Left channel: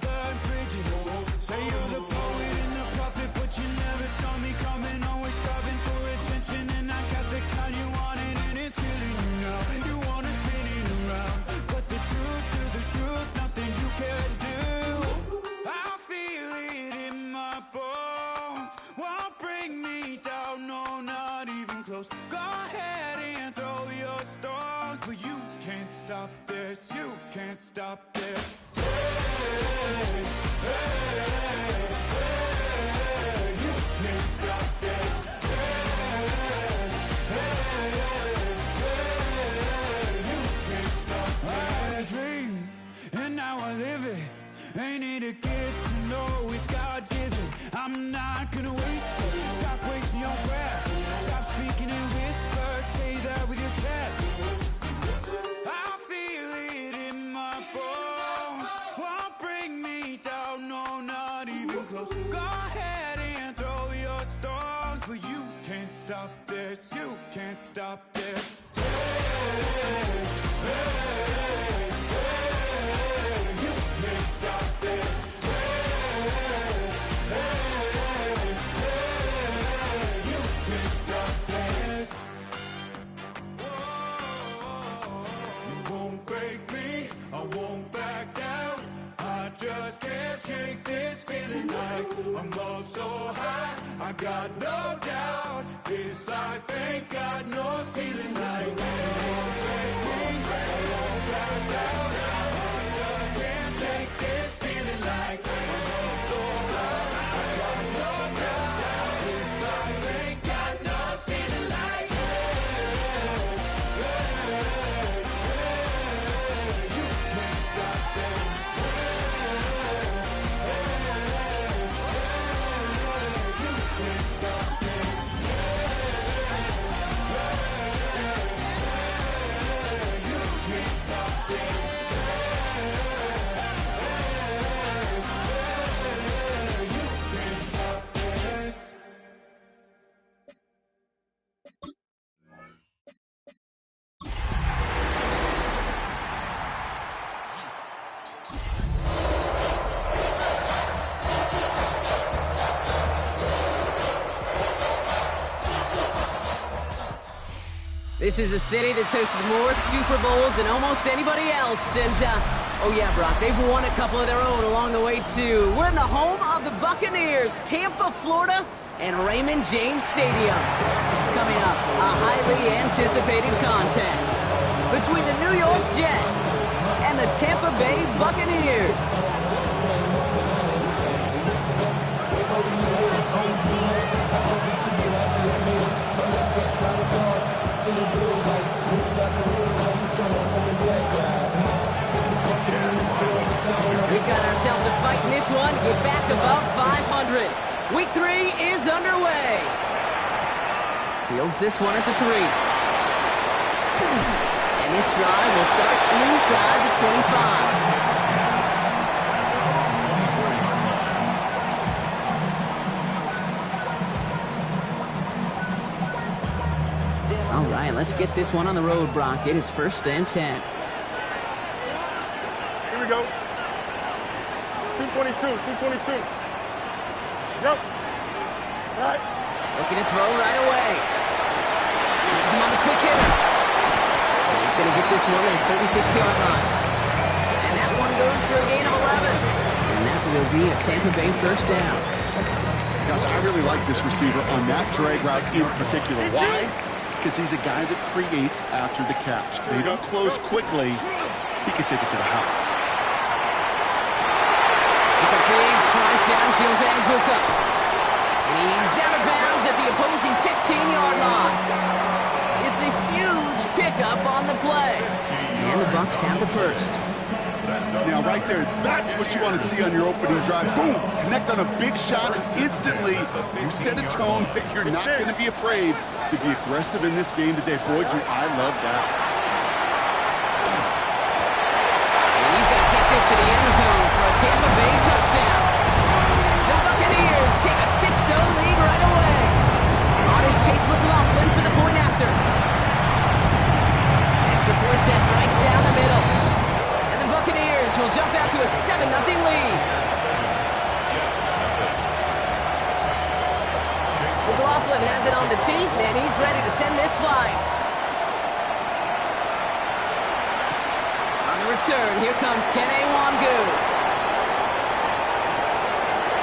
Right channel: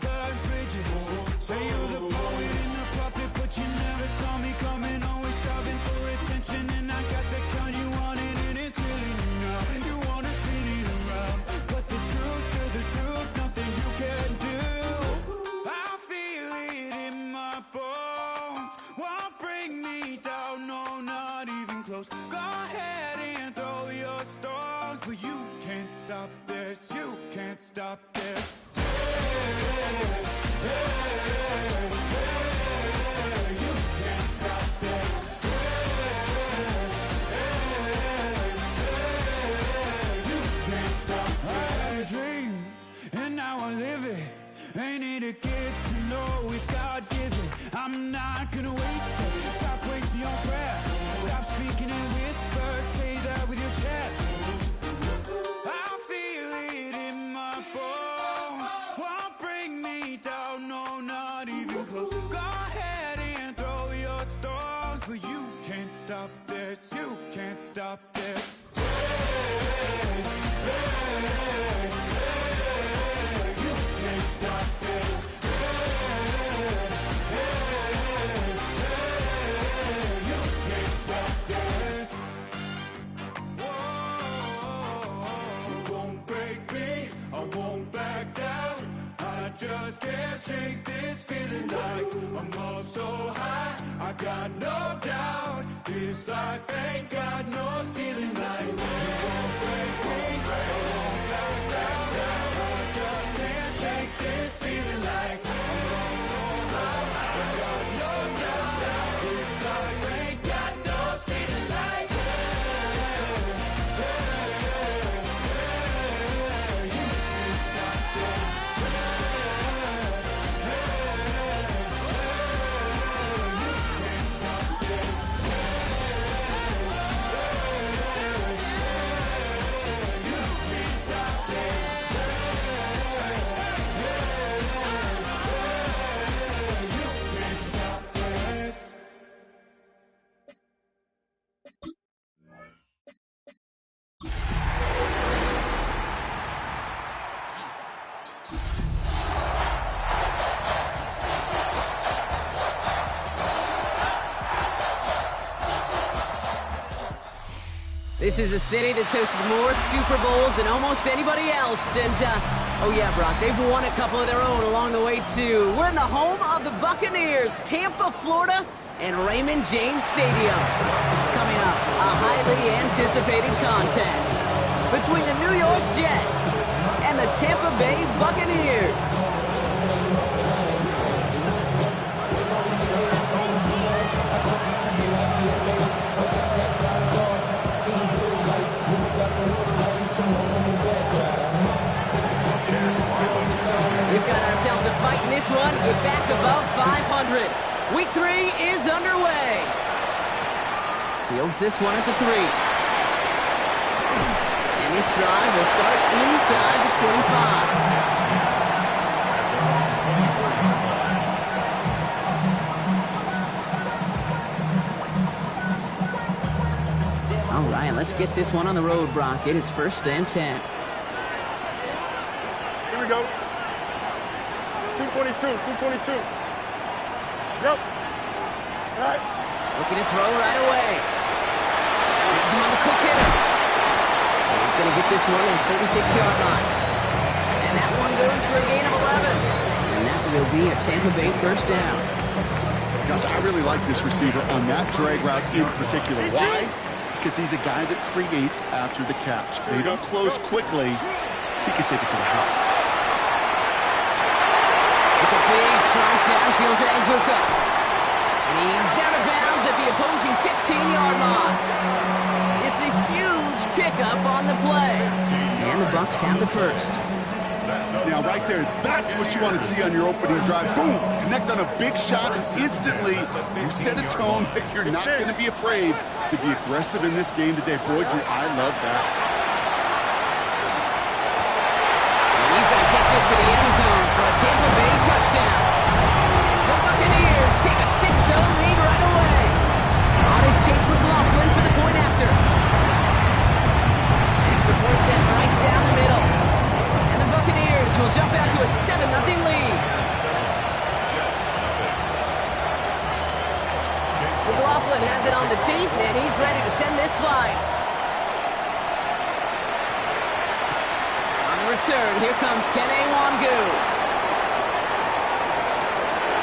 burnt bridges. Say you're the poet and the prophet, but you never saw me coming. Always starving for attention, and I got the kind you wanted, and it's killing you now. You wanna spin it around, but the truth's still the truth. Nothing you can do. I feel it in my bones. Won't bring me down, no, not even close. Go ahead and throw your stones, but you can't stop this. You can't stop this. Hey, hey, hey, you can't stop this. Hey, hey, hey, you can't stop this. I had a dream, and now I live it. Ain't it a gift to know it's God-given? I'm not gonna waste it. Stop wasting your breath. Stop speaking in whispers. Say that with your chest. I feel it in my bones. Won't bring me down, no, not even close. Go ahead and throw your stones, but you can't stop this. You can't stop this. Hey, hey, hey, you can't stop this. Hey, hey, hey, you can't stop this. Whoa, you won't break me, I won't back down. I just can't shake this feeling like I'm up so high. I got no doubt this life ain't got no ceiling. Like you won't break me, I won't back down. I just can't shake this feeling like I'm up so high. I got no doubt this life ain't got no ceiling. Like you can't stop this. This is a city that's hosted more Super Bowls than almost anybody else. And, oh yeah, Brock, they've won a couple of their own along the way, too. We're in the home of the Buccaneers, Tampa, Florida, and Raymond James Stadium. Coming up, a highly anticipated contest between the New York Jets and the Tampa Bay Buccaneers. We've got ourselves a fight in this one to get back above 500. Week 3 is underway. Fields this one at the 3. And this drive will start inside the 25. All right, let's get this one on the road, Brock. It is 1st and 10. Here we go. 222, 222. Yep. All right. Looking to throw right away. Gets him on the quick hitter. And he's going to get this one at the 36-yard line. And that one goes for a gain of 11. And that will be a Tampa Bay 1st down. Gosh, I really like this receiver on that drag route in particular. Why? Because he's a guy that creates after the catch. They don't close quickly. He can take it to the house. It's a big strike downfield to Aguka. And he's out of bounds at the opposing 15-yard line. It's a huge pickup on the play. And the Bucs have the 1st. Now, right there, that's what you want to see on your opening drive. Boom! Connect on a big shot, and instantly you set a tone that you're not going to be afraid to be aggressive in this game today. Boy, Drew, I love that. And he's going to take this to the end zone for a Tampa Bay touchdown. The Buccaneers take a 6-0 lead right away. On is Chase McLaughlin for the point after. Extra point set right down the middle. And the Buccaneers Buccaneers will jump out to a 7-0 lead. McLaughlin has it on the tee, and he's ready to send this flight. On the return, here comes Kene Nwangwu.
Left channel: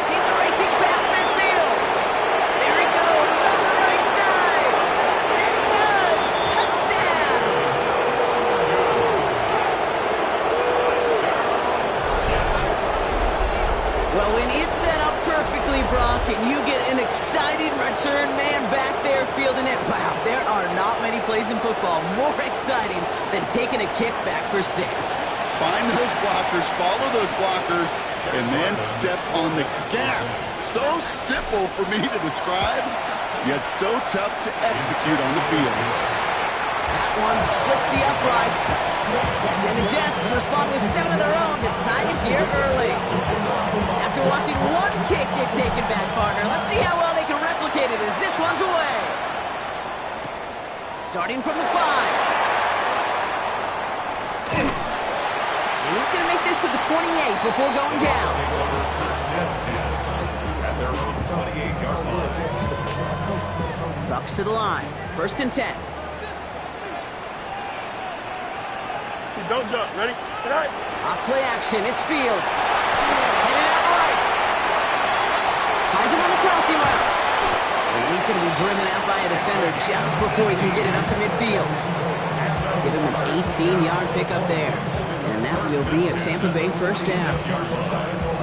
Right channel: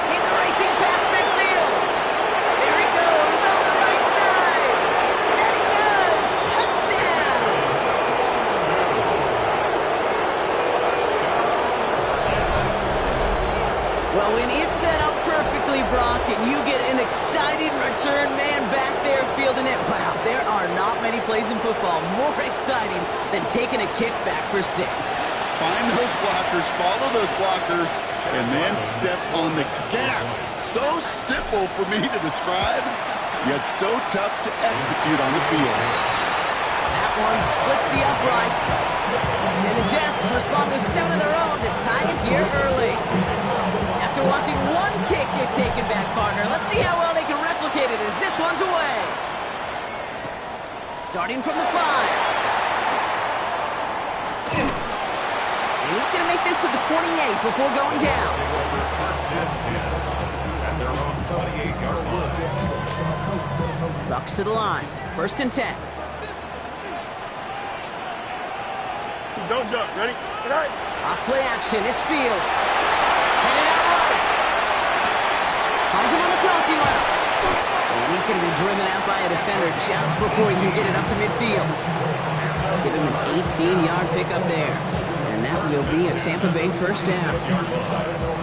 He's racing past midfield. There he goes on the right side. And he does. Touchdown. Well, when it's set up perfectly, Brock, and you get an exciting return man back there fielding it, wow, there are not many plays in football more exciting than taking a kickback for 6. Find those blockers, follow those blockers, and then step on the gas. So simple for me to describe, yet so tough to execute on the field. That one splits the uprights. And the Jets respond with 7 of their own to tie it here early. After watching one kick get taken back, partner, let's see how well they can replicate it as this one's away. Starting from the 5. And he's going to make this to the 28 before going down. Bucks to the line. 1st and 10. Don't jump. Ready? Tonight. Off play action. It's Fields. Headed out right. Finds him on the crossing route. And he's going to be driven out by a defender just before he can get it up to midfield. Give him an 18-yard pickup there. And that will be a Tampa Bay 1st down.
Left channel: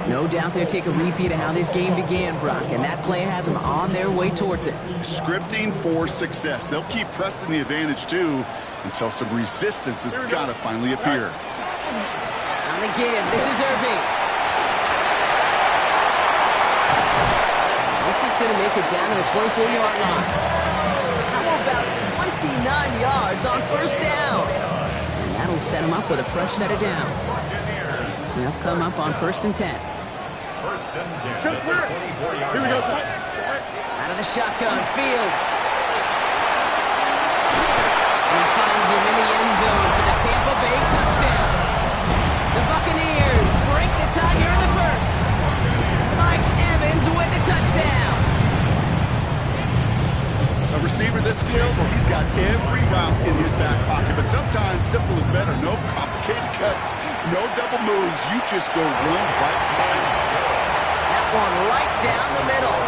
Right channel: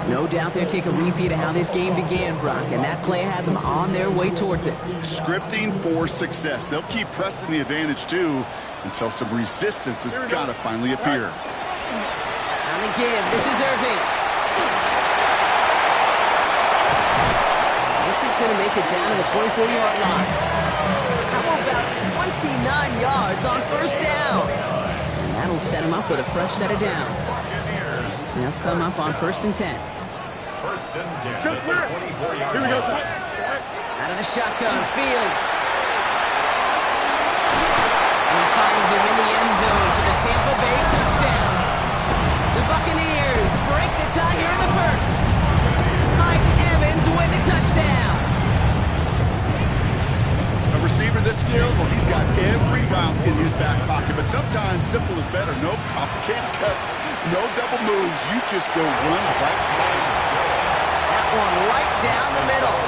No doubt they'll take a repeat of how this game began, Brock, and that play has them on their way towards it. Scripting for success. They'll keep pressing the advantage, too, until some resistance has got to finally appear. On the give, this is Irving. This is going to make it down to the 24-yard line. How about 29 yards on 1st down? And that'll set him up with a fresh set of downs. They'll come up on 1st and 10. 1st and 10. Chips clear. Here we go. Out of the shotgun, Fields. And he finds him in the end zone for the Tampa Bay touchdown. The Buccaneers break the tie here in the 1st. Mike Evans with the touchdown. A receiver this skilled, well, he's got every route in his back pocket, but sometimes simple is better. No complicated cuts, no double moves. You just go run right by him. That one right down the middle.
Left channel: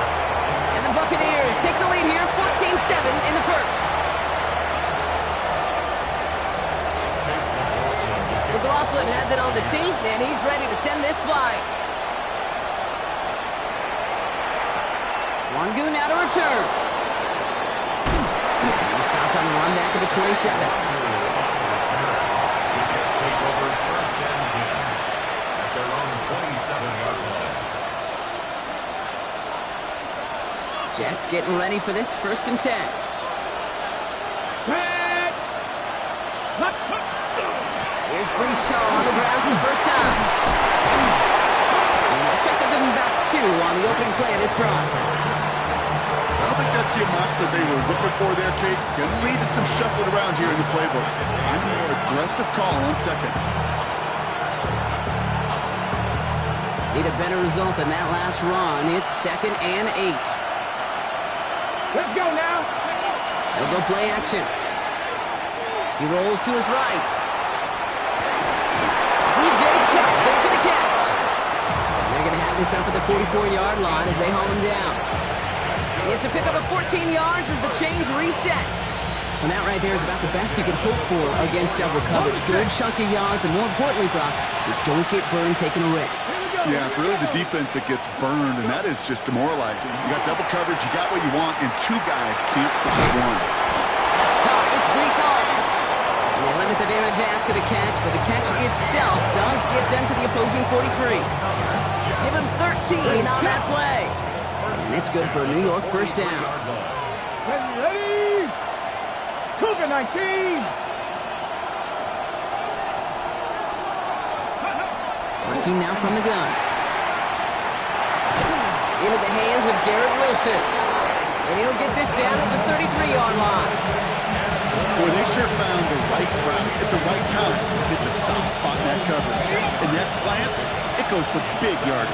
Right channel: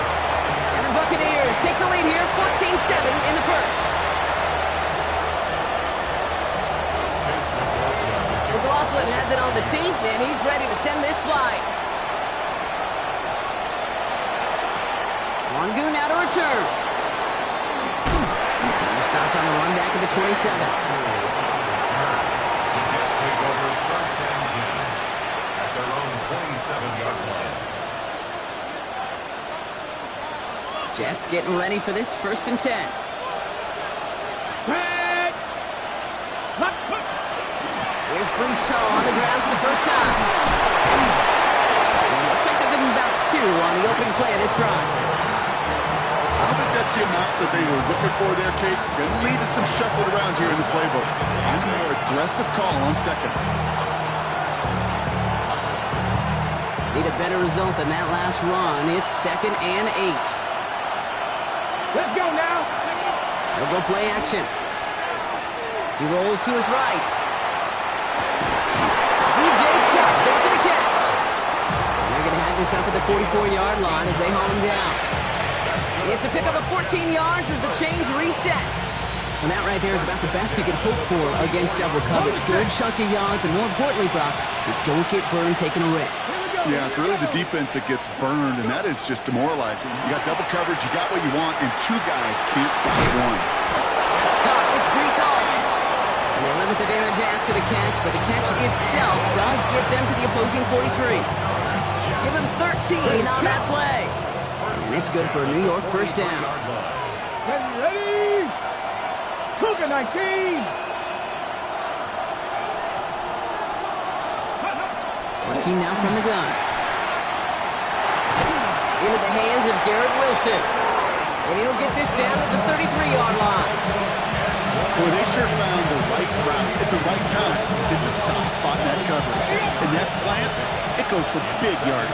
And the Buccaneers take the lead here, 14-7 in the 1st. McLaughlin has it on the tee, and he's ready to send this flight. Nwangwu now to return. He's stopped on the run back at the 27. The Jets take over 1st and 10 at their own 27-yard line. Jets getting ready for this 1st and 10. Here's Breece Hall on the ground for the 1st time. And it looks like they'll give him about 2 on the opening play of this drive. I don't think that's the amount that they were looking for there, Kate. Going to lead to some shuffling around here in the playbook. Find a more aggressive call on 2nd. Need a better result than that last run. It's 2nd and 8. Let's go now. They'll go play action. He rolls to his right. DJ Chuck there for the catch. And they're going to have this up at the 44-yard line as they haul him down. It's a pickup of 14 yards as the chains reset. And that right there is about the best you can hope for against double coverage. Good chunky yards, and more importantly, Brock, you don't get burned taking a risk. Yeah, it's really the defense that gets burned, and that is just demoralizing. You got double coverage, you got what you want, and 2 guys can't stop one. That's caught. It's Breece Hall. And they limit the damage after the catch, but the catch itself does get them to the opposing 43. Give him 13 on that play. And it's good for a New York 1st down. Ready? Cougar 19. Working now from the gun. Into the hands of Garrett Wilson. And he'll get this down at the 33-yard line. Boy, they sure found the right route at the right time to get the soft spot in that coverage. And that slant, it goes for big yardage.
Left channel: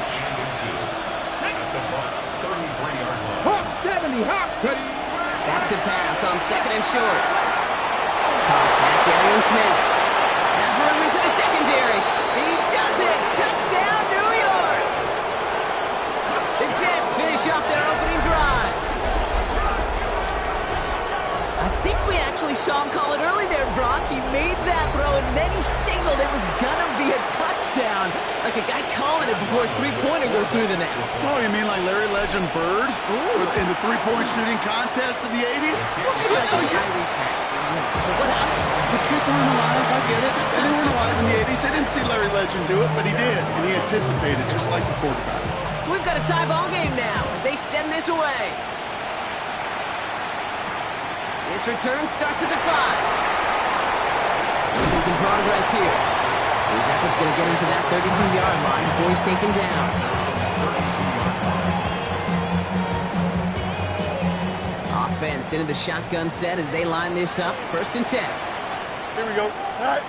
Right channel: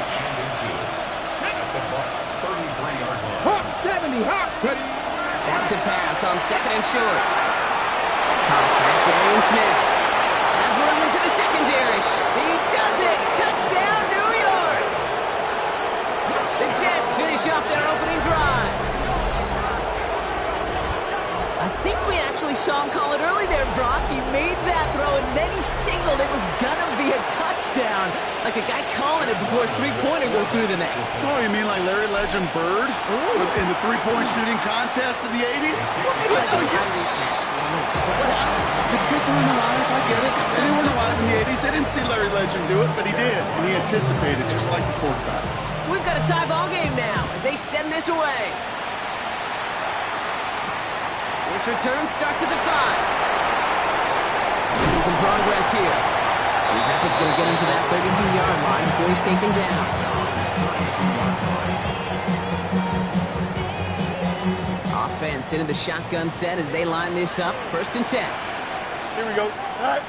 At the Bucs 33-yard line. Back to pass on 2nd and short. Cox, that's Arian Smith. Has room into the secondary. He does it. Touchdown, New York. The Jets finish off their opening drive. I think we actually saw him call it early there, Brock. He made that throw, and then he signaled it was going to be a touchdown. Like a guy calling it before his three-pointer goes through the net. Oh, you mean like Larry Legend Bird in the three-point shooting contest in the 80s? Well, maybe like Tyrese has. What else? The kids aren't alive, I get it. And they weren't alive in the 80s. They didn't see Larry Legend do it, but he did. And he anticipated, just like the quarterback. So we've got a tie ball game now as they send this away. This return starts at the 5. Making some progress here. His effort's going to get him to that 32-yard line before he's taken down. Offense into the shotgun set as they line this up. 1st and 10. Here we go. All right.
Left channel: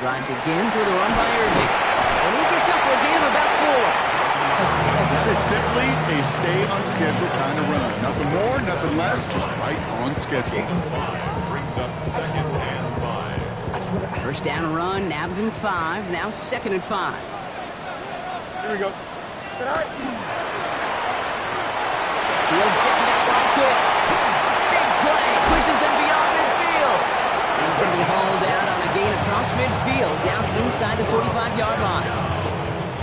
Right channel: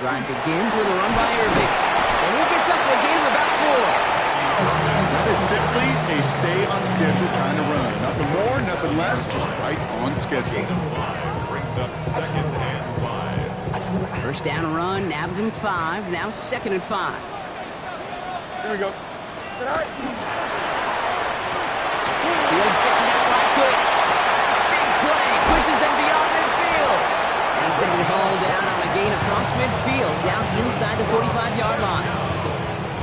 Drive begins with a run by Irving. And he gets up for a gain of about 4. That is simply a stay-on-schedule kind of run. Nothing more, nothing less, just right on schedule. 5 brings up 2nd and 5. First down run, nabs him 5. Now 2nd and 5. Here we go. Sit out. Fields gets it out wide quick. Big play, pushes them beyond midfield. And he's going to be hauled out on a gain across midfield, down inside the 45-yard line.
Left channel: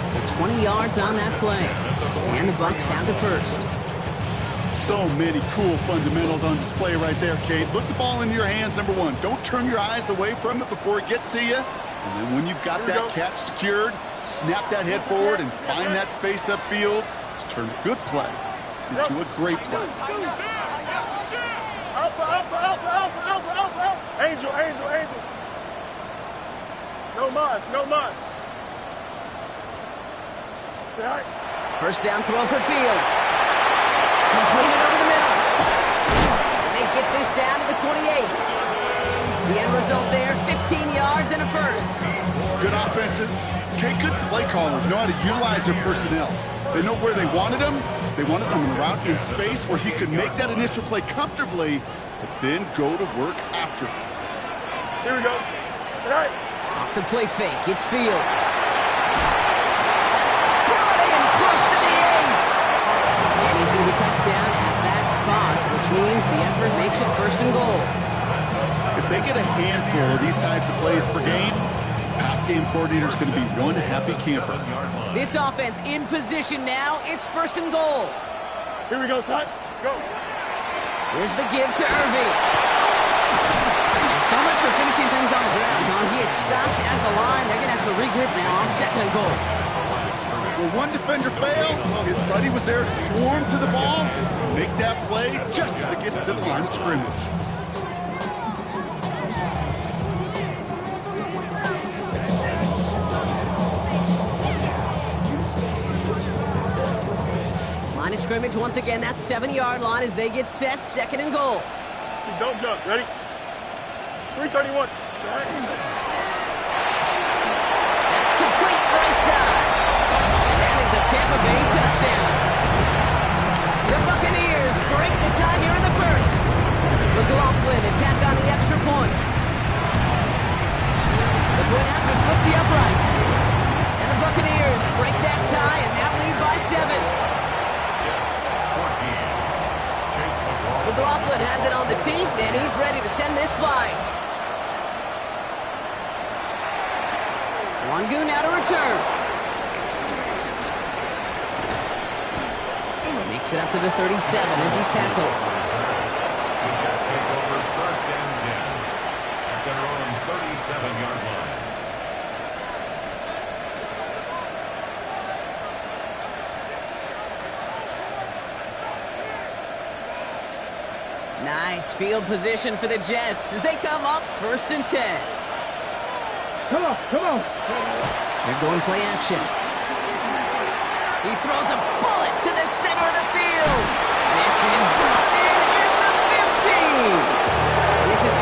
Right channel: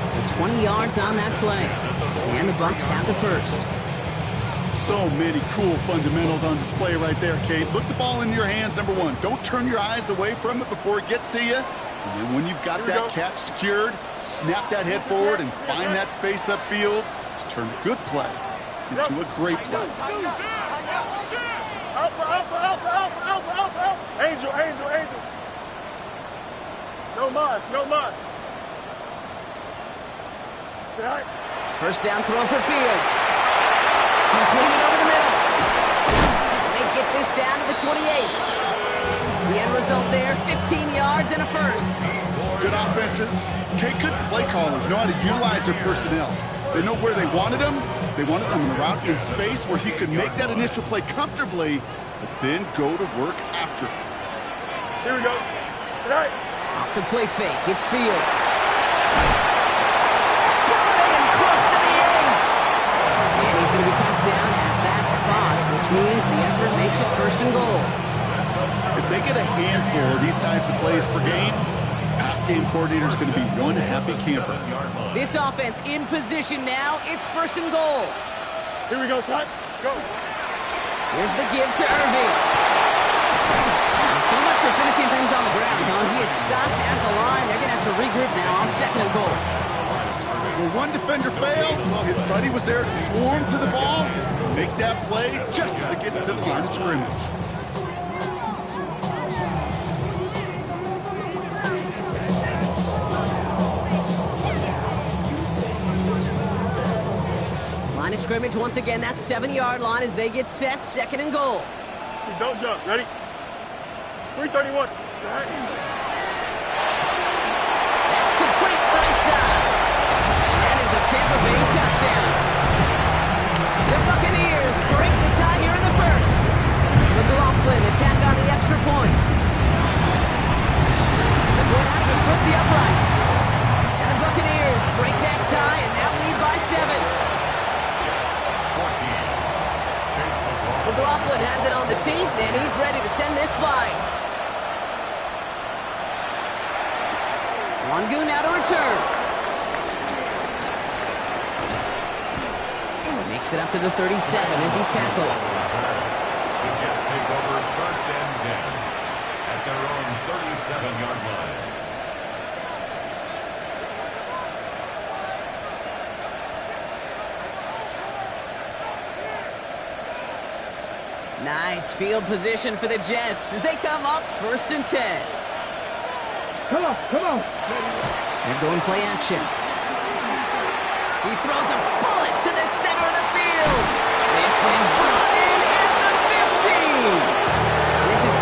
So 20 yards on that play. And the Bucs have the first. So many cool fundamentals on display right there, Kate. Look the ball into your hands, number 1. Don't turn your eyes away from it before it gets to you. And then when you've got that catch secured, snap that head forward and find that space upfield to turn a good play into a great play. Alpha, alpha, alpha, alpha, alpha, alpha, alpha. Angel, angel, angel. No mas, no mas. All right. First down throw for Fields. Completed over the middle. And they get this down to the 28. The end result there, 15 yards and a first. Good offenses. Okay, good play callers know how to utilize their personnel. They know where they wanted them. They wanted them on the route in space where he could make that initial play comfortably, but then go to work after. Here we go. All right. Off the play fake, it's Fields. Close to the 8. And he's going to be touched down at that spot, which means the effort makes it 1st and goal. If they get a handful of these types of plays per game, pass game coordinator is going to be one happy camper. This offense in position now. It's 1st and goal. Here we go, son. Go. Here's the give to Irving. So much for finishing things on the ground, huh? He is stopped at the line. They're going to have to regroup now on 2nd and goal. When one defender failed, well, his buddy was there to swarm to the ball and make that play just as it gets to the line of scrimmage. Line of scrimmage once again, that 7-yard line as they get set, 2nd and goal. Don't jump. Ready? 331. That's complete right side. And that is a Tampa Bay touchdown. The Buccaneers break the tie here in the first. McLaughlin attack on the extra point. The point after splits the uprights. And the Buccaneers break that tie and now lead by 7. McLaughlin has it on the tee, and he's ready to send this flying. Wangu now to return. Makes it up to the 37 as he's tackled. The Jets take over 1st and 10 at their own 37-yard line. Nice field position for the Jets as they come up 1st and 10. Come on, come on. They're going play action. He throws a bullet to the center of the field. This is brought in at the 15. And this is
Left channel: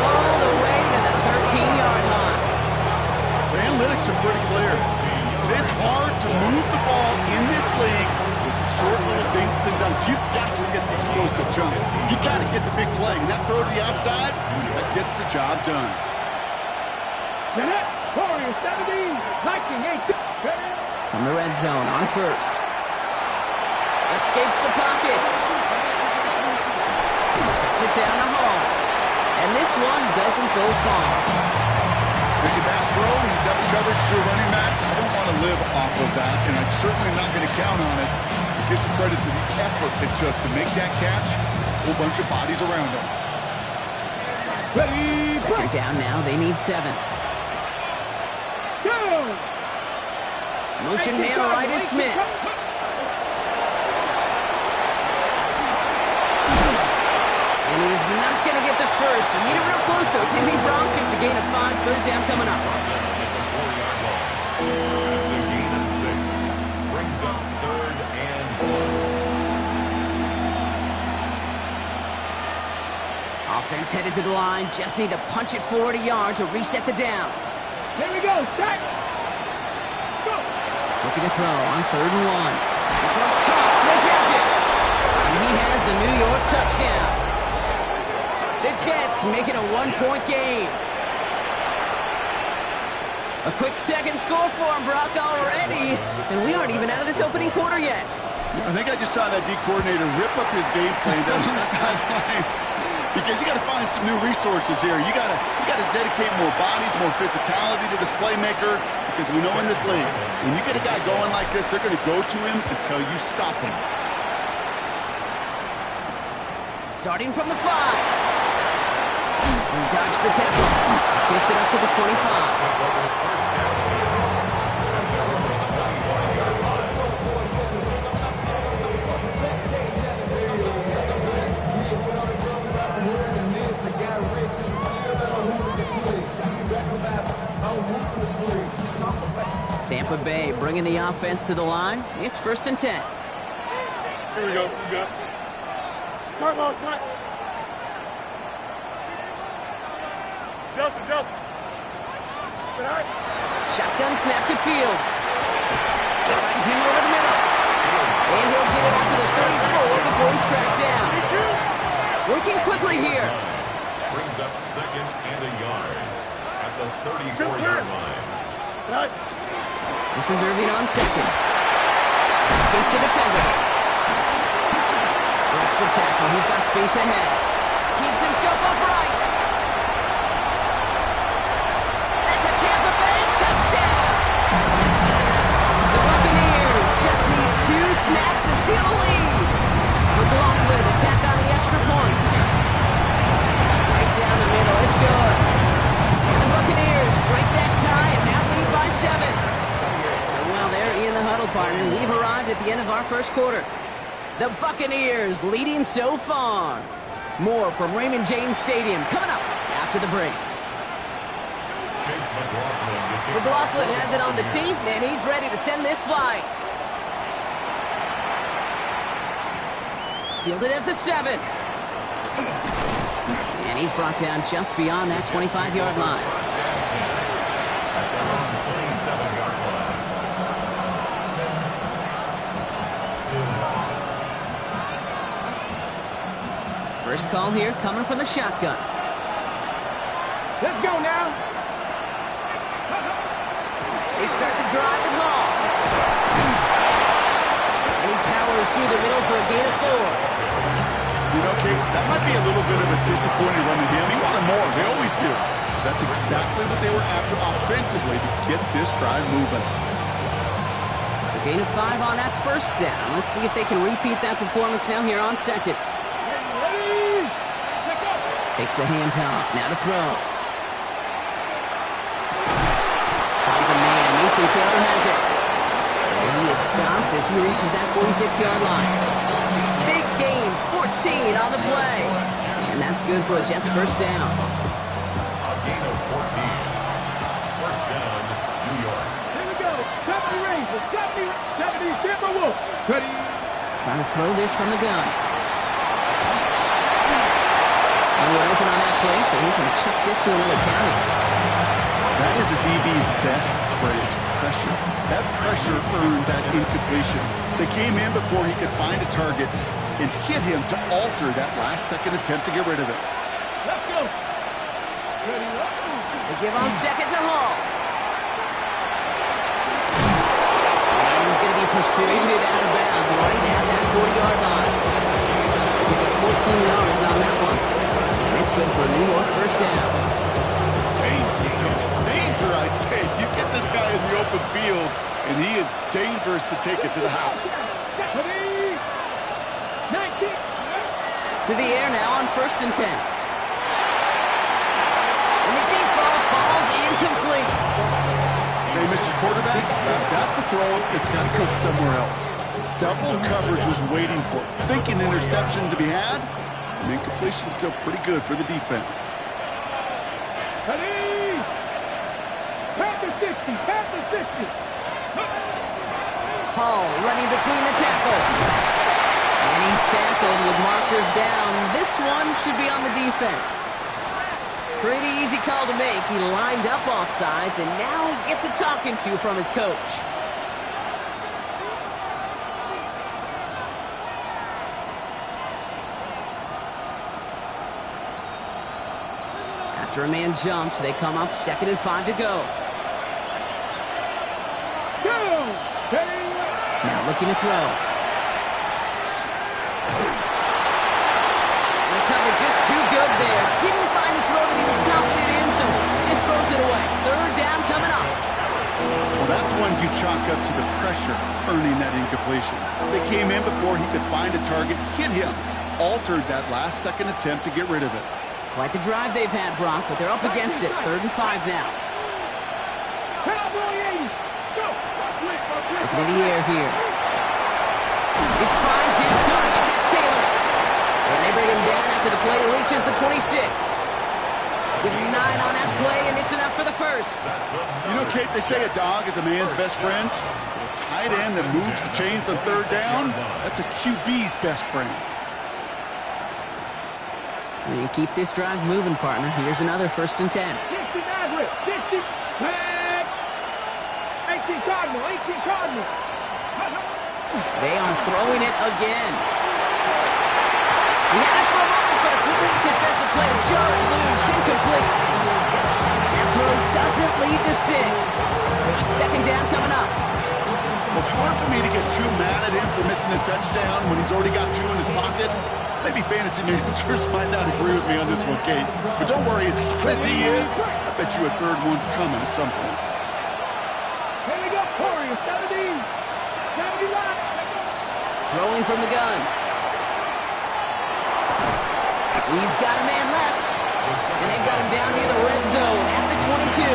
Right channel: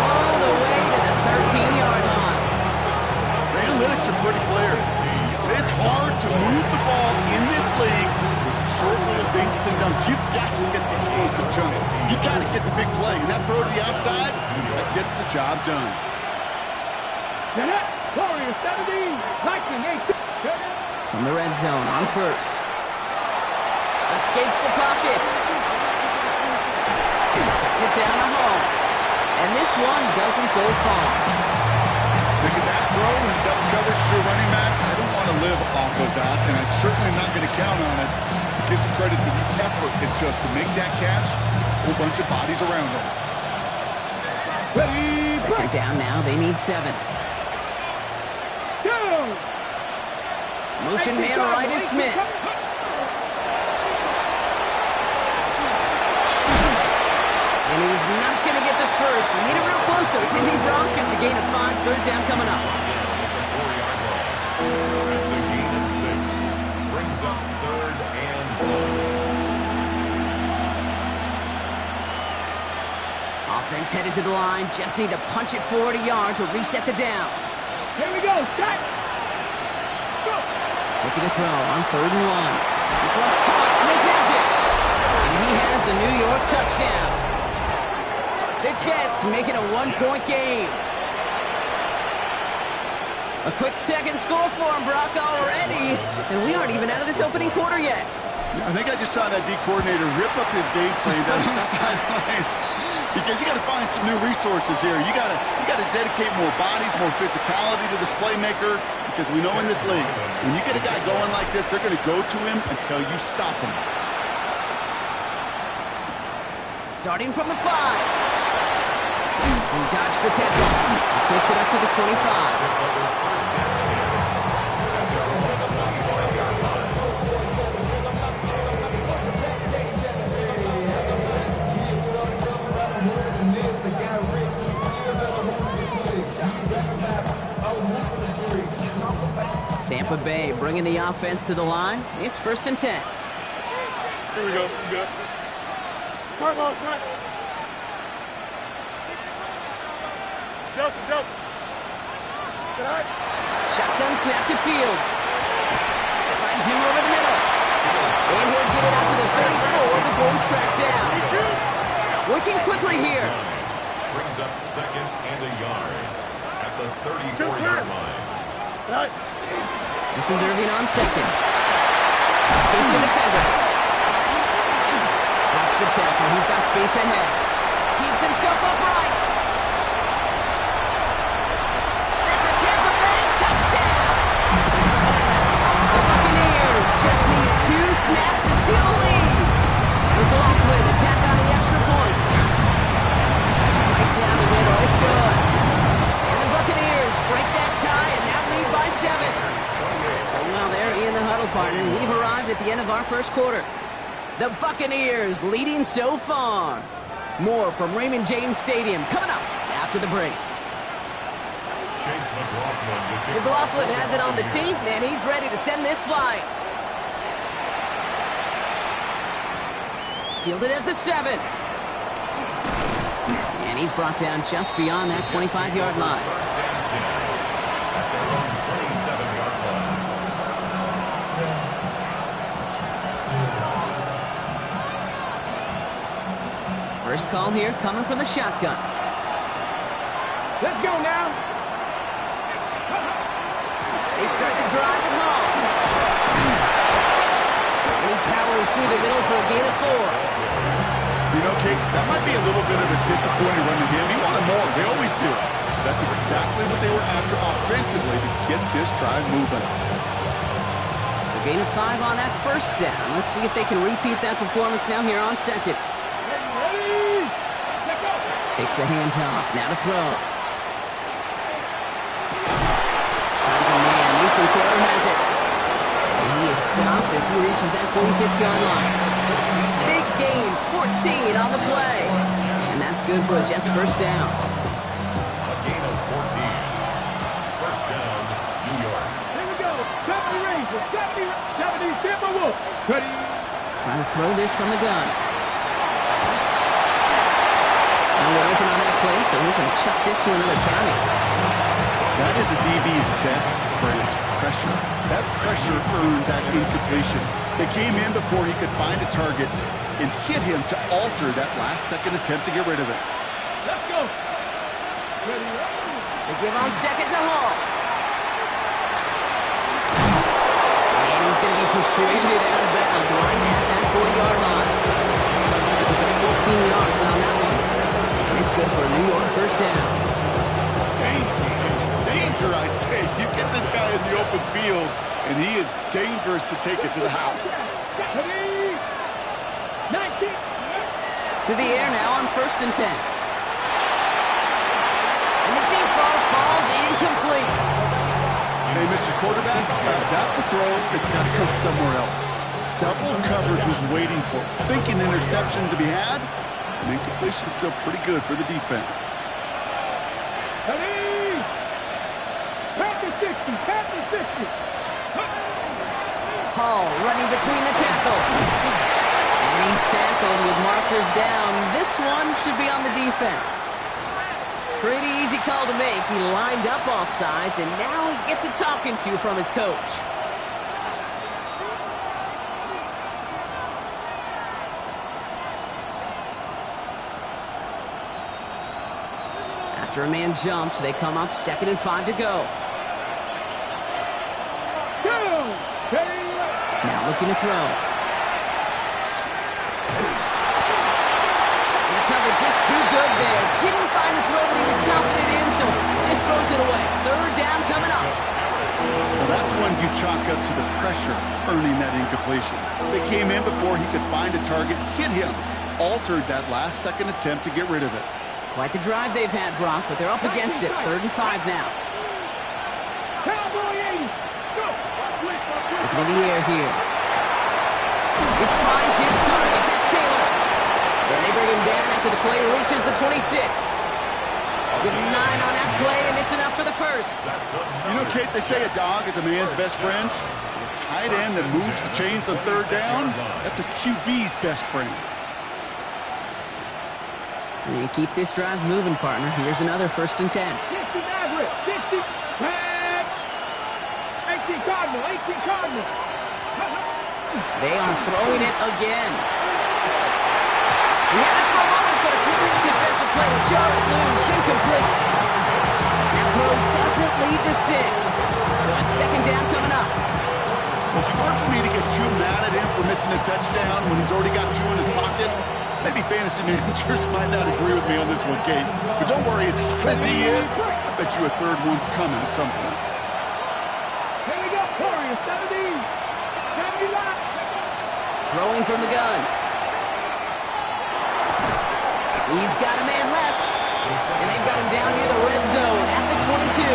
move the ball in this league with short little dinks and dunks. You've got to get the explosive jump. You got to get the big play. And that throw to the outside, that gets the job done. Warriors 17, Viking 8. From the red zone on first. Escapes the pocket. Checks it down to Hall. And this one doesn't go far. Making that throw in double coverage to a running back, I don't want to live off of that, and I certainly am not going to count on it. It gives some credit to the effort it took to make that catch. A whole bunch of bodies around him. Ready, Second down now. They need 7. go! Motion man right is Smith. And he's not going to get the first. He made it real close, though. Timmy Brock gets a gain of 5. Third down coming up. Down at the 4-yard line. That's a gain of 6. Brings up 3rd and 1. Offense headed to the line. Just need to punch it forward a yard to reset the downs. Here we go, start! Go! Looking to throw on 3rd and 1. This one's caught. Smith has it. And he has the New York touchdown. The Jets make it a 1-point game. A quick second score for him, Brock, already. And we aren't even out of this opening quarter yet. I think I just saw that D coordinator rip up his game plan down on the sidelines. Because you got to find some new resources here. You got to dedicate more bodies, more physicality to this playmaker. Because we know in this league, when you get a guy going like this, they're going to go to him until you stop him. Starting from the 5. He dodged the tackle. This makes it up to the 25. First down 10. At their own 25-yard line. Tampa Bay bringing the offense to the line. It's 1st and 10. Here we go, we good. Time on, time. Delta. Tonight. Shotgun snap to Fields. Finds him over the middle. And he'll get it out to the 34 before he's tracked down. Working quickly here. Brings up 2nd and a yard at the 34-yard line. Tonight. This is Irving on 2nd. Escapes the defender. Breaks the tackle. He's got space ahead. Keeps himself upright. That's a Tampa Bay touchdown. The Buccaneers just need 2 snaps to steal a lead. McLaughlin attack on the extra point. Right down the middle. It's good. And the Buccaneers break that tie and now lead by 7. So while they're in the huddle, partner, we've arrived at the end of our first quarter. The Buccaneers leading so far. More from Raymond James Stadium coming up after the break. Chase McLaughlin. McLaughlin has it on the team, and he's ready to send this flying. Fielded at the 7. And he's brought down just beyond that 25-yard line. First and 10 at their own 27-yard line. First call here coming from the shotgun. Let's go now. They start the drive at Hall. And he powers through the middle for a gain of 4. You know, Case, that might be a little bit of a disappointing run to him. He wanted more. They always do. That's exactly what they were after offensively to get this drive moving. So gain of 5 on that first down. Let's see if they can repeat that performance now here on 2nd. Ready? Let's go. Takes the handoff. Now to throw. Finds a man. Mason Taylor has it. And he is stopped as he reaches that 46-yard line. Big gain, 14 on the play. And that's good for a Jets first down. A gain of 14. First down, New York. Here we go. 70 Rangers. 70 Tampa Wolves. Ready? Trying to throw this from the gun. And we're open on that play, so he's going to chuck this to another county. That is a DB's best friend, pressure. That pressure earned that incompletion. They came in before he could find a target and hit him to alter that last-second attempt to get rid of it. Let's go. Ready, up. They give on second to Hall. And he's going to be persuaded out of bounds right at that 40-yard line. They pick up 14 yards on that one. And it's good for a New York first down. Danger, I say. You get this guy in the open field, and he is dangerous to take it to the house. 19. To the air now on 1st and 10. And the deep ball falls incomplete. Hey, Mr. Quarterback, that's a throw that's got to go somewhere else. Double coverage was waiting for it. Thinking interception to be had, and incompletion still pretty good for the defense. Ready. Pass the 60. Pass the 60. Hall running between the tackles. And he's tackled with markers down. This one should be on the defense. Pretty easy call to make. He lined up offsides, and now he gets a talking to from his coach. After a man jumps, they come up 2nd and 5 to go. Now looking to throw. And the cover just too good there. Didn't find a throw that he was confident in, so just throws it away. 3rd down coming up. Well, that's one you chalk up to the pressure earning that incompletion. They came in before he could find a target, hit him, altered that last-second attempt to get rid of it. Quite the drive they've had, Brock, but they're up against it. 3rd and 5 now. Looking in the air here. This finds his target. That's Taylor. And they bring him down after the play reaches the 26. Give him 9 on that play, and it's enough for the first. You know, Kate, they say a dog is a man's best friend. A tight end that moves the chains on 3rd down, that's a QB's best friend. And keep this drive moving, partner. Here's another 1st and 10. 60 Nazareth. 60. 18 Cardinal. 18 Cardinal. They are throwing it again. He had it for a moment, but a complete defensive play to jar it loose. Incomplete. That throw doesn't lead to 6. So it's 2nd down coming up. Well, it's hard for me to get too mad at him for missing a touchdown when he's already got 2 in his pocket. Maybe fantasy managers might not agree with me on this one, Kate. But don't worry, as hot as he is, I bet you a 3rd one's coming at some point. Here we go, Corey. 70. 79. Throwing from the gun. He's got a man left. And they've got him down near the red zone at the 22.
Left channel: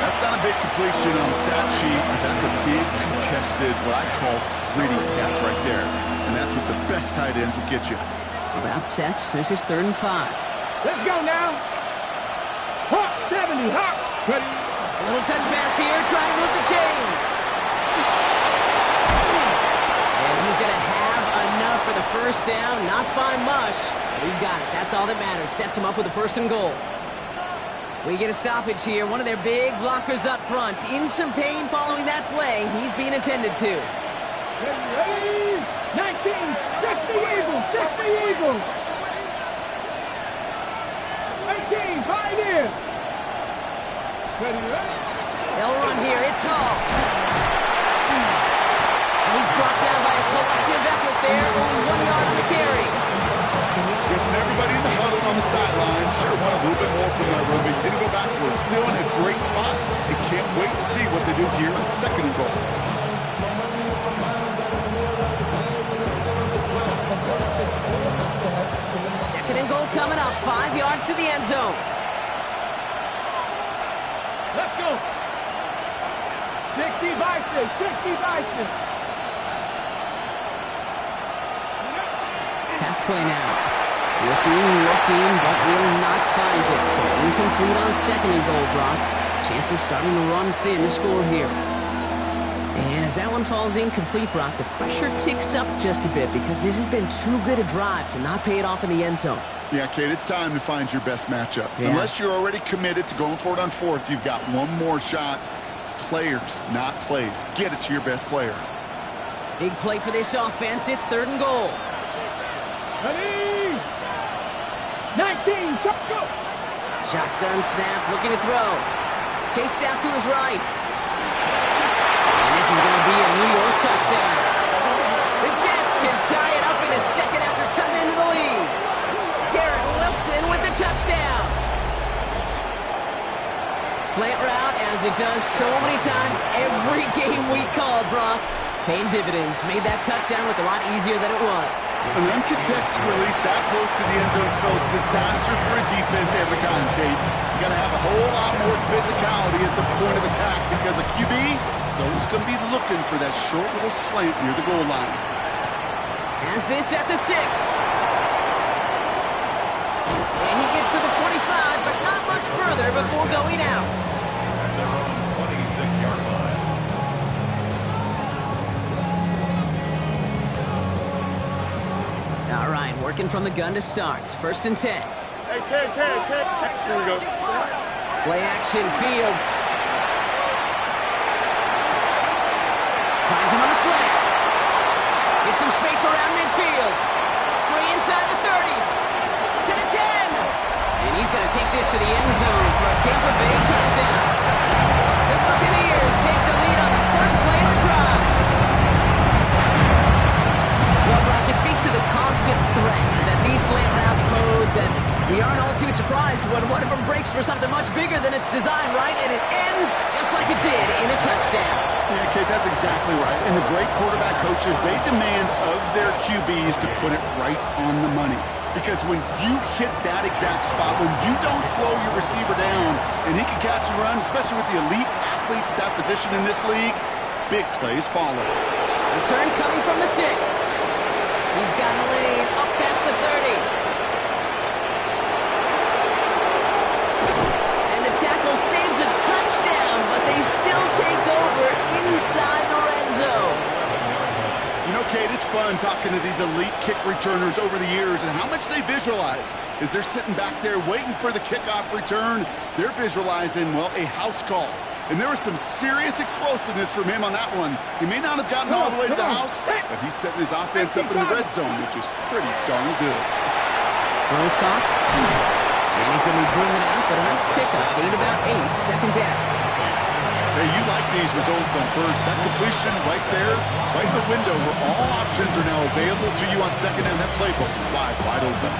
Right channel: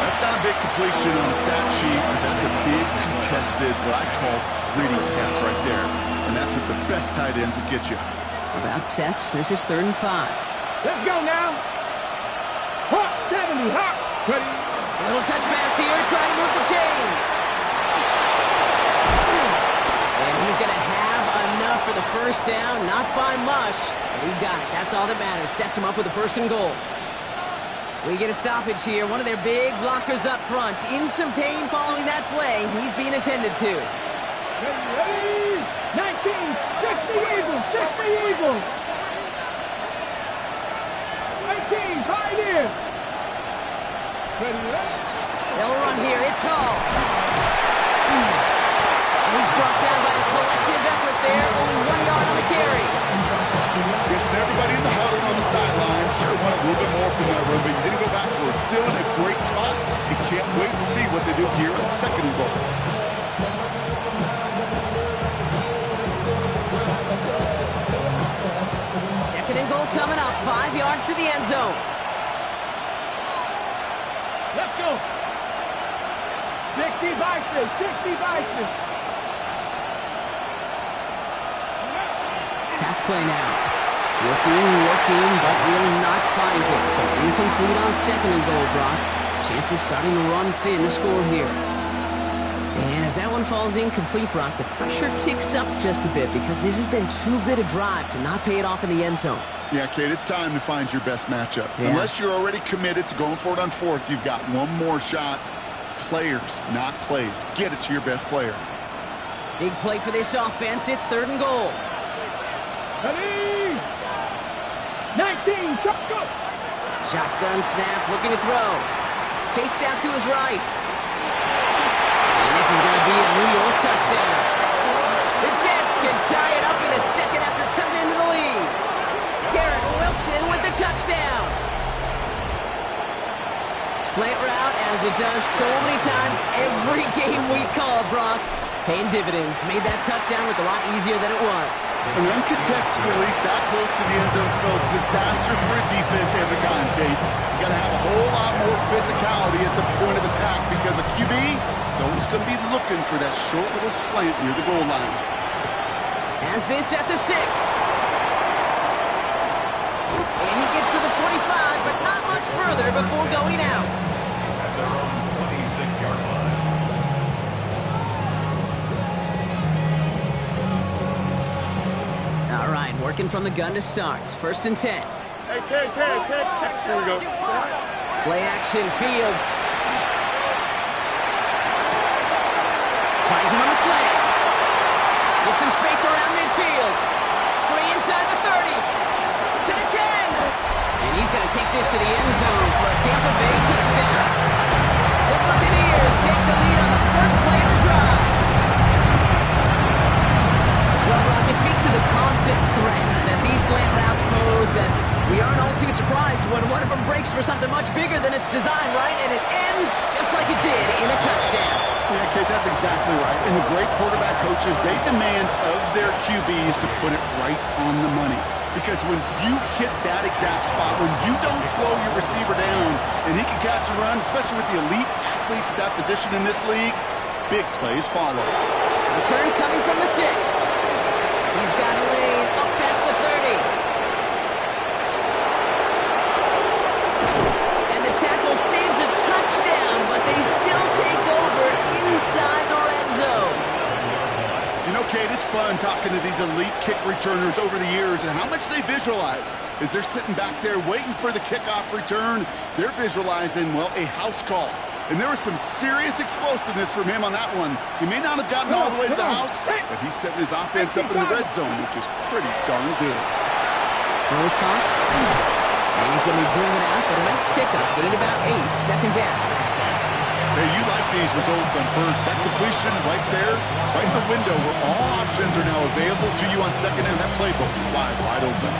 That's not a big completion on the stat sheet, but that's a big contested, what I call gritty catch right there. And that's what the best tight ends will get you. About set. This is 3rd and 5. Let's go now. Hawk 70. Hawk. Ready. A little touch pass here, trying to move the chains. And he's going to have enough for the first down. Not by much, but he got it. That's all that matters. Sets him up with a 1st and goal. We get a stoppage here. One of their big blockers up front. In some pain following that play. He's being attended to. Ready. 19. 60 Eagles. 60 Eagles. 18. Pioneers. Ready. They'll run here. It's Hall. And he's brought down by a collective effort there. Only 1 yard on the carry. Guessing everybody in the huddle on the sidelines sure wanted a little bit more from that run, but he didn't go backwards. Still in a great spot. And can't wait to see what they do here on 2nd and goal. Second and goal coming up. 5 yards to the end zone. Let's go. 60 Bison. 60 Bison. Pass play now. Looking, but will not find it. So incomplete on 2nd and goal, Brock. Chances starting to run thin to score here. And as that one falls incomplete, Brock, the pressure ticks up just a bit because this has been too good a drive to not pay it off in the end zone. Yeah, Kate, it's time to find your best matchup. Yeah. Unless you're already committed to going for it on fourth, you've got one more shot. Players, not plays. Get it to your best player. Big play for this offense. It's 3rd and goal. Ready? 19, go! Shotgun snap, looking to throw. Chased out to his right. And this is going to be a New York touchdown. The Jets can tie it up in a second after cutting into the lead. Garrett Wilson with the touchdown. Slant route, as it does so many times every game we call, Brock. Paying dividends. Made that touchdown look a lot easier than it was. An uncontested release that close to the end zone spells disaster for a defense every time, Kate. You got to have a whole lot more physicality at the point of attack because a QB is always going to be looking for that short little slant near the goal line. Has this at the 6. And he gets to the 25, but not much further before going out. At their own 26-yard line. All right, working from the gun to start. 1st and 10. Hey, Ted, check. Here we go. Play action, Fields. Finds him on the slant. Gets some space around midfield. Free inside the 30. To the 10. And he's going to take this to the end zone for a Tampa Bay touchdown. The Buccaneers take the lead on the first play of the drive. Well, Brock, it speaks to the constant threats that these slant routes pose that we aren't all too surprised when one of them breaks for something much bigger than its design, right? And it ends just like it did in a touchdown. Yeah, Kate, that's exactly right. And the great quarterback coaches, they demand of their QBs to put it right on the money. Because when you hit that exact spot, when you don't slow your receiver down and he can catch and run, especially with the elite athletes at that position in this league, big plays follow. Return coming from the 6. He's got a lane up past the 30. And the tackle saves a touchdown, but they still take over inside the red zone. You know, Kate, it's fun talking to these elite kick returners over the years and how much they visualize. As they're sitting back there waiting for the kickoff return, they're visualizing, well, a house call. And there was some serious explosiveness from him on that one. He may not have gotten all the way to the house, but he's setting his offense up in the red zone, which is pretty darn good. Rose caught. And he's going to be driven out, but a nice pickup. Gained about 8. 2nd down. Hey, you like these results on first. That completion right there, right in the window where all options are now available to you on second and that playbook wide open.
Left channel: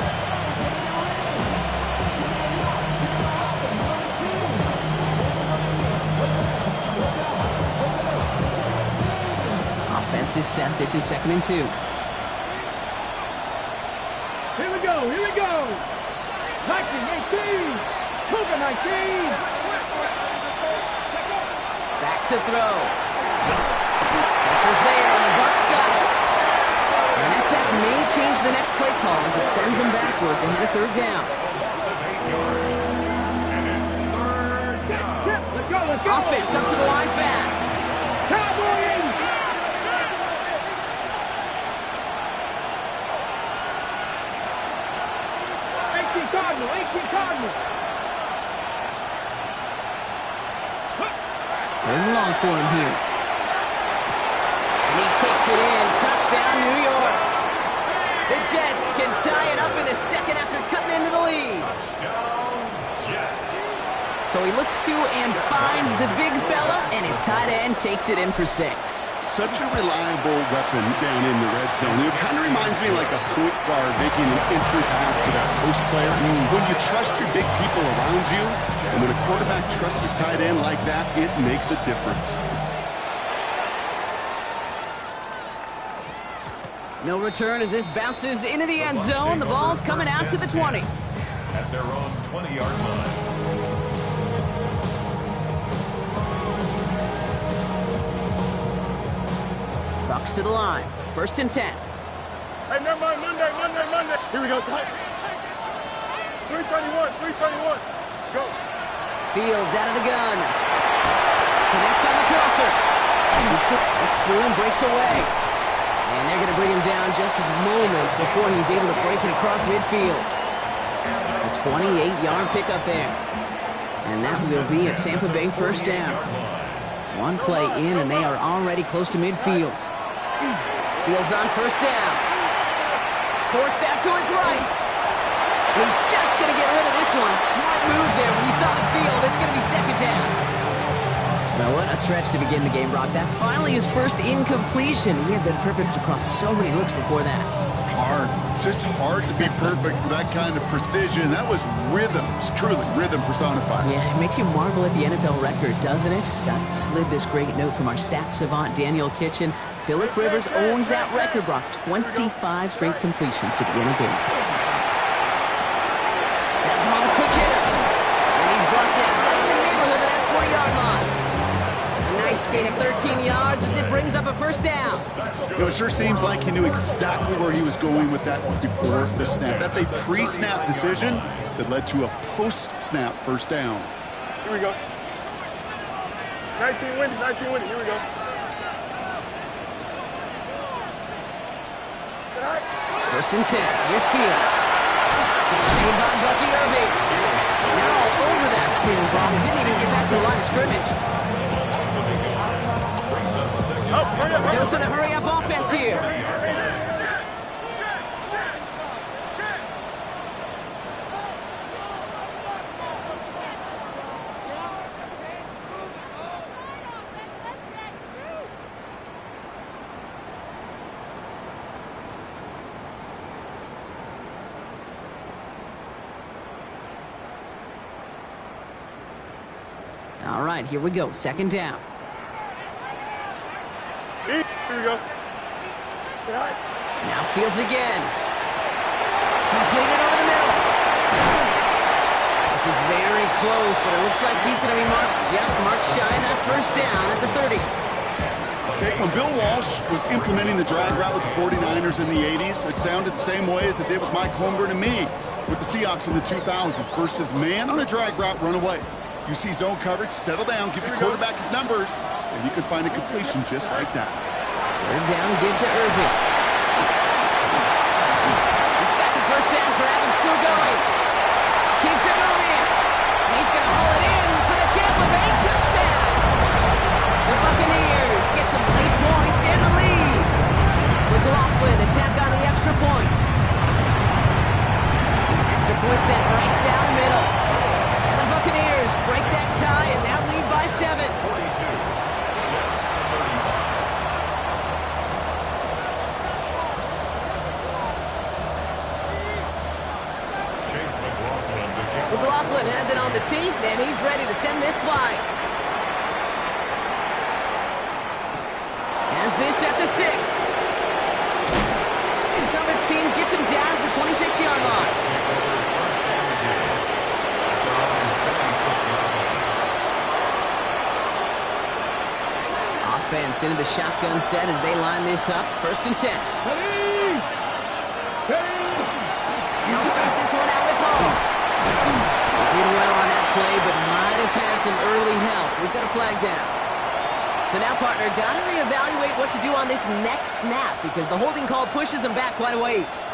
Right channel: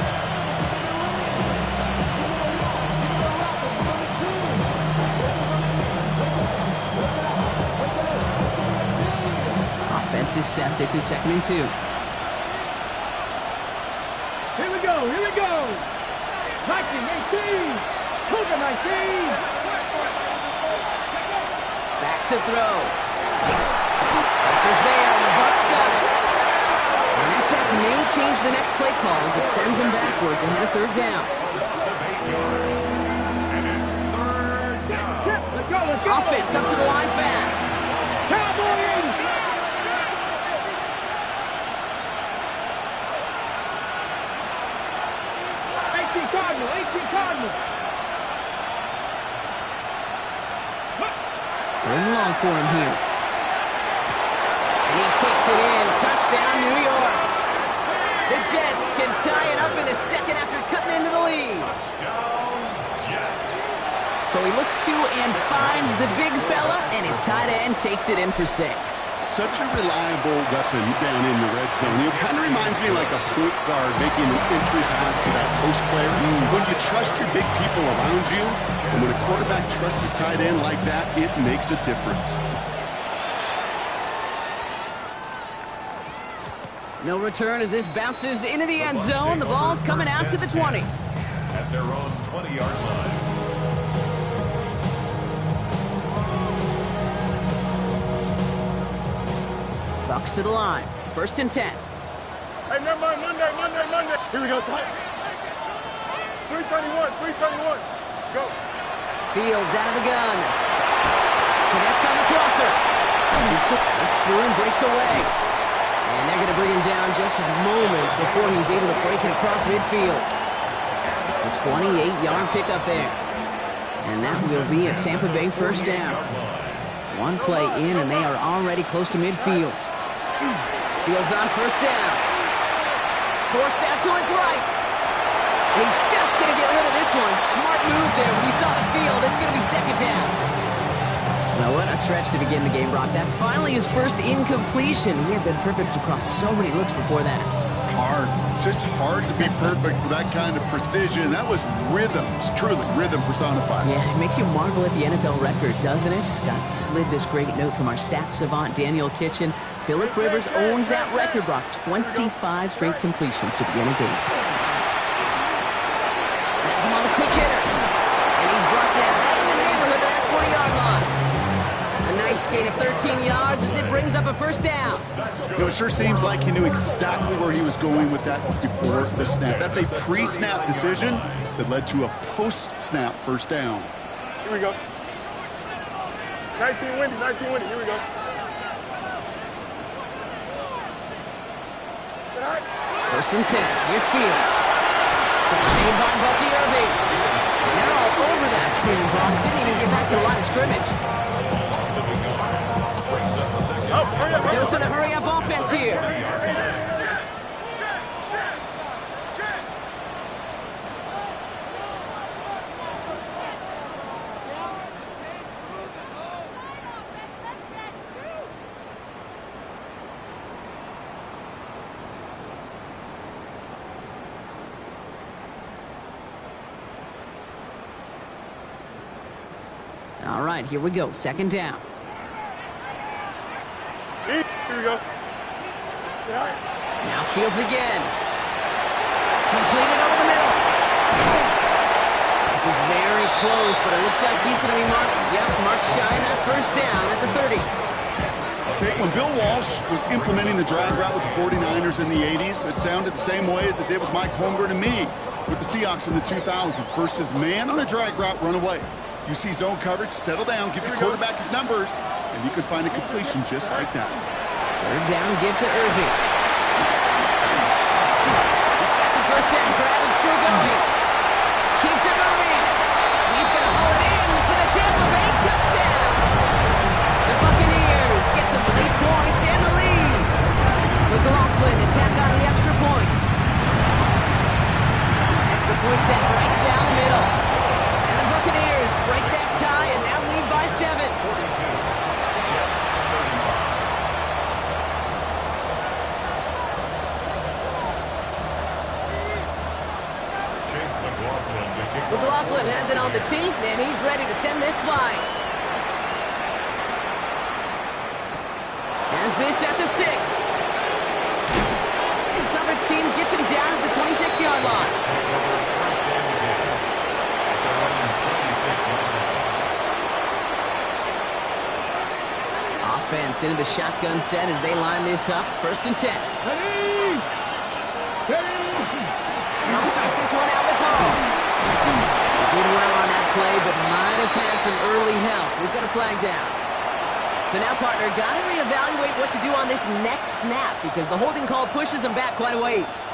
Offense is set. This is 2nd and 2. Here we go. 19, Cougar 19. Back to throw. Pressure's there, and the Bucs got it. And that sack may change the next play call as it sends them backwards ahead of 3rd down. Loss of 8 yards. And it's 3rd down. Let's go. Offense up to the line fast. Cowboys. 18 Cardinal. 3rd and long for him here. And he takes it in. Touchdown, New York. The Jets can tie it up in the second after cutting into the lead. Touchdown, Jets. So he looks to and finds the big fella, and his tight end takes it in for 6. Such a reliable weapon down in the red zone. It kind of reminds me like a point guard making an entry pass to that post player. When you trust your big people around you, and when a quarterback trusts his tight end like that, it makes a difference. No return as this bounces into the end zone. The ball's coming out to the 20. At their own 20-yard line. Bucs to the line. 1st and 10. Hey, never mind. Monday. Here we go, son. 331. Go. Fields out of the gun. Connects on the crosser. Looks through and breaks away. And they're going to bring him down just a moment before he's able to break it across midfield. A 28-yard pickup there. And that will be a Tampa Bay first down. One play in, and they are already close to midfield. Fields on first down. Forced out to his right. He's just going to get rid of this one. Smart move there. When you saw the field, it's going to be second down. Well, what a stretch to begin the game, Brock. That finally his first incompletion. He had been perfect across so many looks before that. Hard. It's just hard to be perfect with that kind of precision. That was rhythm. It's truly rhythm personified. Yeah, it makes you marvel at the NFL record, doesn't it? Got slid this great note from our stats savant, Daniel Kitchen. Phillip Rivers owns that record, Brock. 25 straight completions to begin a game. That's him on the quick hitter. And he's brought down right in the neighborhood of that 40-yard line. A nice gain of 13 yards as it brings up a first down. You know, it sure seems like he knew exactly where he was going with that before the snap. That's a pre-snap decision that led to a post-snap first down. Here we go. 19 windy, here we go. First and 10. Here's Fields. Made by Bucky Irving. And they're all over that screen, Brock. Didn't even get back to the line of scrimmage. Dose of the hurry-up offense here. All right, here we go. Second down. Here we go. Now Fields again. Completed over the middle. This is very close, but it looks like he's going to be marked. Yep, marked shy of that first down at the 30. Okay, when Bill Walsh was implementing the drag route with the 49ers in the 80s, it sounded the same way as it did with Mike Holmgren and me with the Seahawks in the 2000s. Versus man on a drag route, run away. You see zone coverage, settle down, give your quarterback his numbers, and you can find a completion just like that. Third down, give to Irving. He's got the first down grab and still going. Keeps it moving. He's going to haul it in for the Tampa Bay touchdown. The Buccaneers get some late points and the lead. McLaughlin attack on the extra point. Extra point sent right down the middle. And the Buccaneers break that tie and now lead by 7. 42. Jets 35. Chase McLaughlin to kick off. McLaughlin has it on the tee, and he's ready to send this flying. Has this at the 6. Coverage team gets him down at the 26-yard line. Take over first and 10 at their own 26-yard line. Offense into the shotgun set as they line this up. First and 10. Ready? Steady. They'll start this one out with Hall. He did well on that play, but might have had some early help. We've got a flag down. So now, partner, got to reevaluate what to do on this next snap because the holding call pushes them back quite a ways.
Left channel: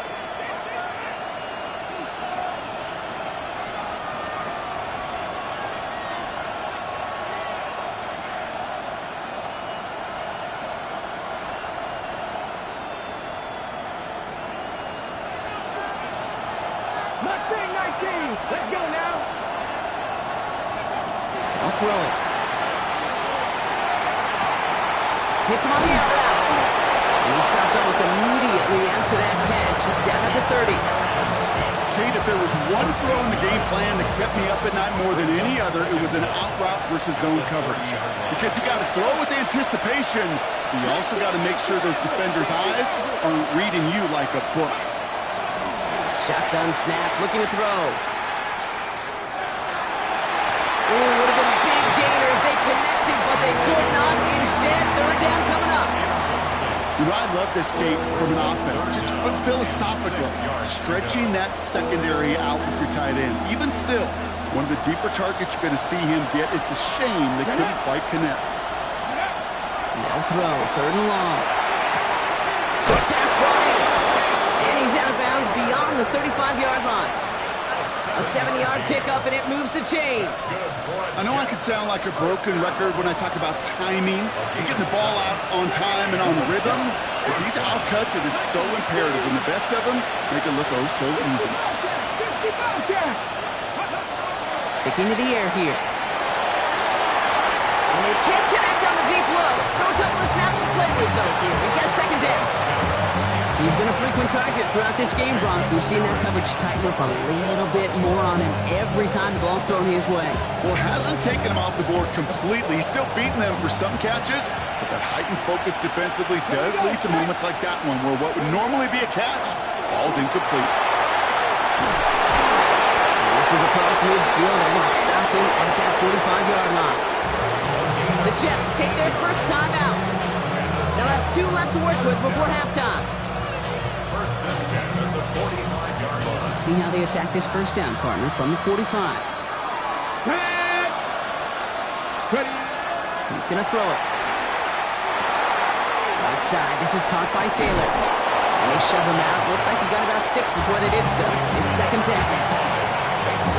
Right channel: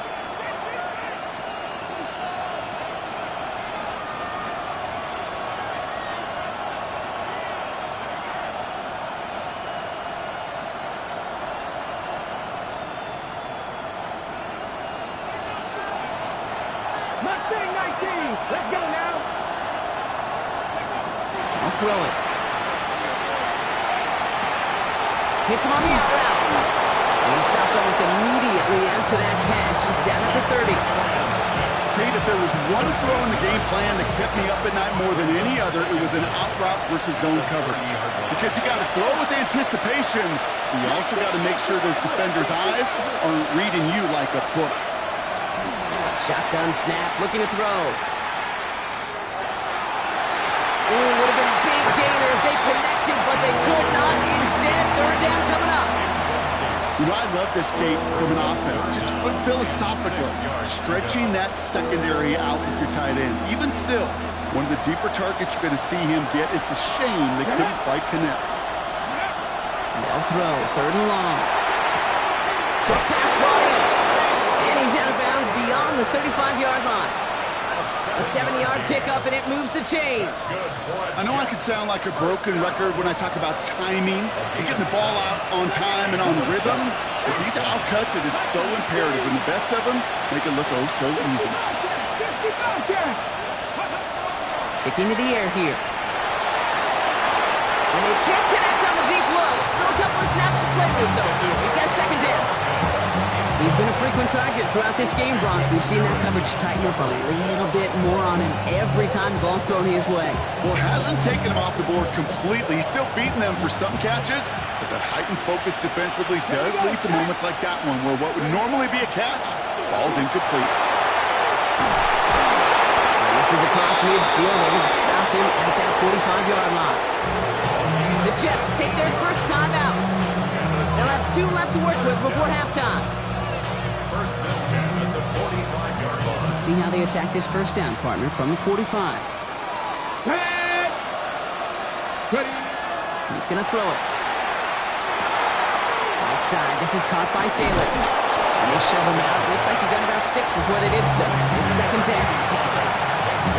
Mustang 19. Let's go now. I'll throw it. Hits him on the out route. And he stopped almost immediately after that catch. He's down at the 30. Kate, if there was one throw in the game plan that kept me up at night more than any other, it was an out route versus zone coverage. Because you got to throw with anticipation, but you also got to make sure those defenders' eyes aren't reading you like a book. Shotgun snap, looking to throw. Ooh, would have been a big gainer if they connected, but they could not. Instead, third down coming up. You know, I love this, Kate, from an offense. Just philosophically, stretching that secondary out with your tight end. Even still, one of the deeper targets you're going to see him get. It's a shame they couldn't quite connect. They'll throw, third and long. Short pass brought in. And he's out of bounds beyond the 35-yard line. A 7-yard pickup, and it moves the chains. I know I could sound like a broken record when I talk about timing and getting the ball out on time and on rhythm, but these out cuts, it is so imperative, and the best of them make it look oh so easy. Sticking to the air here. And they can't connect on the deep low. Still a couple of snaps to play with, though, here. We've got second down. He's been a frequent target throughout this game, Brock. We've seen that coverage tighten up a little bit more on him every time the ball's thrown his way. Well, it hasn't taken him off the board completely. He's still beating them for some catches, but that heightened focus defensively does lead to moments like that one where what would normally be a catch falls incomplete. And this is across midfield. They're going to stop him at that 45-yard line. The Jets take their first time out. They'll have 2 left to work with before halftime. First and 10 at the 45-yard line. Let's see how they attack this first down, partner, from the 45. Ready. He's going to throw it. Right side. This is caught by Taylor. And they shove him out. Looks like he got about 6 before they did so. It's second down.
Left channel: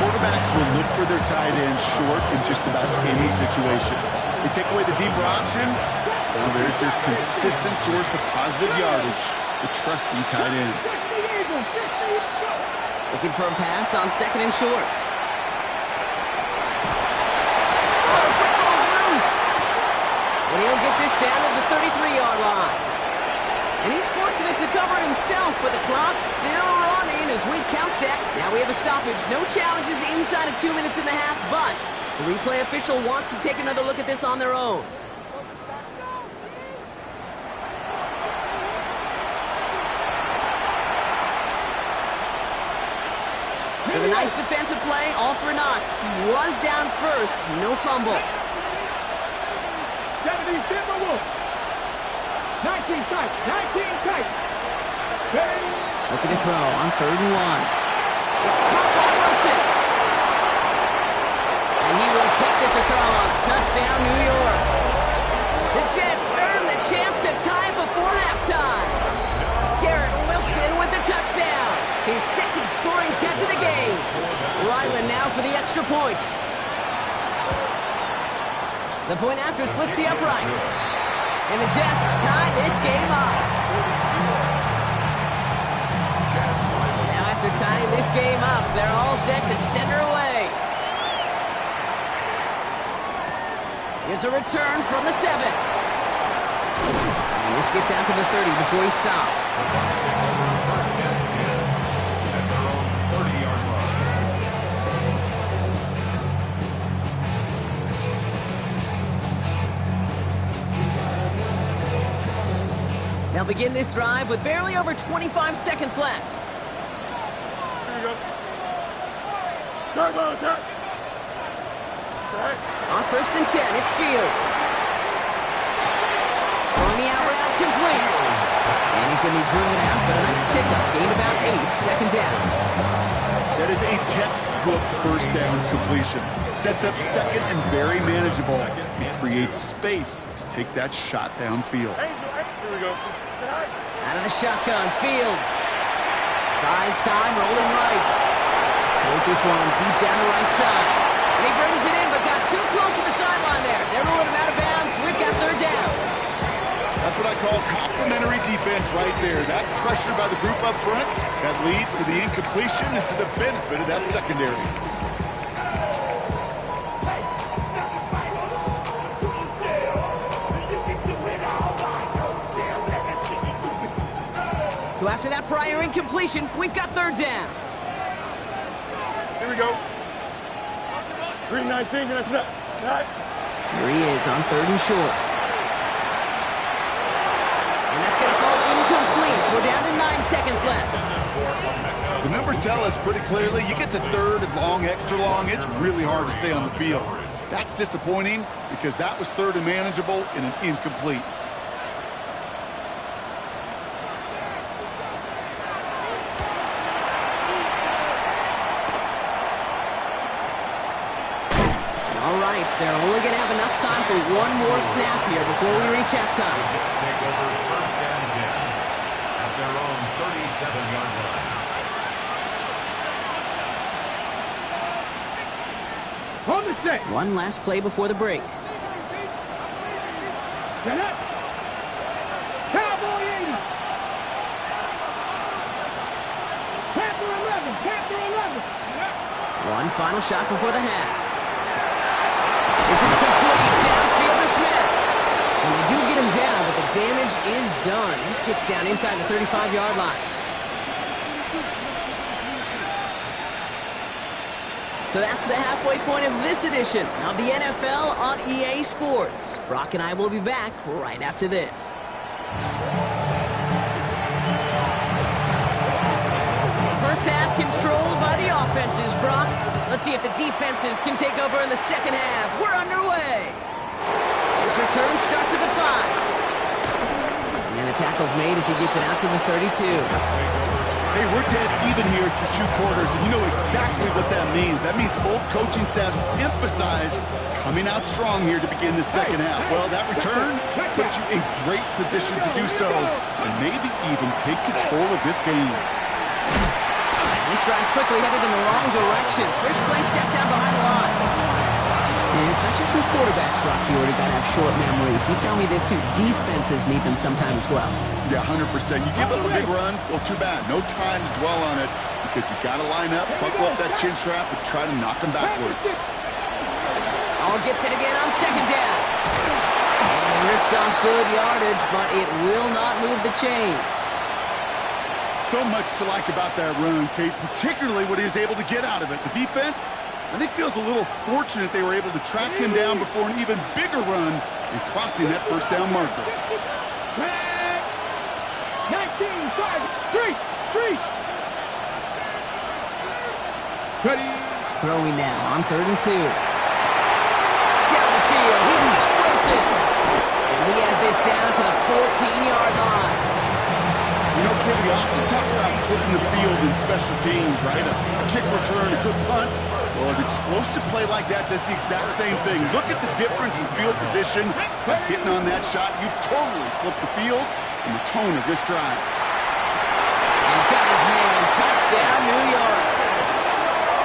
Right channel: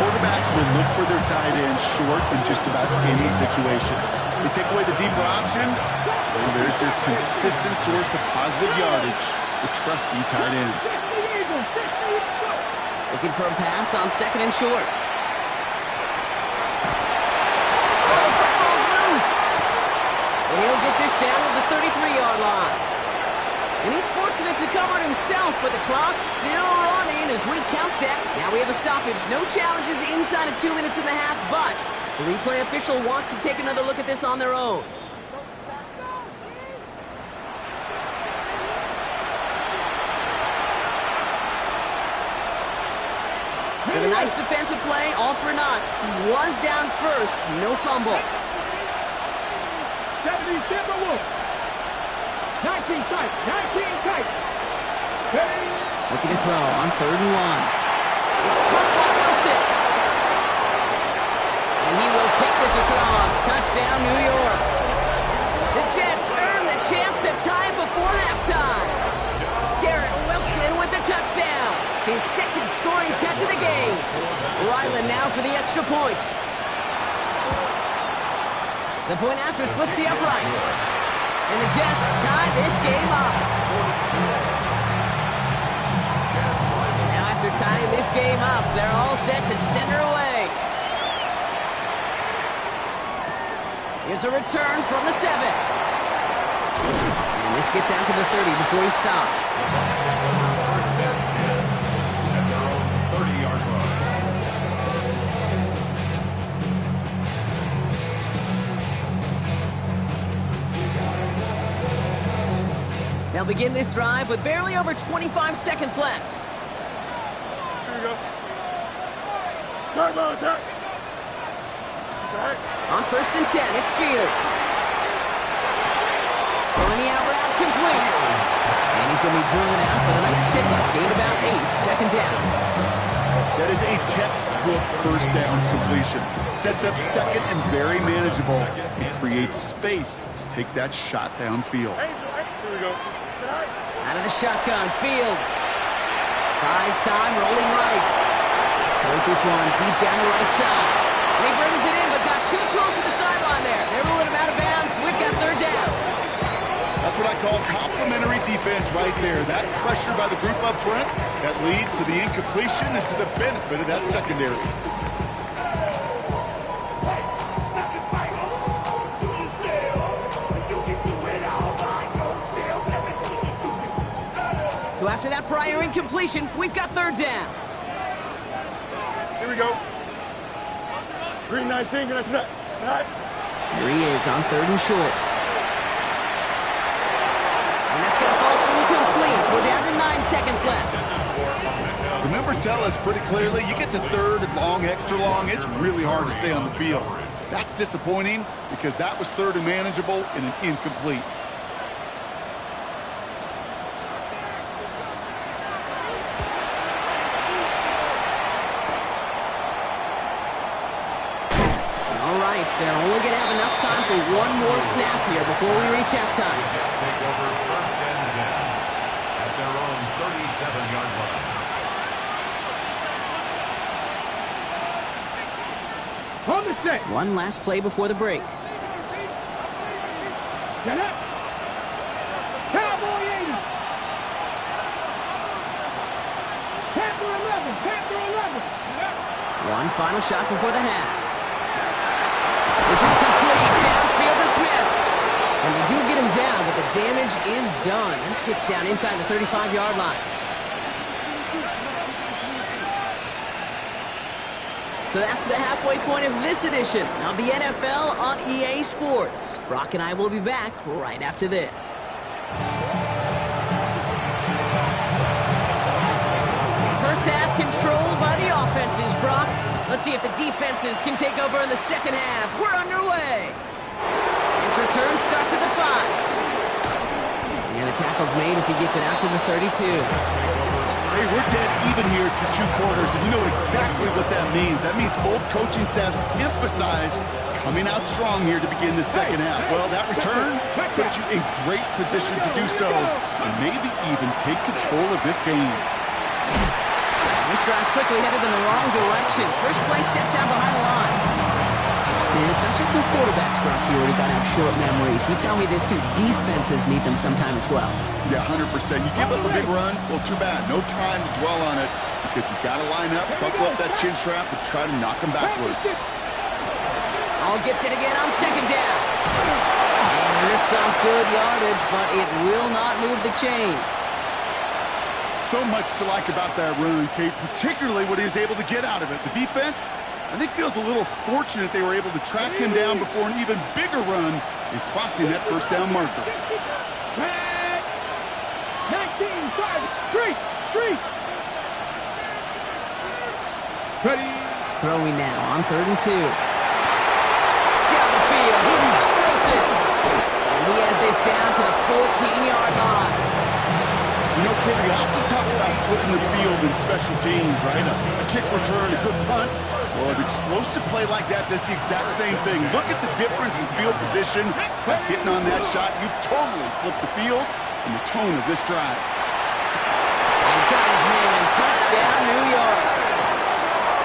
Quarterbacks will look for their tight end short in just about any situation. They take away the deeper options, well, there's their consistent source of positive yardage, the trusty tight end. Looking for a pass on second and short. Oh, the football's loose. And he'll get this down to the 33-yard line. And he's fortunate to cover it himself, but the clock's still running as we count down. Now we have a stoppage. No challenges inside of 2 minutes and a half, but the replay official wants to take another look at this on their own. So the nice defensive play, all for naught. He was down first, no fumble. 70 Timberwolves. 19 tight. 19 tight. Ready. Looking to throw on 3rd and 1. It's caught by Wilson. And he will take this across. Touchdown, New York. The Jets earn the chance to tie before halftime. Garrett Wilson with the touchdown. His second scoring catch of the game. Ryland now for the extra point. The point after splits the uprights. And the Jets tie this game up. Now after tying this game up, they're all set to center away. Here's a return from the 7. And this gets out to the 30 before he stopped. The Bucs take over first and 10 at their own 30-yard line. They'll begin this drive with barely over 25 seconds left. Here we go. Turbo attack. On 1st and 10, it's Fields. Throwing the out route complete. And he's going to be driven out, but a nice pickup. Gained about 8, second down. That is a textbook first down completion. Sets up second and very manageable. It creates space to take that shot downfield. Here we go. Out of the shotgun, Fields. Buys time, rolling right. Throws this one deep down the right side. And he brings it in, but got too close to the sideline there. They're ruling him out of bounds. We've got 3rd down. That's what I call complimentary defense right there. That pressure by the group up front, that leads to the incompletion and to the benefit of that secondary. So after that prior incompletion, we've got 3rd down. Here we go. Green 19, that's not. Here he is on 3rd and short. And that's going to fall incomplete. We're down to 9 seconds left. The numbers tell us pretty clearly, you get to 3rd and long, extra long, it's really hard to stay on the field. That's disappointing because that was 3rd and manageable and an incomplete. All right, they're only going to have enough time for one more snap here before we reach halftime. The Jets take over first and 10 at their own 37-yard line. On the set. One last play before the break. Set up. Cowboy 80. Panther 11. Panther 11. Set up. One final shot before the half. This is complete. Downfield to Smith. And they do get him down, but the damage is done. This gets down inside the 35-yard line. So that's the halfway point of this edition of the NFL on EA Sports. Brock and I will be back right after this. First half controlled by the offenses, Brock. Let's see if the defenses can take over in the second half. We're underway. His return starts at the 5. And the tackle's made as he gets it out to the 32. Hey, we're dead even here through 2 quarters, and you know exactly what that means. That means both coaching staffs emphasize coming out strong here to begin the second half. Well, that return puts you in great position to do so, and maybe even take control of this game. This drive's quickly headed in the wrong direction. First play set down behind the line. And it's not just some quarterbacks, Brock, you already got to have short memories. You tell me this, too. Defenses need them sometime as well. Yeah, 100%. You give up a big run, well, too bad. No time to dwell on it because you got to line up, buckle up that chin strap, and try to knock them backwards. All gets it again on second down. And he rips off good yardage, but it will not move the chains. So much to like about that run, Kate, particularly what he was able to get out of it. The defense, I think, feels a little fortunate they were able to track him down before an even bigger run and crossing that first down marker. 19, 5, 3. Ready. Throwing now on 3rd and 2. Down the field, he's got Wilson. And he has this down to the 14-yard line. You know, Kate, we often talk about flipping the field in special teams, right? A kick return, a good punt. Well, an explosive play like that does the exact same thing. Look at the difference in field position. By hitting on that shot, you've totally flipped the field and the tone of this drive. And got his man. Touchdown, New York.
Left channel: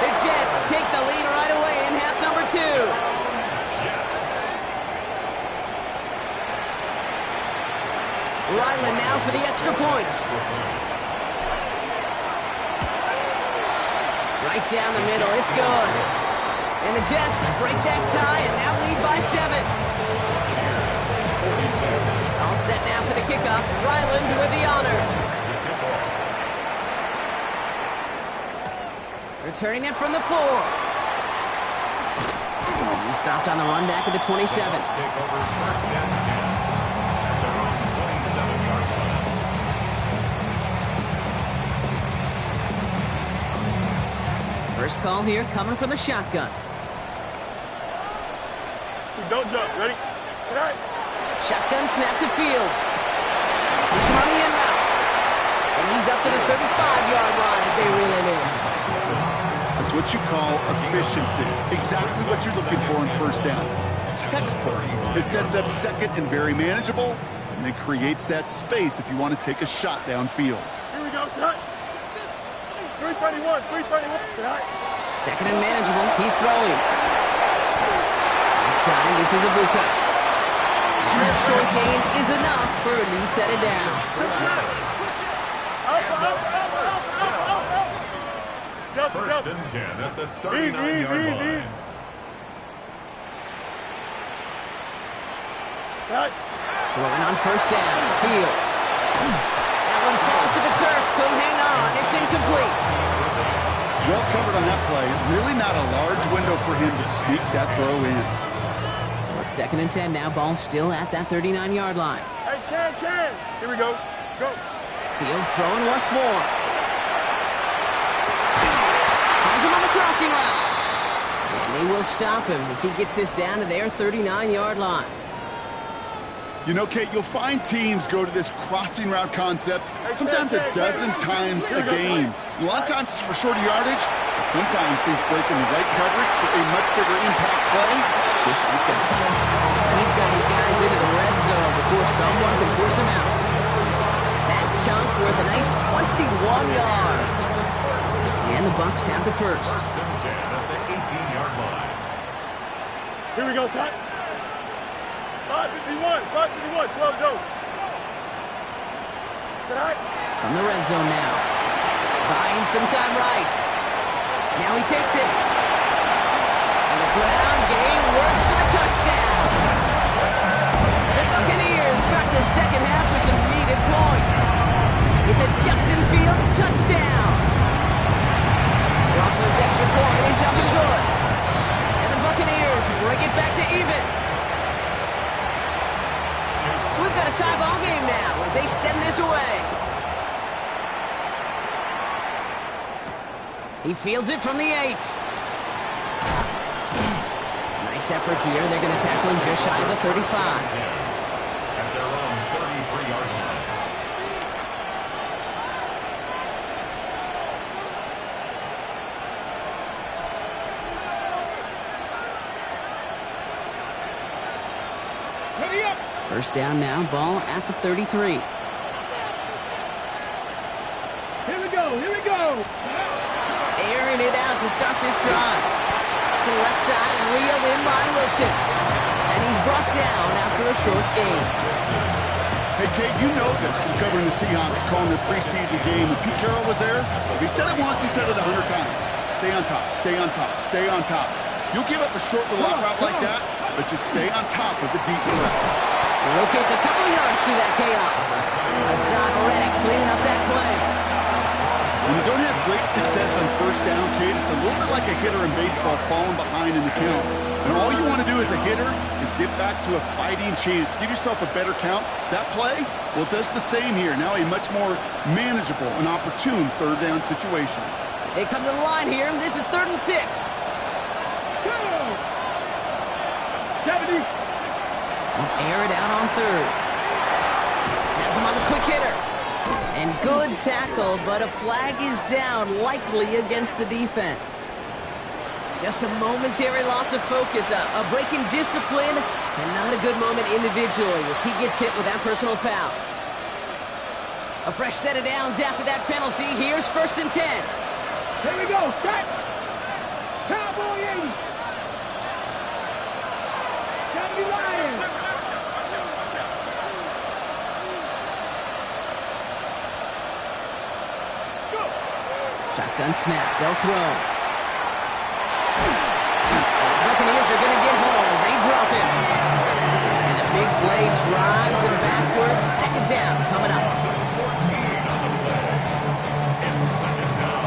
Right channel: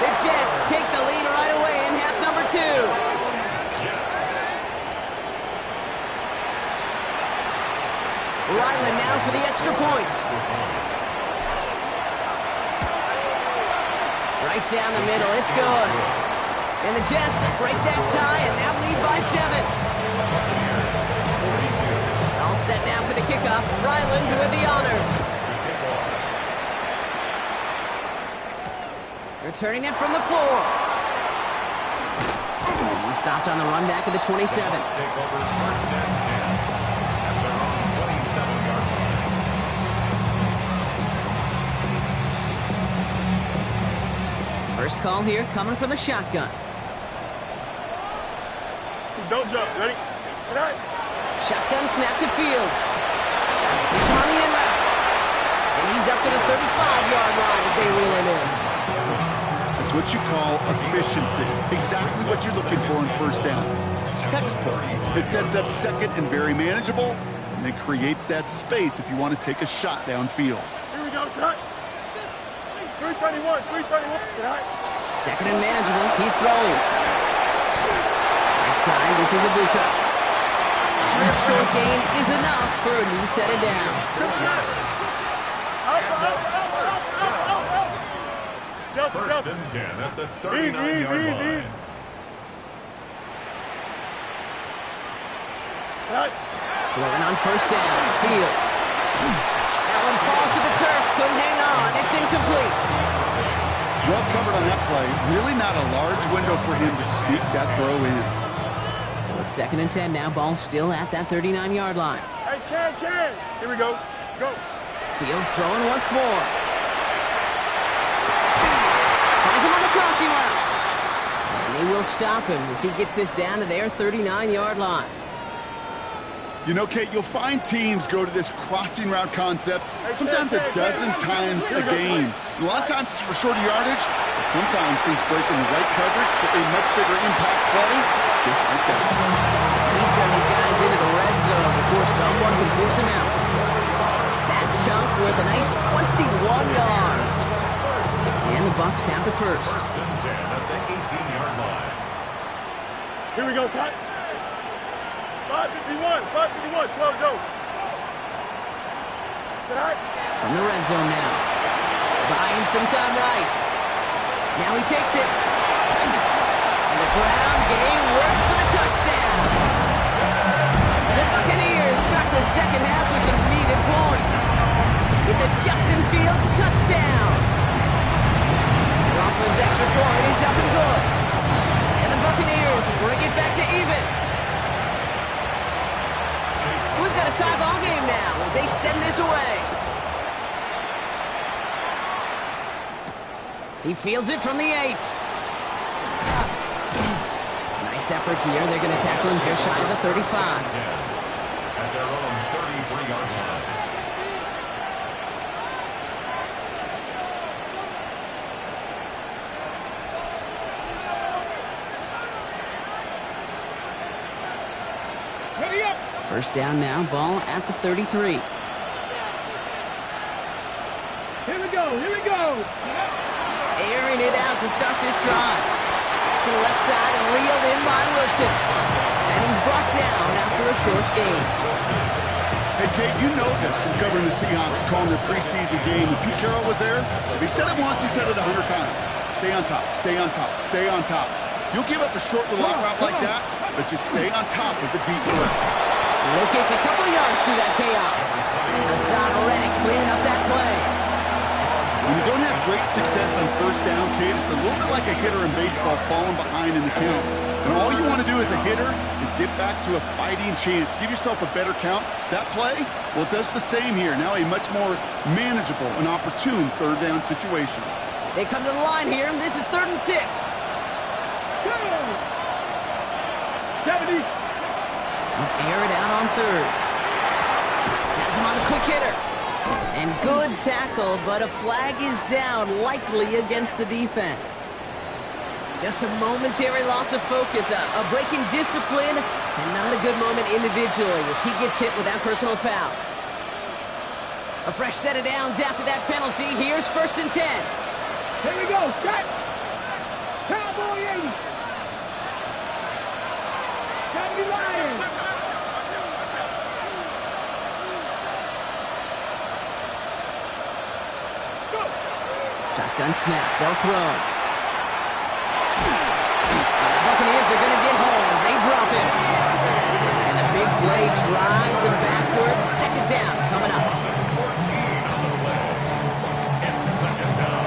The Jets take the lead right away in half number 2. Ryland now for the extra point. Right down the middle, it's good. And the Jets break that tie and now lead by 7. All set now for the kickoff. Ryland with the honors. Returning it from the 4. And he stopped on the run back at the 27. Take over first and 10 at their own 27-yard line. First call here coming from the shotgun. Don't jump. Ready? Right. Shotgun snap to Fields. He's on the in route. And he's up to the 35-yard line as they reel him in. That's what you call efficiency. Exactly what you're looking for in first down. Textbook. It sets up second and very manageable, and it creates that space if you want to take a shot downfield. Here we go. Set. 331. Second and manageable. He's throwing. Right side, this is Ibuka. And that short gain is enough for a new set of down. First and 10 at the 39-yard line. Throwing on first down. Fields. That one falls to the turf. Couldn't hang on. It's incomplete. Well covered on that play. Really not a large window for him to sneak that throw in. So it's second and 10 now. Ball still at that 39-yard line. Hey, Ken. Here we go. Go. Fields throwing once more. Finds him on the crossing route. And they will stop him as he gets this down to their 39-yard line. You know, Kate, you'll find teams go to this crossing route concept sometimes a dozen times a game. A lot of times it's for shorter yardage, but sometimes teams break in the right coverage for a much bigger impact play, just like that. He's got his guys into the red zone before someone can force him out. That chunk worth a nice 21 yards. And the Bucs have the first. First and 10 at the 18-yard line. Here we go, son. 551, 12 zone. Sit high. From the red zone now. Buying some time right. Now he takes it. And the ground game works for the touchdown. The Buccaneers start the second half with some needed points. It's a Justin Fields touchdown. Coughlin's extra point is up and good. And the Buccaneers bring it back to even. So we've got a tie ball game now as they send this away. He fields it from the 8. Nice effort here. They're going to tackle him just shy of the 35. At their own 33-yard line. Ready up. First down now, ball at the 33. Here we go. Airing it out to start this drive. To the left side and reeled in by Wilson. And he's brought down after a short gain. Hey, Kate, you know this from covering the Seahawks, calling the preseason game. When Pete Carroll was there, if he said it once, he said it 100 times. Stay on top, stay on top, stay on top. You'll give up a short little out route like that, but just stay on top with the deep threat. He locates a couple of yards through that chaos. Hassan Reddick cleaning up that play. When you don't have great success on first down, Kate, it's a little bit like a hitter in baseball falling behind in the count. And all you want to do as a hitter is get back to a fighting chance. Give yourself a better count. That play, well, it does the same here. Now a much more manageable and opportune third down situation. They come to the line here. This is 3rd and 6. Go. 70. Air it out on 3rd. Has him on the quick hitter. And good tackle, but a flag is down, likely against the defense. Just a momentary loss of focus, a break in discipline, and not a good moment individually as he gets hit with that personal foul. A fresh set of downs after that penalty. Here's 1st and 10. Here we go. Set. Cowboy 80. 70 Lions. Shotgun snap. They'll throw. And the Buccaneers are going to get home as they drop him. And the big play drives them backwards. 2nd down coming up. 14 on the play. It's 2nd down.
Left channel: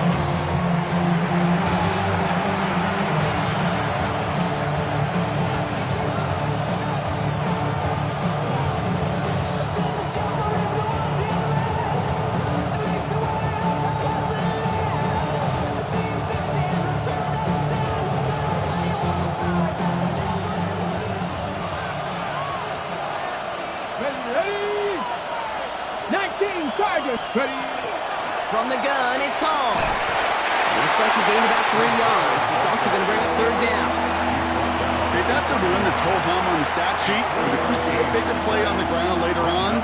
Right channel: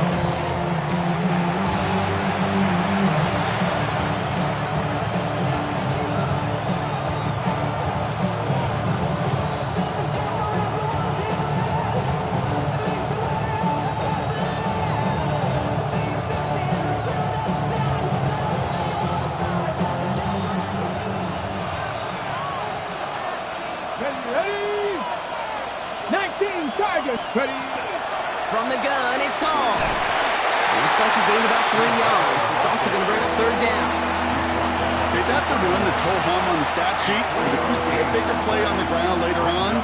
Ready. 19 Chargers. Ready. From the gun, it's Hall. Looks like he gained about 3 yards. It's also going to bring up 3rd down. Okay, that's a run that's ho-hum on the stat sheet. But if we see a bigger play on the ground later on,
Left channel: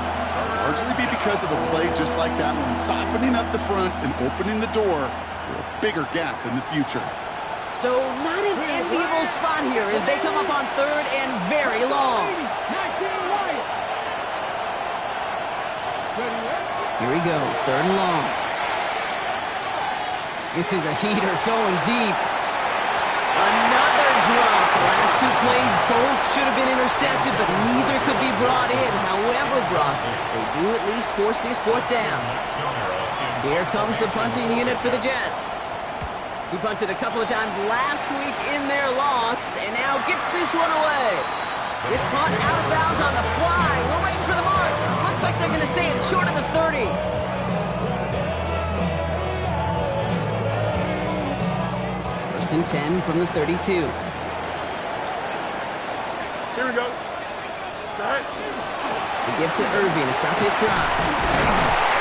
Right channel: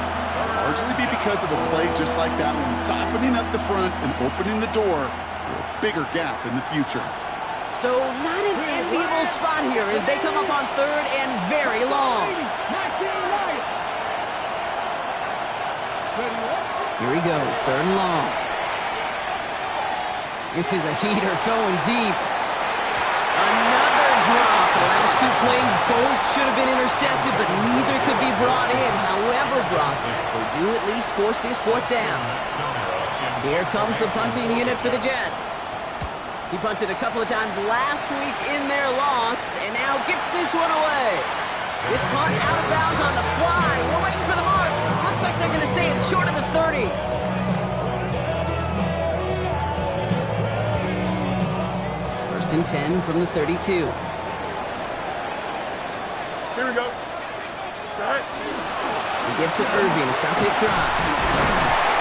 largely be because of a play just like that one, softening up the front and opening the door for a bigger gap in the future. So not an enviable spot here as they come up on 3rd and very long. 19 Lions. Ready. Here he goes, 3rd and long. This is a heater going deep. Another drop. The last 2 plays both should have been intercepted, but neither could be brought in. However, Brock, they do at least force this 4th down. Here comes the punting unit for the Jets. He punted a couple of times last week in their loss, and now gets this one away. This punt out of bounds on the fly. We're waiting for the mark. Looks like they're going to say it's short of the 30. First and 10 from the 32. Here we go. Set. They give to Irving to start this drive.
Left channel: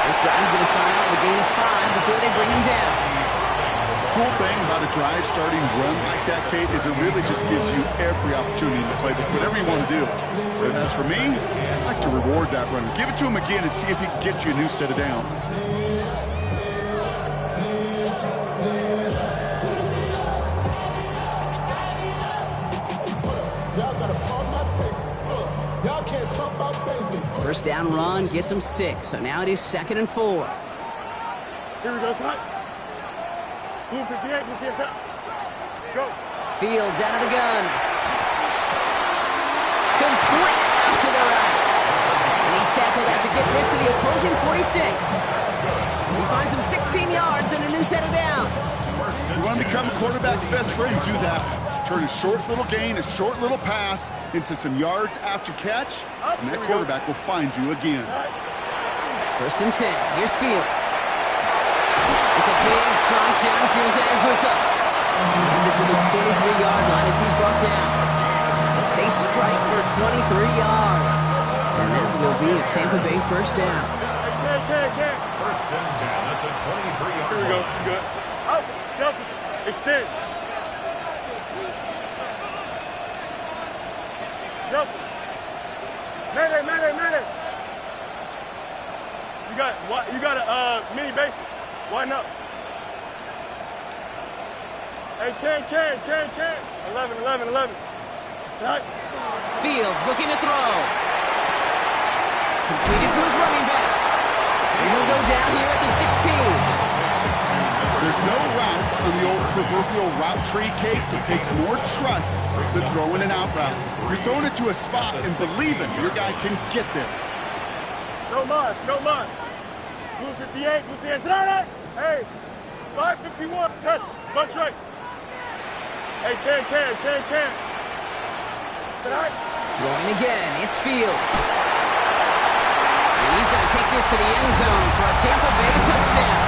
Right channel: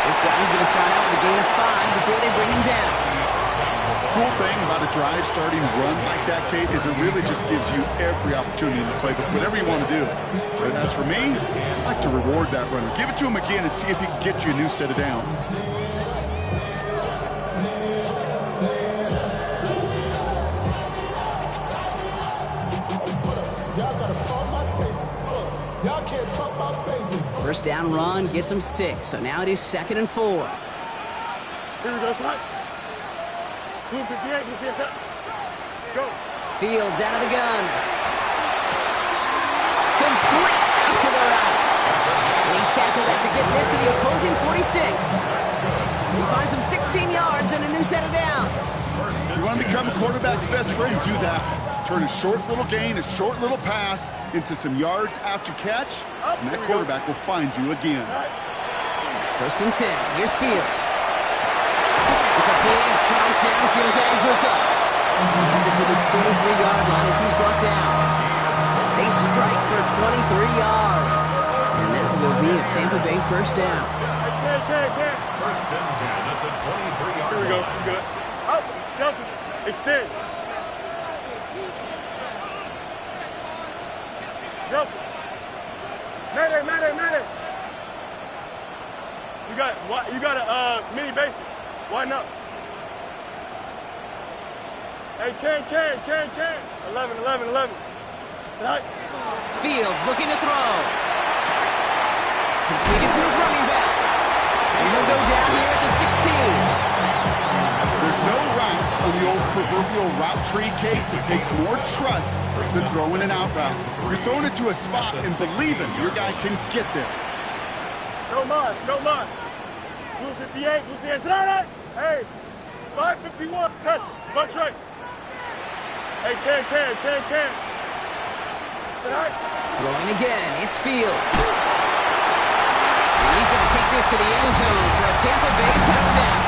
This drive is going to start out with a gain of 5 before they bring him down. Cool thing about a drive starting run like that, Kate, is it really just gives you every opportunity to play whatever you want to do. But as for me, I like to reward that runner. Give it to him again and see if he can get you a new set of downs. First down run gets him 6, so now it is 2nd and 4. Here we go, slide. Blue 58, blue 58. Go. Fields out of the gun. Complete out to the right. And he's tackled after getting this to the opposing 46. He finds him 16 yards and a new set of downs. You want to become a quarterback's best friend, do that. Turn a short little gain, a short little pass into some yards after catch, and that quarterback will find you again. 1st and 10. Here's Fields. It's a big, strong downfield to Anguka. He has it to the 23-yard line as he's brought down. They strike for 23 yards. And that will be a Tampa Bay first down. 1st and 10 at the 23-yard line. Here we go. Good. Out. Johnson. Extend. Johnson. Mayday. You got a mini basic. Why not? Hey, can. 11. Right. Fields looking to throw. Completed to his running back. And he'll go down here at the 16. There's no routes on the old proverbial route tree, Kate. It takes more trust than throwing an out route. You're throwing it to a spot and believing your guy can get there. No mas. Blue 58, blue 58. Sit down. Hey, 551. Test it. Punch right. Hey, can. Sit down. Throwing again. It's Fields. And he's going to take this to the end zone for a Tampa Bay touchdown.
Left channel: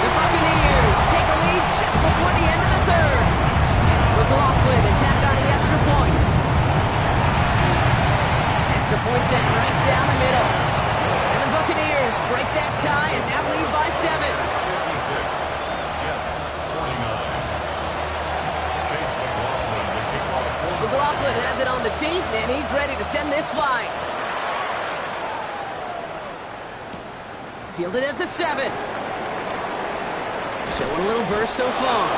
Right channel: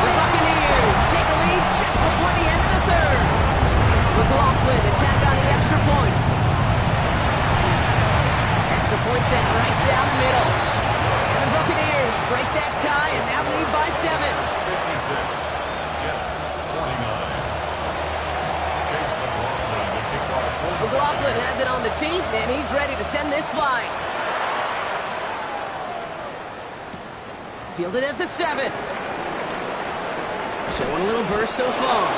The Buccaneers take a lead just before the end of the 3rd. McLaughlin attack on the extra point. Extra point sent right down the middle. And the Buccaneers break that tie and now lead by 7. 56. Jets 49. Chase McLaughlin, the kickoff. McLaughlin has it on the tee, and he's ready to send this flying. Fielded at the 7. Showing a little burst so far.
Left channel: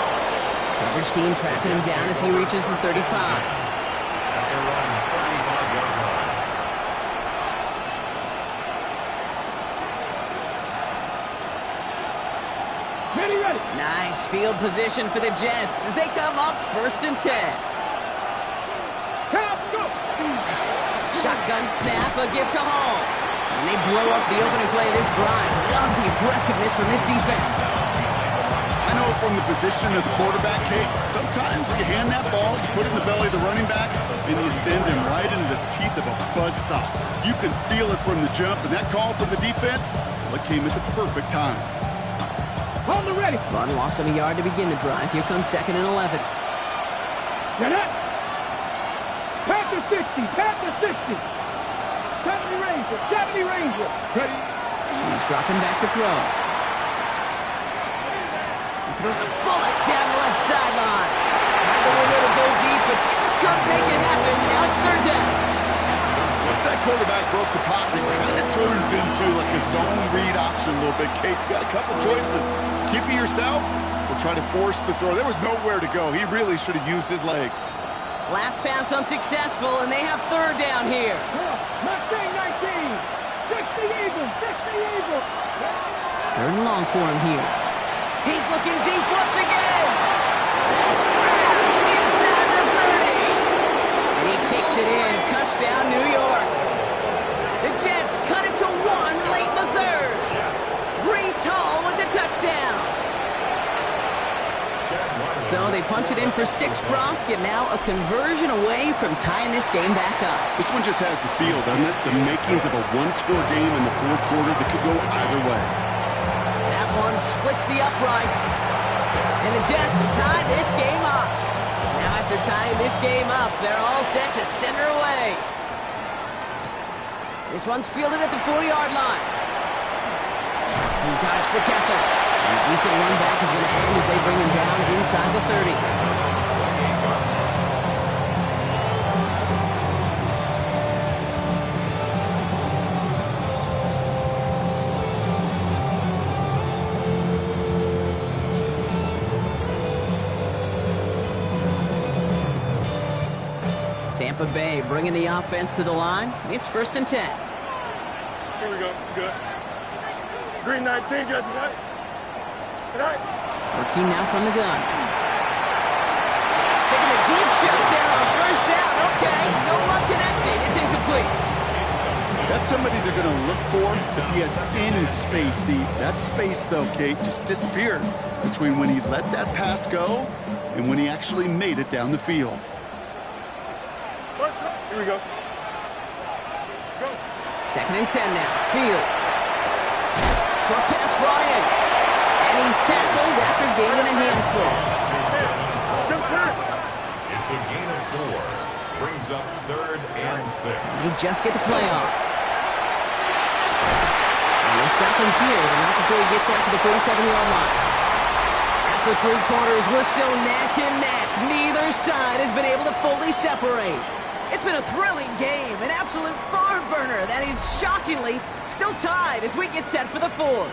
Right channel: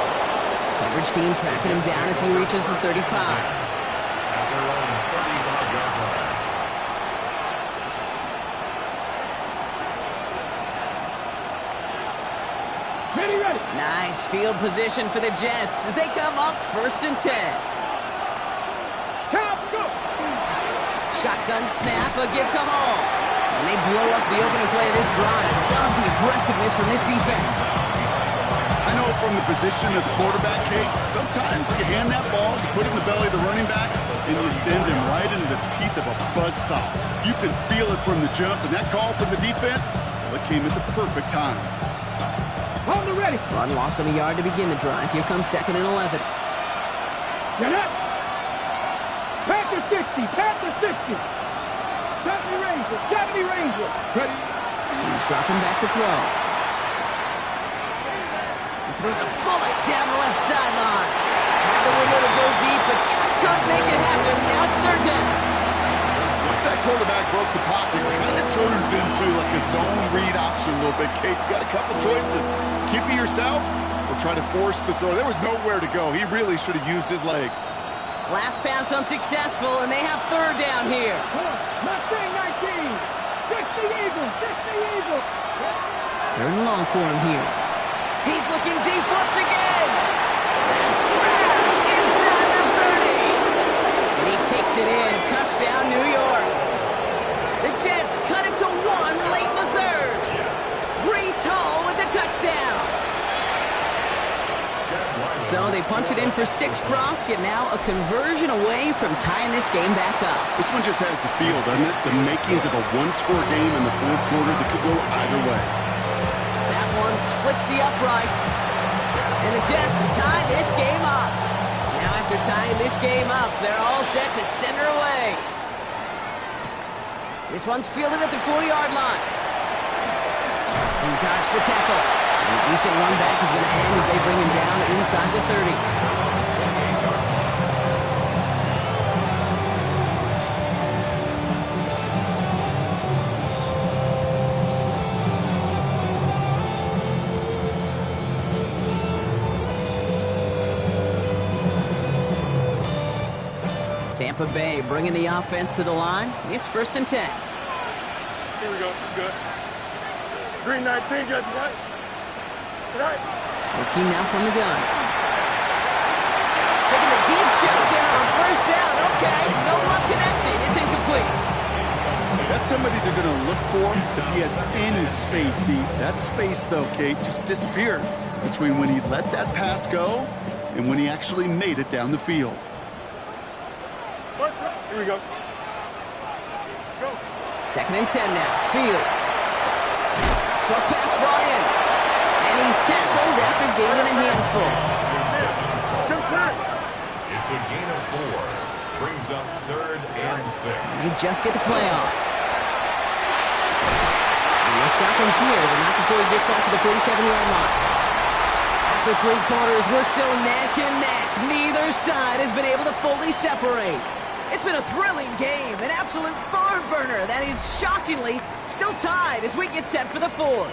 Coverage team tracking him down as he reaches the 35. At their own 35-yard line. Ready. Nice field position for the Jets as they come up 1st and 10. Count, go. Shotgun snap, a gift to Hall. And they blow up the opening play of this drive. Love the aggressiveness from this defense. I know from the position of the quarterback, Kate, sometimes you hand that ball, you put it in the belly of the running back, and you send him right into the teeth of a buzzsaw. You can feel it from the jump, and that call from the defense, well, it came at the perfect time. Hold it ready. Run lost him a yard to begin the drive. Here comes 2nd and 11. Get up. Panther 60. 70 Ranger. Ready. He's dropping back to throw. He throws a bullet down the left sideline. Had the window to go deep, but just couldn't make it happen. Now it's 3rd down. Once that quarterback broke the pocket, it kind of turns into like a zone read option a little bit. Kate, you got a couple choices. Keep it yourself or try to force the throw. There was nowhere to go. He really should have used his legs. Last pass unsuccessful, and they have 3rd down here. Mustang 19. 60 Eagles. 3rd and long for him here. He's looking deep once again. That's grabbed inside the 30. And he takes it in. Touchdown, New York. The Jets cut it to 1 late in the 3rd. Breece Hall with the touchdown. So they punch it in for 6, Brock, and now a conversion away from tying this game back up. This one just has the feel, doesn't it? The makings of a one-score game in the 4th quarter that could go either way. That one splits the uprights. And the Jets tie this game up. Now after tying this game up, they're all set to send her away. This one's fielded at the 40-yard line. He dodged the tackle. And a decent run back is going to end as they bring him down inside the 30. Tampa Bay bringing the offense to the line. It's 1st and 10. Here we go. Good. Green 19, Jesse. Right. Right. Working now from the gun. Taking the deep shot there on 1st down. Okay, no luck connecting. It's incomplete. That's somebody they're going to look for if he has any space deep. That space, though, Kate, just disappeared between when he let that pass go and when he actually made it down the field. Here we go. Go. 2nd and 10 now. Fields. Short pass brought in. And he's tackled after gaining a handful. It's a gain of 4. Brings up 3rd and 6. He just get the play off. And we'll stop him here, but not before he gets out to the 47-yard line. After 3 quarters, we're still neck and neck. Neither side has been able to fully separate. It's been a thrilling game, an absolute barn burner that is shockingly still tied as we get set for the 4th.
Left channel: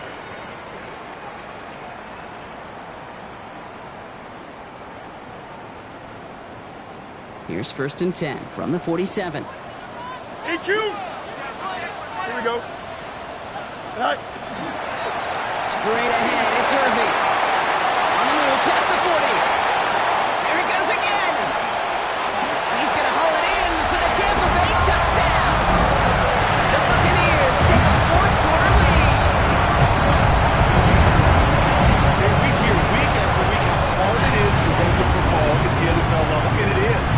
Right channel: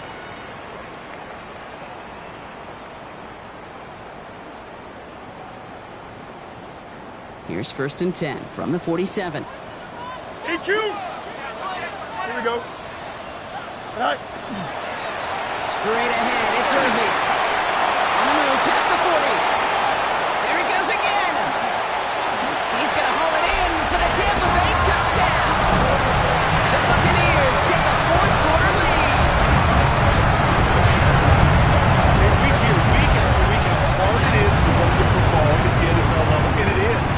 Here's 1st and 10 from the 47. EQ! Here we go. Right. Straight ahead, it's Irving. On the move, past the 40. There he goes again. He's going to haul it in for the Tampa Bay touchdown. The Buccaneers take a 4th quarter lead. Okay, we hear week after week how hard it is to run the football at the NFL level, and it is.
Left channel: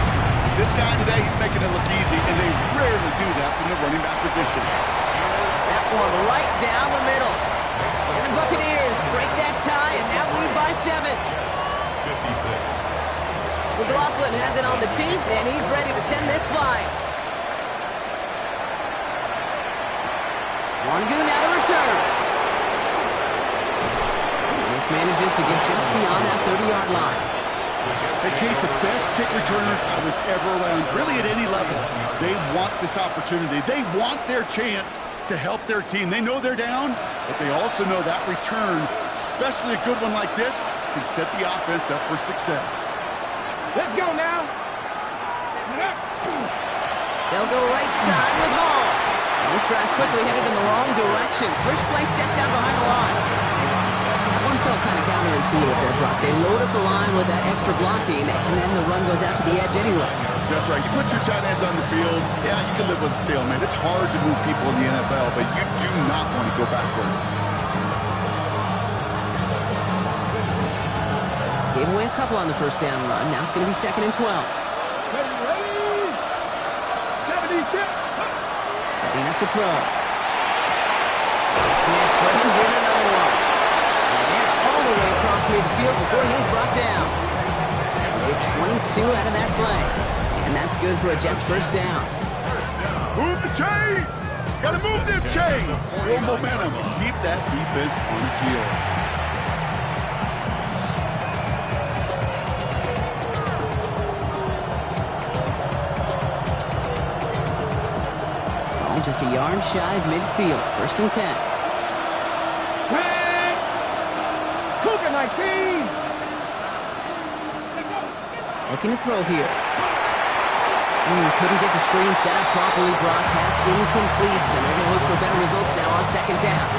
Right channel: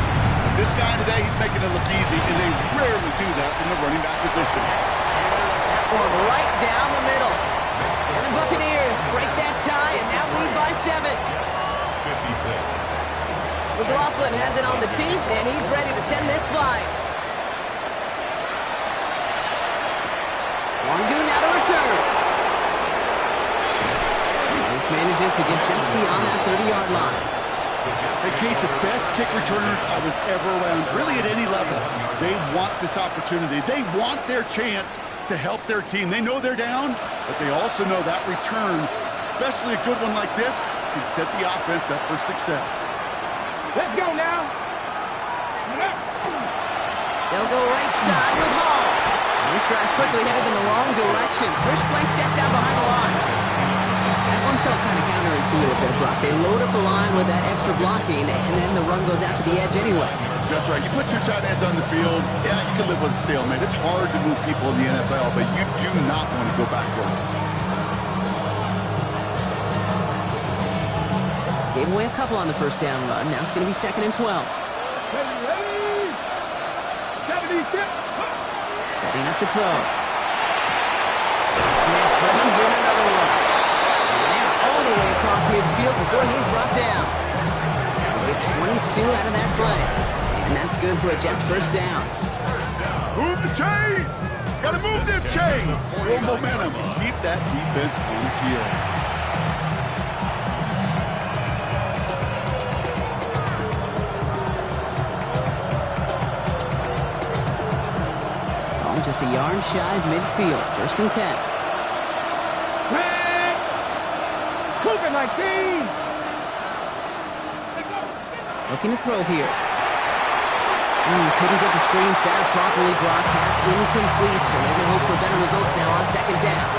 This guy today, he's making it look easy, and they rarely do that from the running back position. That one right down the middle. And the Buccaneers break that tie and now lead by 7. 56. McLaughlin has it on the team, and he's ready to send this flying. Wangu now to return. This manages to get just beyond that 30-yard line. Hey, Kate, the best kick returners I was ever around, really at any level, they want this opportunity. They want their chance to help their team. They know they're down, but they also know that return, especially a good one like this, can set the offense up for success. Let's go now. They'll go right side with Hall. And this drive's quickly headed in the wrong direction. First play set down behind the line. That one felt kind of counterintuitive there, Brock. They load up the line with that extra blocking, and then the run goes out to the edge anyway. That's right. You put 2 tight ends on the field, yeah, you can live with a stalemate. It's hard to move people in the NFL, but you do not want to go backwards. Gave away a couple on the 1st down run. Now it's going to be 2nd and 12. Ready. 76. Setting up to throw. Smith brings in another one. And they're all the way across midfield before he's brought down. They'll get 22 out of that play. And that's good for a Jets 1st down. Move the chains! Gotta move them chains! Build momentum. Keep that defense on its heels. Just a yard shy of midfield. 1st and 10. Red. Cougar 19. Looking to throw here. Couldn't get the screen set up properly. Brock pass incomplete, and they're going to hope for better results now on 2nd down.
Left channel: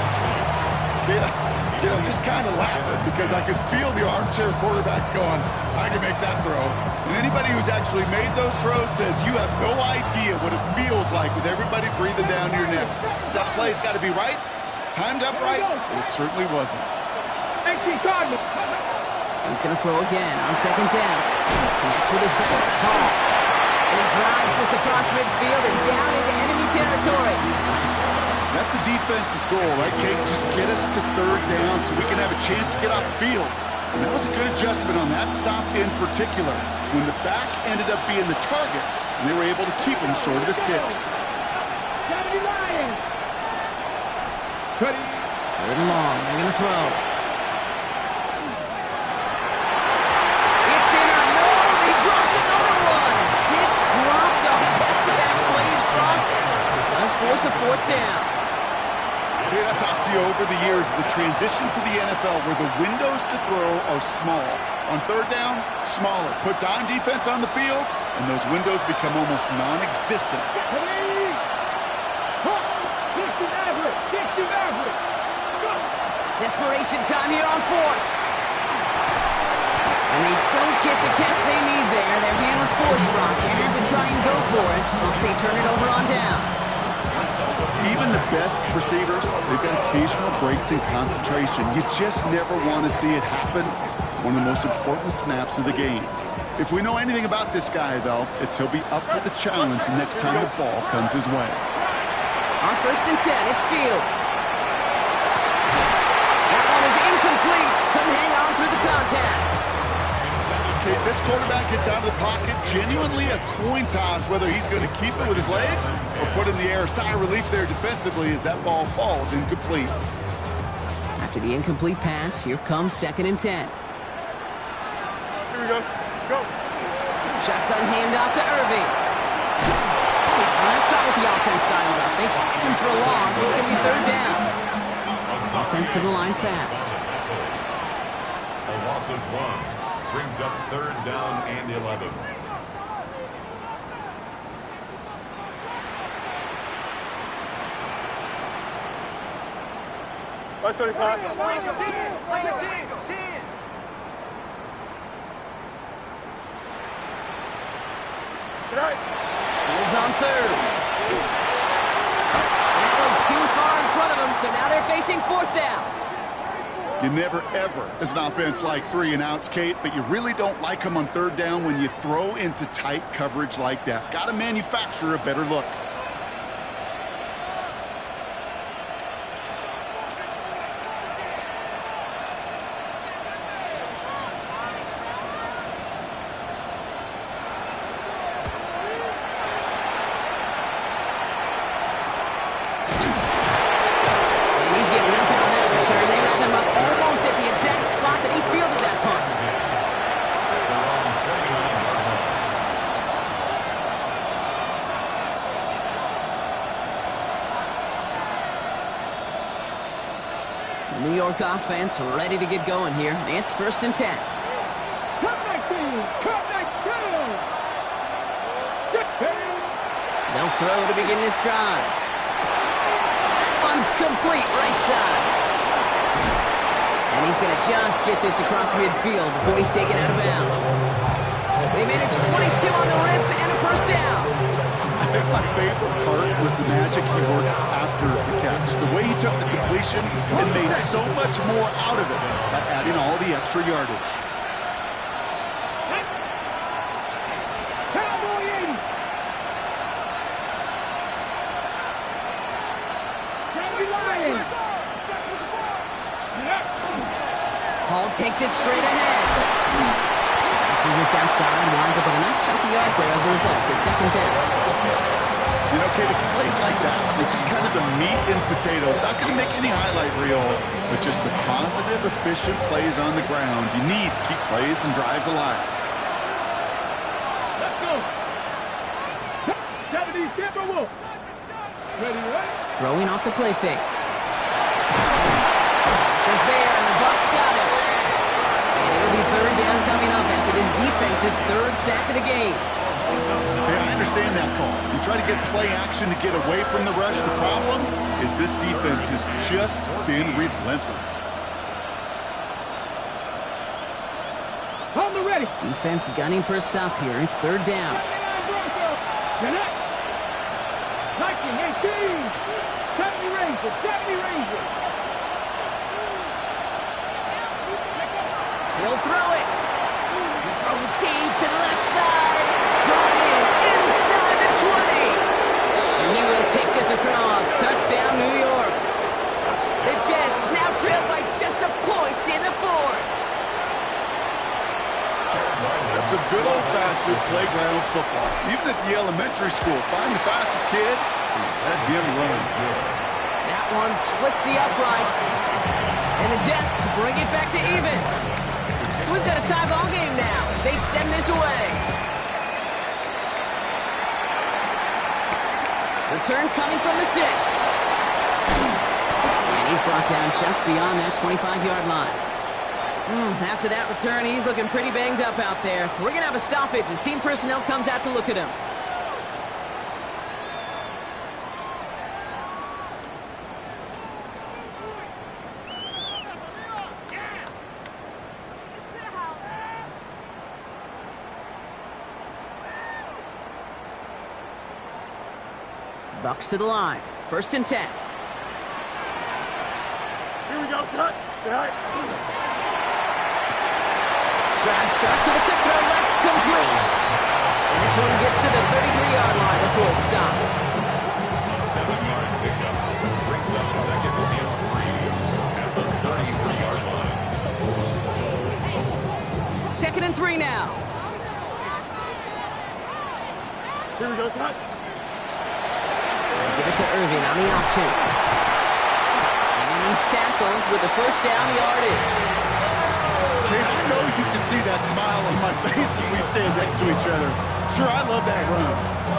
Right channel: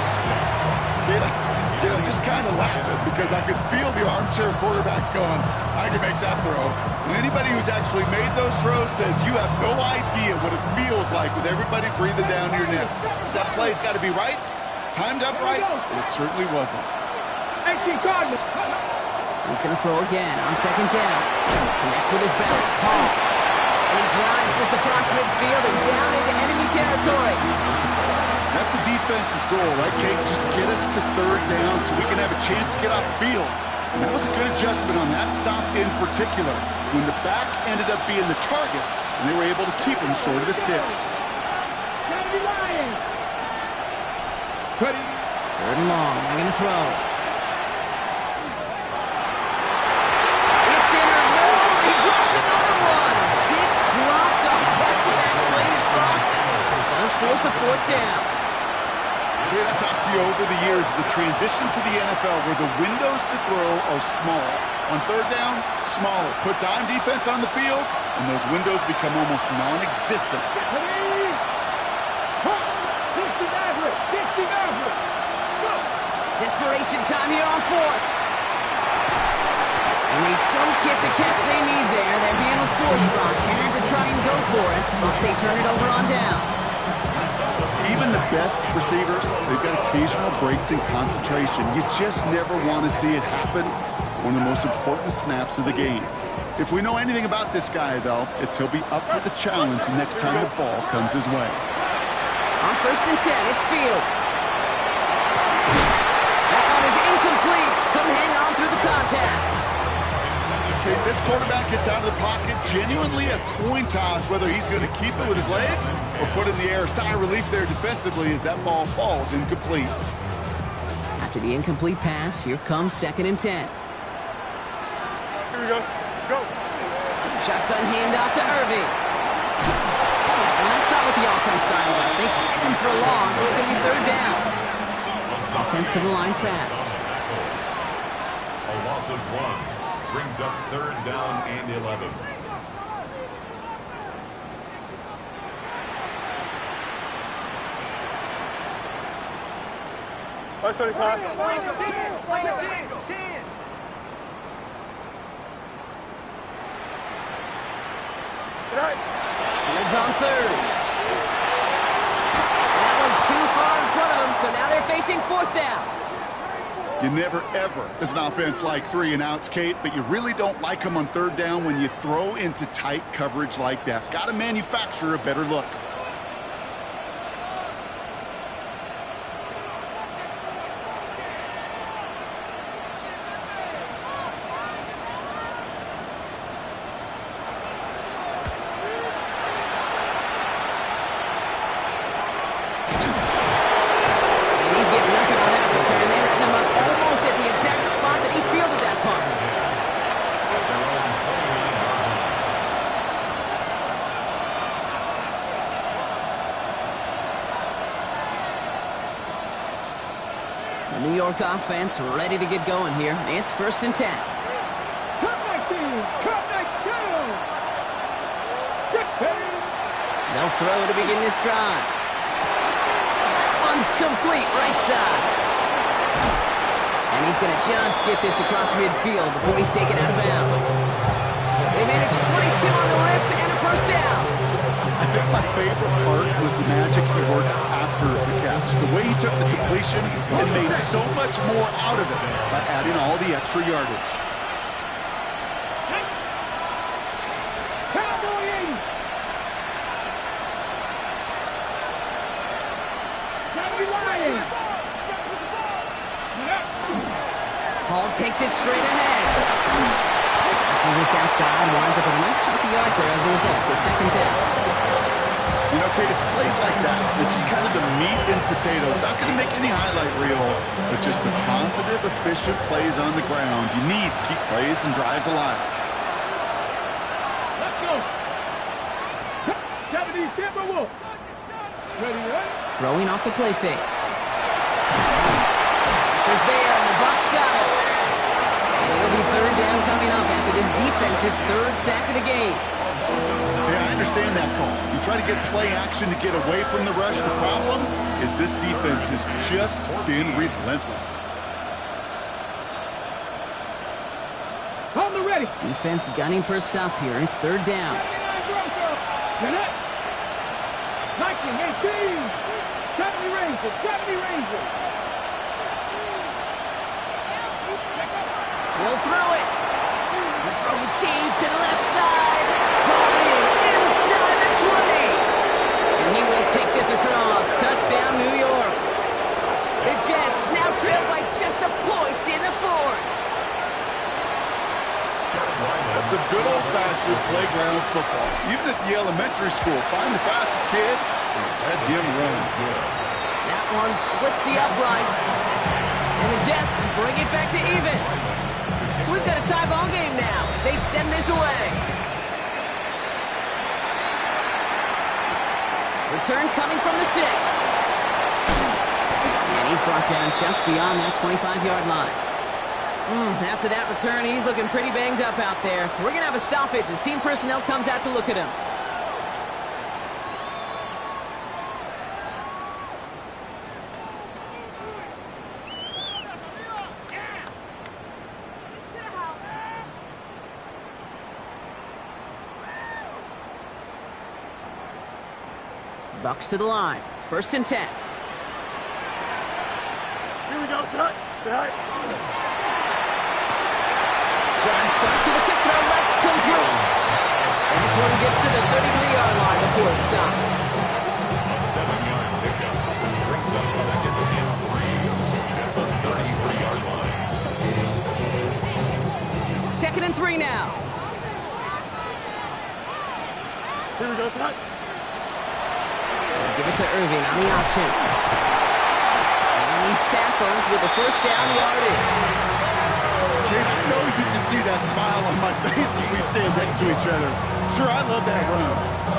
I'm just kind of laughing because I could feel the armchair quarterbacks going, I can make that throw. And anybody who's actually made those throws says you have no idea what it feels like with everybody breathing down your neck. That play's got to be right, timed up right, and it certainly wasn't. 18 Cardinals. He's going to throw again on 2nd down. Connects with his back. Hall. And he drives this across midfield and down into enemy territory. That's a defense's goal, right, Kate? Just get us to 3rd down so we can have a chance to get off the field. And that was a good adjustment on that stop in particular, when the back ended up being the target, and they were able to keep him short of the sticks. 3rd and long. They're going to throw. It's in or no. They dropped another one. Kicks dropped on back-to-back plays, Brock. It does force a 4th down. Kate, I've talked to you over the years of the transition to the NFL where the windows to throw are small. On third down, smaller. Put dime defense on the field, and those windows become almost non-existent. Desperation time here on fourth. And they don't get the catch they need there. Their hand was forced, Brock. Had to try and go for it, but they turn it over on downs. Even the best receivers, they've got occasional breaks in concentration. You just never want to see it happen. One of the most important snaps of the game. If we know anything about this guy, though, it's he'll be up for the challenge the next time the ball comes his way. On 1st and 10, it's Fields. That one is incomplete. Couldn't hang on through the contact. Okay, this quarterback gets out of the pocket, genuinely a coin toss whether he's going to keep it with his legs or put it in the air. Sigh of relief there defensively as that ball falls incomplete. After the incomplete pass, here comes 2nd and 10. Here we go. Go. Shotgun handoff to Irving. And that's not what the offense dialed up. They stick him for a loss. It's going to be 3rd down. Offense to the line fast. A loss of 1 brings up 3rd down and 11. Let's 35. Fields on 3rd. And that one's too far in front of them, so now they're facing 4th down. You never, ever, as an offense, like 3 and outs, Kate, but you really don't like them on 3rd down when you throw into tight coverage like that. Got to manufacture a better look. Spot that he fielded that punt. At their own 29-yard line. The New York offense ready to get going here. It's 1st and 10. They'll throw to begin this drive. That one's complete, right side. And he's going to just get this across midfield before he's taken out of bounds. They managed 22 on the rip and a 1st down. I think my favorite part was the magic he worked after the catch. The way he took the completion and made so much more out of it by adding all the extra yardage. Cowboy 80. Cowboy Lions. Hall takes it straight ahead. Bounces this outside, winds up with a nice chunk of yards there as a result. It's 2nd down. You know, Kate, it's plays like that. It's just kind of the meat and potatoes. Not going to make any highlight reel, but just the positive, efficient plays on the ground. You need to keep plays and drives alive. Let's go. 70 Timberwolves. Ready, right? Throwing off the play fake. Pressure's there, and the Bucs got him. And it'll be 3rd down coming up after this defense's 3rd sack of the game. Hey, I understand that call. You try to get play action to get away from the rush. The problem is this defense has just been relentless. On the ready. Defense gunning for a stop here. It's 3rd down. 19, 18. 70 Rangers. 70 Rangers. He'll throw it. He'll throw it deep to the left side. Brought in inside the 20. And he will take this across. Touchdown, New York. The Jets now trail by just a point in the 4th. That's some good old-fashioned playground football. Even at the elementary school, find the fastest kid and let him run. That one splits the uprights. And the Jets bring it back to even. We've got a tie ball game now as they send this away. Return coming from the 6. He's brought down just beyond that 25-yard line. After that return, he's looking pretty banged up out there. We're going to have a stoppage as team personnel comes out to look at him. Bucks to the line. 1st and 10. Here we go, son. Right. Drive start to the quick throw left, complete. And this one gets to the 33-yard line before it stopped. A 7-yard pickup brings up 2nd and 3 at the 33-yard line. 2nd and 3 now. Here we go, son. Give it to Irving on the option. And he's tackled with the 1st down yardage. Kate, I know you can see that smile on my face as we stand next to each other. Sure, I love that run.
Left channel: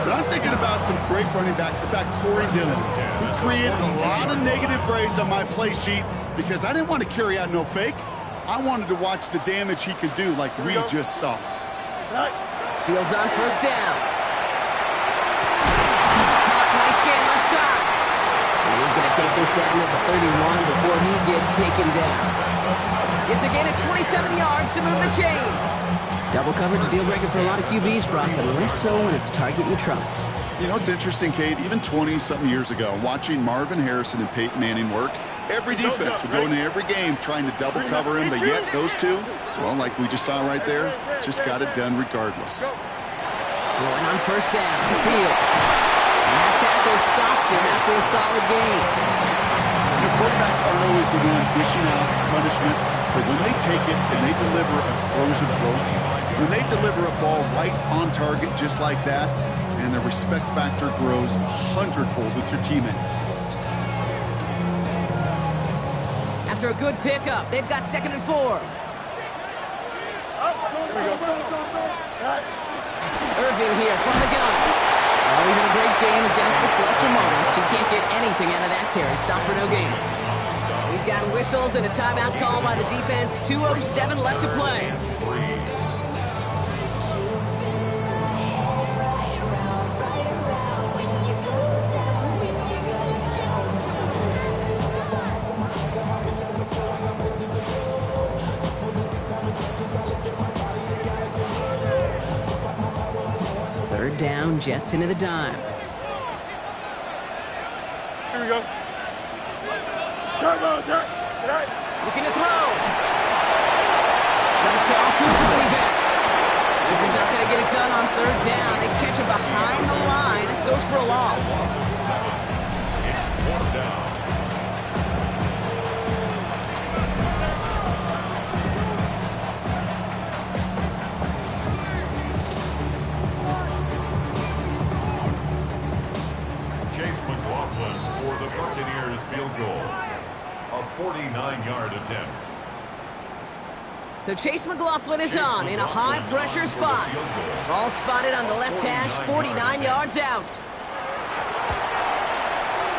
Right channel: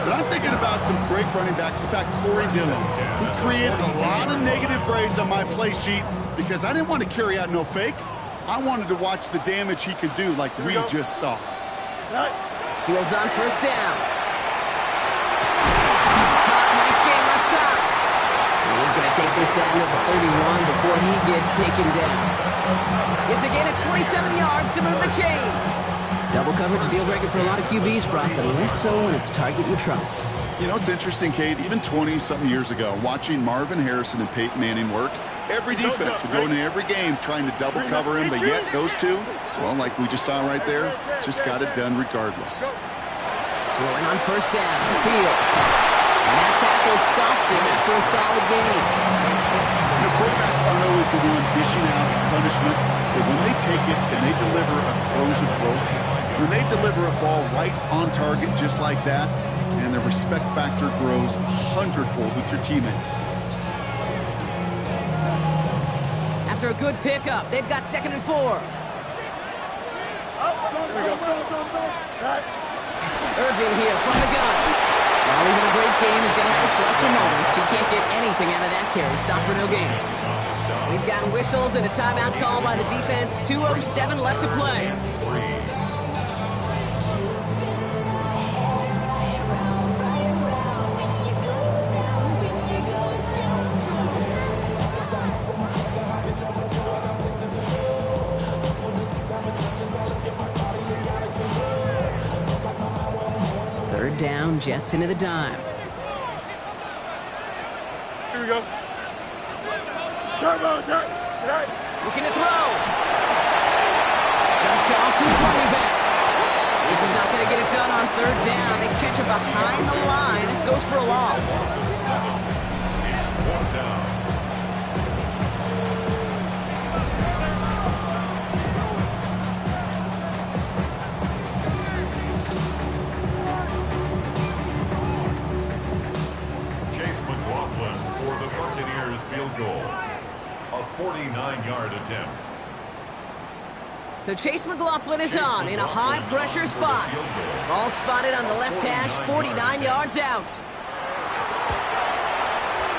But I'm thinking about some great running backs. In fact, Corey Dillon, who created a lot of negative grades on my play sheet because I didn't want to carry out no fake. I wanted to watch the damage he could do like we just saw. Fields on 1st down. Nice game left side. And he's going to take this down to the 31 before he gets taken down. It's a gain of 27 yards to move the chains. Double coverage deal breaker for a lot of QBs, Brock, but less so when it's a target you trust. You know, it's interesting, Kate, even 20-something years ago, watching Marvin Harrison and Peyton Manning work, every defense would go into every game trying to double cover him, but yet those two, well, like we just saw right there, just got it done regardless. Throwing on 1st down, Fields. And that tackle stops him after a solid gain. You know, quarterbacks aren't always the one dishing out punishment, but when they take it and they deliver a frozen throw, when they deliver a ball right on target just like that, and the respect factor grows 100-fold with your teammates. After a good pickup, they've got 2nd and 4. Irving here from the gun. Well, even a great game is going to have its lesser moments. He can't get anything out of that carry. Stop for no gain. We've got whistles and a timeout call by the defense. 2:07 left to play. Third down, Jets into the dime. Here we go. Turbo, sir. Looking to throw. Dumped off to his running back. This is not going to get it done on 3rd down. They catch him behind the line. This goes for a loss. It's 4th down. For the Buccaneers field goal. A 49-yard attempt. So Chase McLaughlin is on in a high-pressure spot. Ball spotted on the left hash, 49 yards out.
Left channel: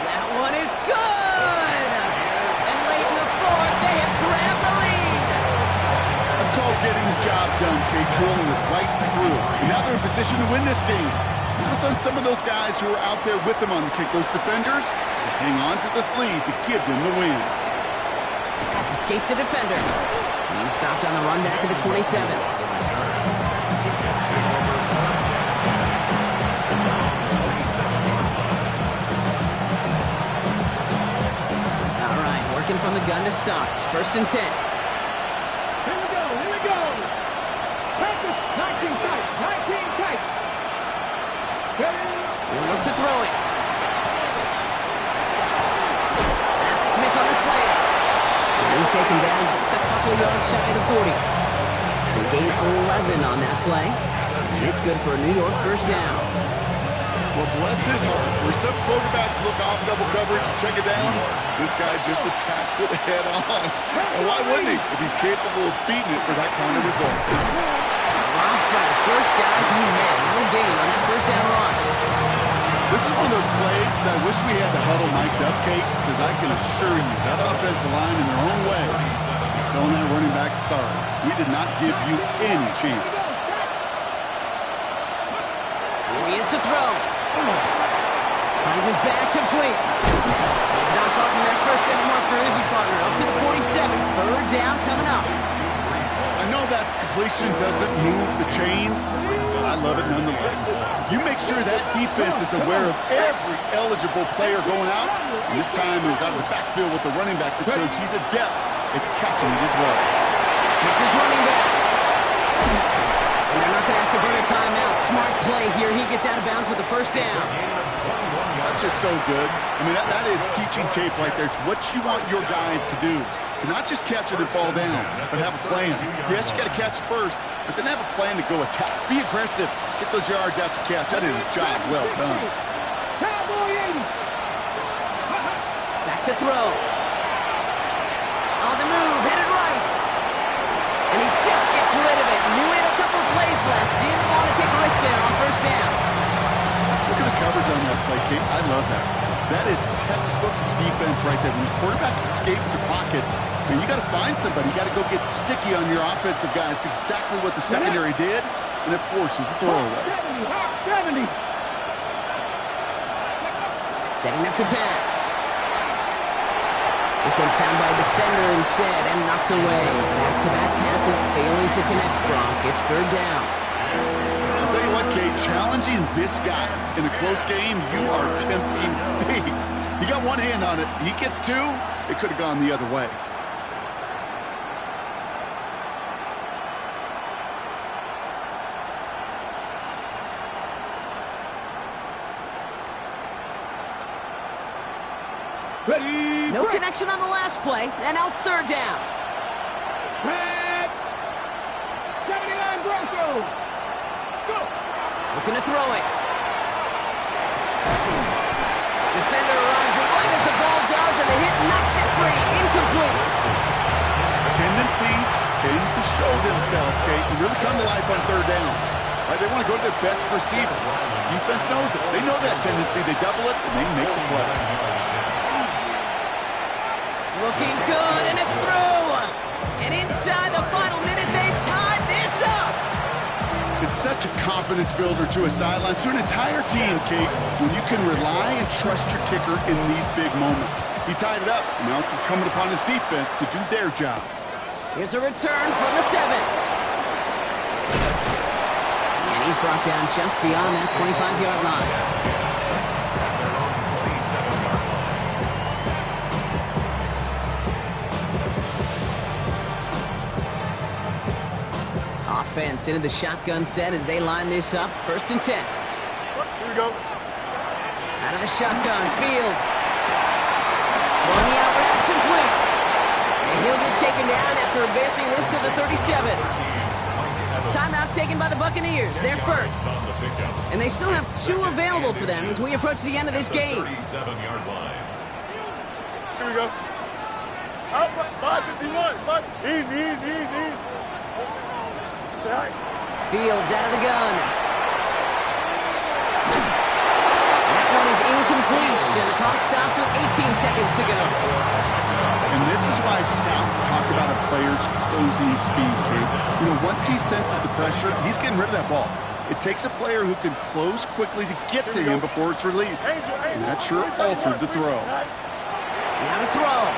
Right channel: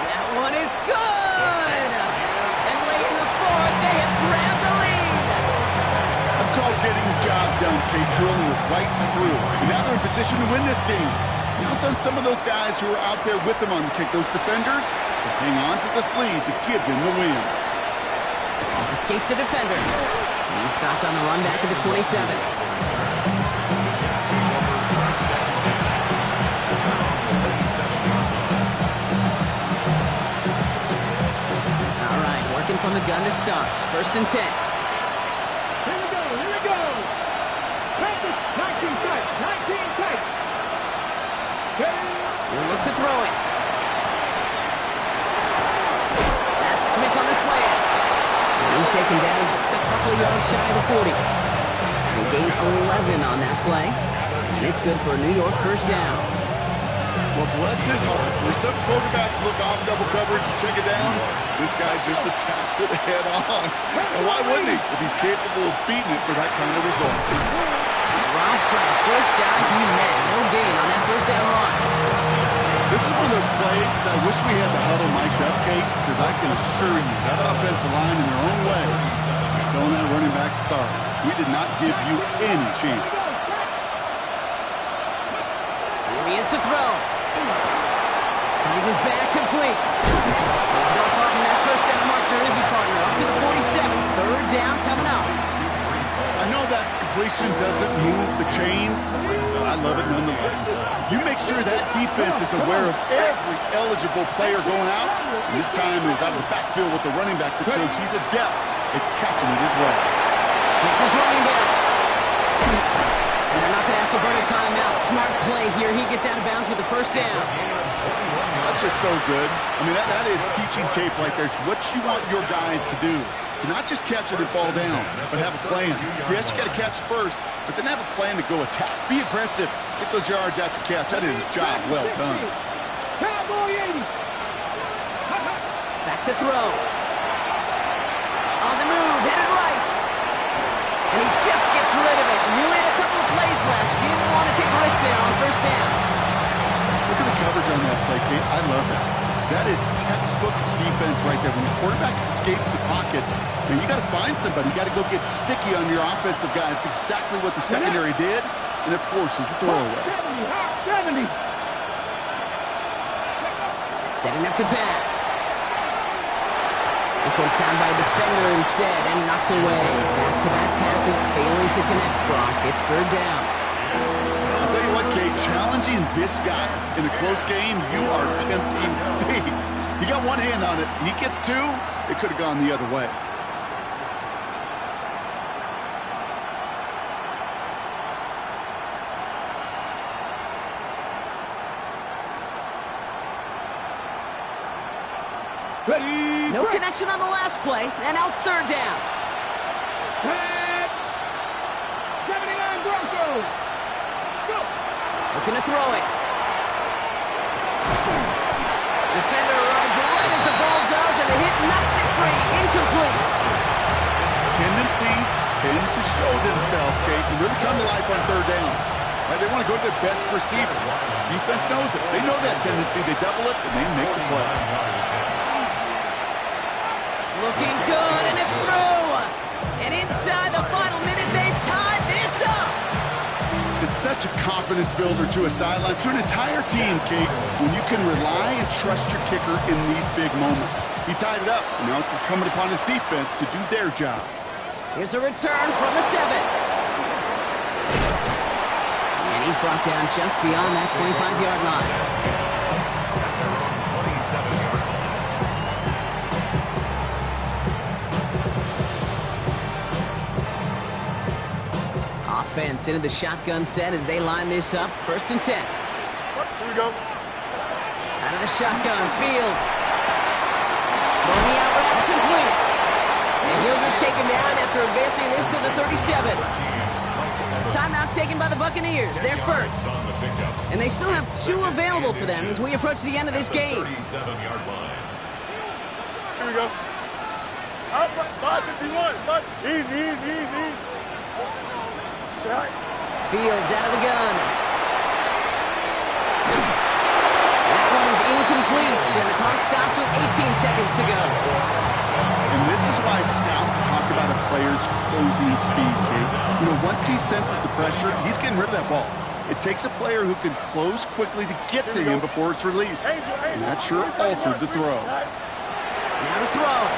That one is good! And late in the 4th, they have grabbed the lead. That's called getting the job done, Kate, drilling it right through. And now they're in position to win this game. Counts on some of those guys who are out there with them on the kick, those defenders, to hang on to this lead to give them the win. Escapes a defender. He's stopped on the run back of the 27. All right, working from the gun to start. 1st and 10. Here we go. Package 19 tight. He'll look to throw it. That's Smith on the slant. And he's taken down just a couple of yards shy of the 40. They gain 11 on that play. And it's good for a New York 1st down. Well, bless his heart. Where some quarterbacks look off double coverage and check it down, this guy just attacks it head on. And why wouldn't he if he's capable of beating it for that kind of result? Dropped by the first guy he met. No gain on that 1st down run. This is one of those plays that I wish we had the huddle mic'd up, Kate, because I can assure you that offensive line in their own way is telling that running back, sorry, we did not give you any chance. Here he is to throw. Finds his back complete. He's not far from that first down marker, is he, partner? Up to the 47. Third down coming up. I know that completion doesn't move the chains. I love it nonetheless. You make sure that defense is aware of every eligible player going out, and this time is out of the backfield with the running back that shows he's adept at catching it as well. It's his running back. And they're not going to have to burn a timeout. Smart play here. He gets out of bounds with the first down. That's just so good. I mean, that is teaching tape right there. It's what you want your guys to do. To not just catch it and fall down, but have a plan. Yes, you got to catch it first, but then have a plan to go attack. Be aggressive. Get those yards after catch. That is a job well done. Back to throw. On the move, headed right. And he just gets rid of it. Knew he had a couple of plays left. Didn't want to take a risk there on first down. Look at the coverage on that play, Kate. I love that. That is textbook defense right there. When the quarterback escapes the pocket, man, you got to find somebody. You got to go get sticky on your offensive guy. It's exactly what the secondary did, and it forces the throwaway. 70. Setting up to pass. This one found by a defender instead and knocked away. Back-to-back passes failing to connect, Gronk. It's third down. I'll tell you what, Kate, challenging this guy in a close game, you are tempting fate. He got one hand on it. He gets two, it could have gone the other way. Ready. No connection on the last play, and now it's third down. 79 Broncos. Go. Looking to throw it. Defender arrives right as the ball does, and the hit knocks it free. Incomplete. Tendencies tend to show themselves, Kate, and really come to life on third downs. Right? They want to go to their best receiver. Defense knows it. They know that tendency. They double it, and they make the play. Looking good, and it's through. And inside the final minute, they've tied this up. It's such a confidence builder to a sideline, to an entire team, Kate, when you can rely and trust your kicker in these big moments. He tied it up, and now it's incumbent upon his defense to do their job. Here's a return from the 7. And he's brought down just beyond that 25-yard line. At their own 27-yard line. Offense into the shotgun set as they line this up. First and 10. Here we go. Out of the shotgun, Fields. Throwing the out route complete. And he'll get taken down after advancing this to the 37. Timeout taken by the Buccaneers. They're first. And they still have 2 available for them as we approach the end of this game. 37-yard line. Here we go. Up, 551. Easy. Right. Fields out of the gun. That one is incomplete, and the clock stops with 18 seconds to go. And this is why scouts talk about a player's closing speed, Kate. You know, once he senses the pressure, he's getting rid of that ball. It takes a player who can close quickly to get to him before it's released. And that sure altered the throw. Now to throw.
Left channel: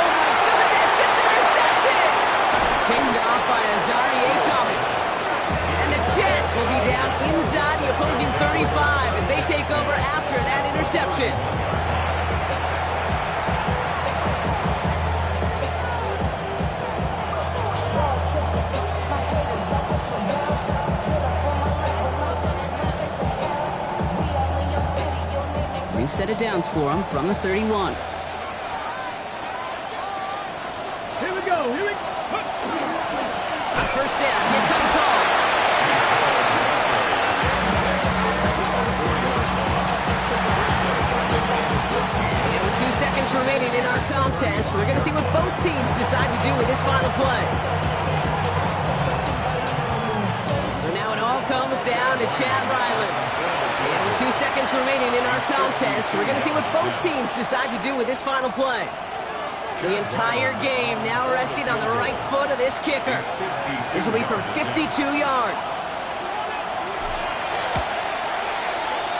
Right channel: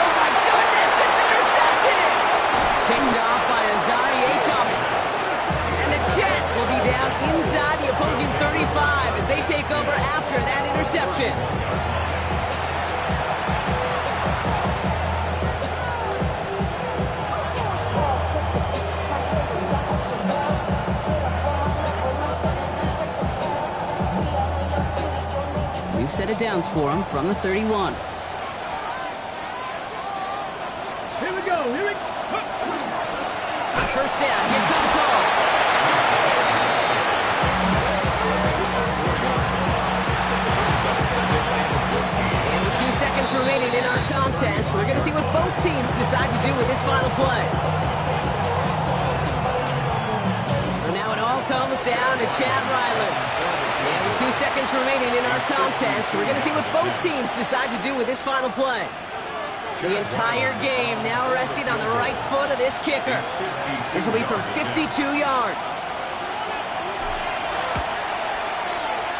Oh my goodness, it's intercepted! Picked off by Azarie Thomas. And the Jets will be down inside the opposing 35 as they take over after that interception. We've set it downs for him from the 31. Here we go. On first down, here comes Hall. And with 2 seconds remaining in our contest, we're going to see what both teams decide to do with this final play. So now it all comes down to Chad Ryland. And with 2 seconds remaining in our contest, we're going to see what both teams decide to do with this final play. The entire game now resting on the right foot of this kicker. This will be from 52 yards.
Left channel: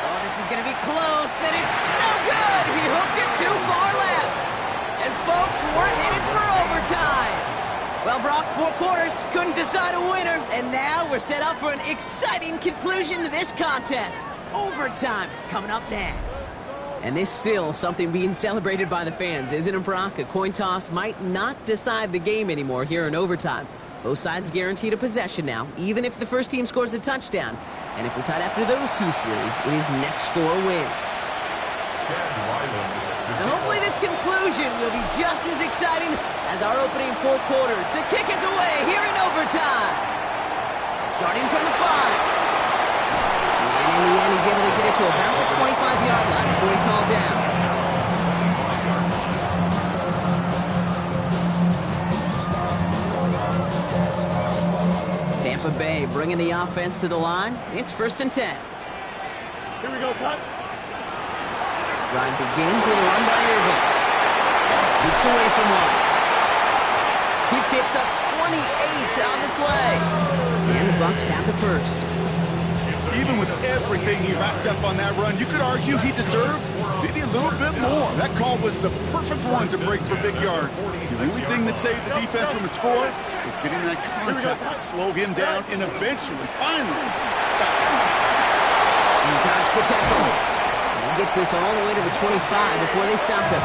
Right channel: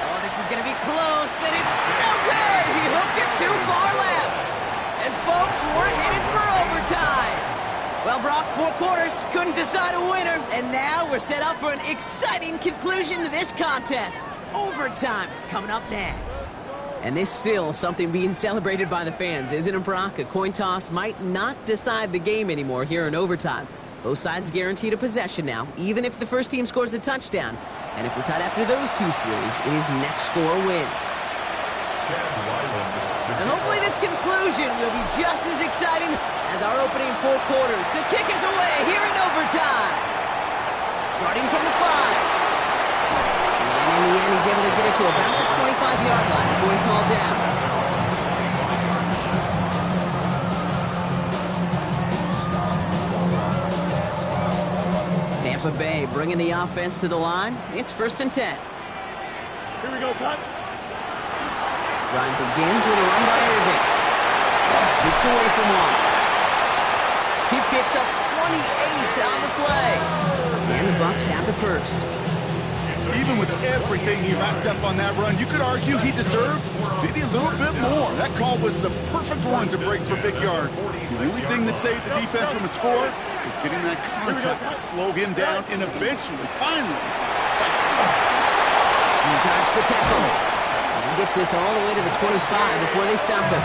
Oh, this is going to be close, and it's no good. He hooked it too far left. And folks, we're headed for overtime. Well, Brock, 4 quarters couldn't decide a winner, and now we're set up for an exciting conclusion to this contest. Overtime is coming up next. And there's still something being celebrated by the fans, isn't it, Brock? A coin toss might not decide the game anymore here in overtime. Both sides guaranteed a possession now, even if the first team scores a touchdown. And if we're tied after those 2 series, it is next score wins. And hopefully this conclusion will be just as exciting as our opening 4 quarters. The kick is away here in overtime. Starting from the 5. And in the end, he's able to get it to about the 25-yard line before he's hauled down. Tampa Bay bringing the offense to the line. It's 1st and 10. Here we go, son. Ryan begins with a run by Irving. Jukes away from one. He picks up 28 on the play. And the Bucs have the first. Even with everything he racked up on that run, you could argue he deserved maybe a little bit more. That call was the perfect one to break for big yards. The only thing that saved the defense from a score was getting that contact to slow him down and eventually, finally, stop him. He dodged the tackle. And he gets this all the way to the 25 before they stop him.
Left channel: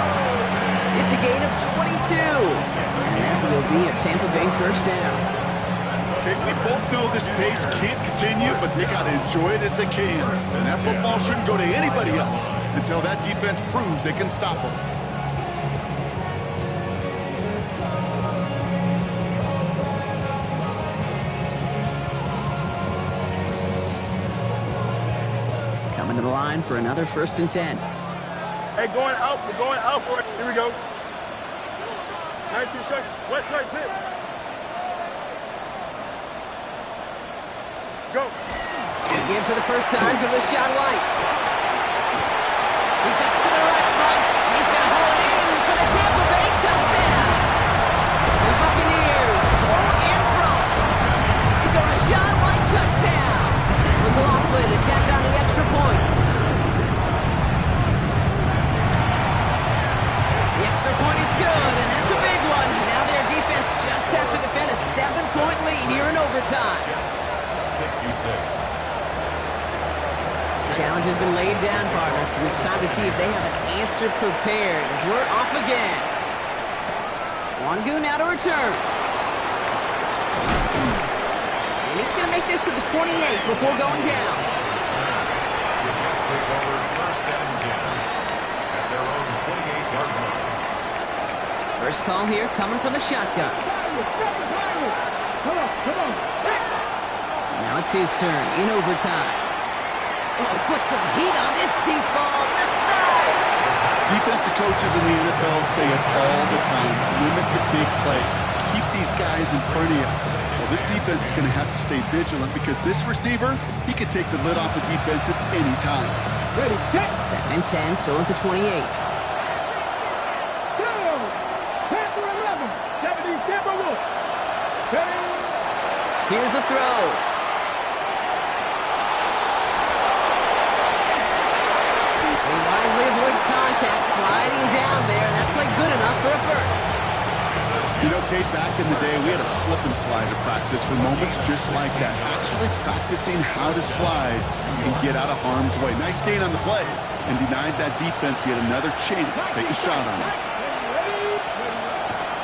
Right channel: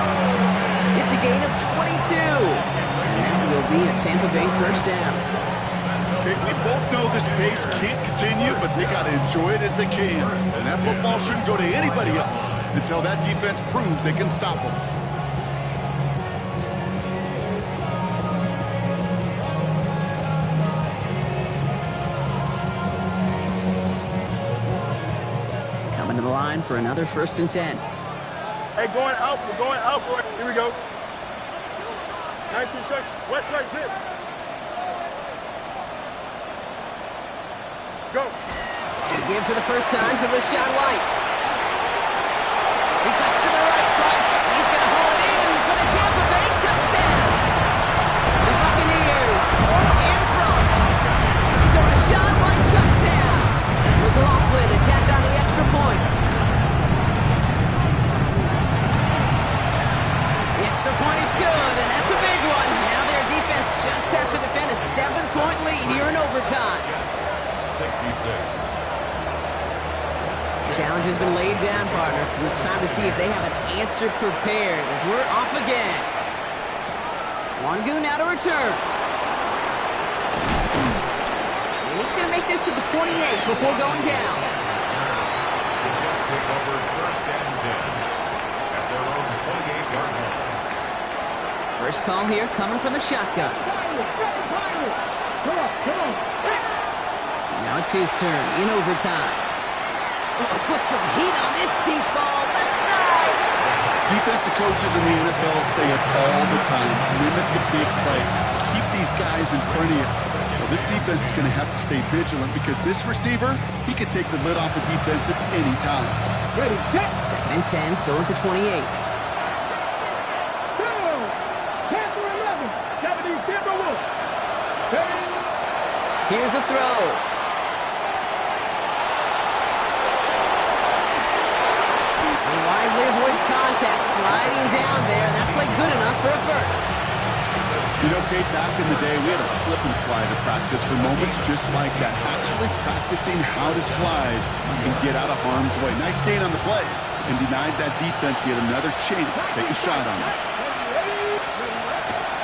It's a gain of 22. And that will be a Tampa Bay first down. Okay, we both know this pace can't continue, but they got to enjoy it as they can. And that football shouldn't go to anybody else until that defense proves they can stop them. Coming to the line for another 1st and 10. Hey, going out. We're going out for it. Here we go. 19 strikes. West side zip. Go. Again for the first time to Rachaad White. He cuts to the right front. He's going to haul it in for the Tampa Bay touchdown. The Buccaneers pull in front. It's a Rachaad White touchdown. McLaughlin attacked on the extra point. The extra point is good, and that's a big one. Now their defense just has to defend a 7-point lead here in overtime. 66. Challenge has been laid down, partner. It's time to see if they have an answer prepared as we're off again. Wangu now to return. And he's going to make this to the 28 before going down. The Jets take over 1st and 10 at their own 28-yard line. First call here coming from the shotgun. Come on. Now it's his turn in overtime. Oh, put some heat on this deep ball, left side. Defensive coaches in the NFL say it all the time. Limit the big play. Keep these guys in front of you. Well, this defense is going to have to stay vigilant because this receiver, he could take the lid off a defense at any time. Ready, set. 2nd and 10, still at the 28. Tampa 11. 70, Tampa Wolf. Here's a throw. He wisely avoids contact, sliding down there, and that played good enough for a first. You know, Kate, back in the day, we had a slip and slide to practice for moments just like that. Actually practicing how to slide and get out of harm's way. Nice gain on the play, and denied that defense yet another chance to take a shot on him.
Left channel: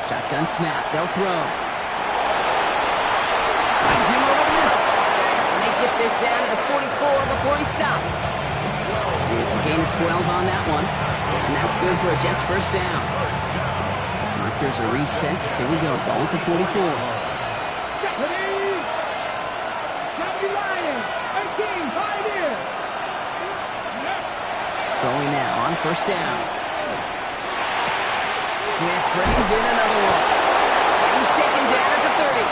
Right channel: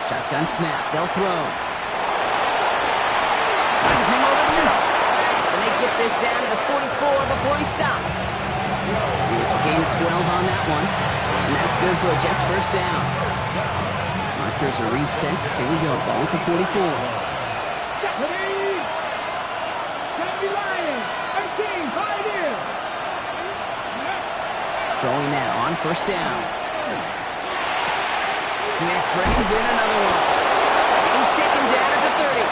Shotgun snap, they'll throw. Finds him over the middle. And they get this down to the 44 before he stopped. It's a gain of 12 on that one. And that's good for a Jets first down. Markers are reset. Here we go. Ball at the 44. Throwing now on first down. Smith brings in another one. And he's taken down at the 30.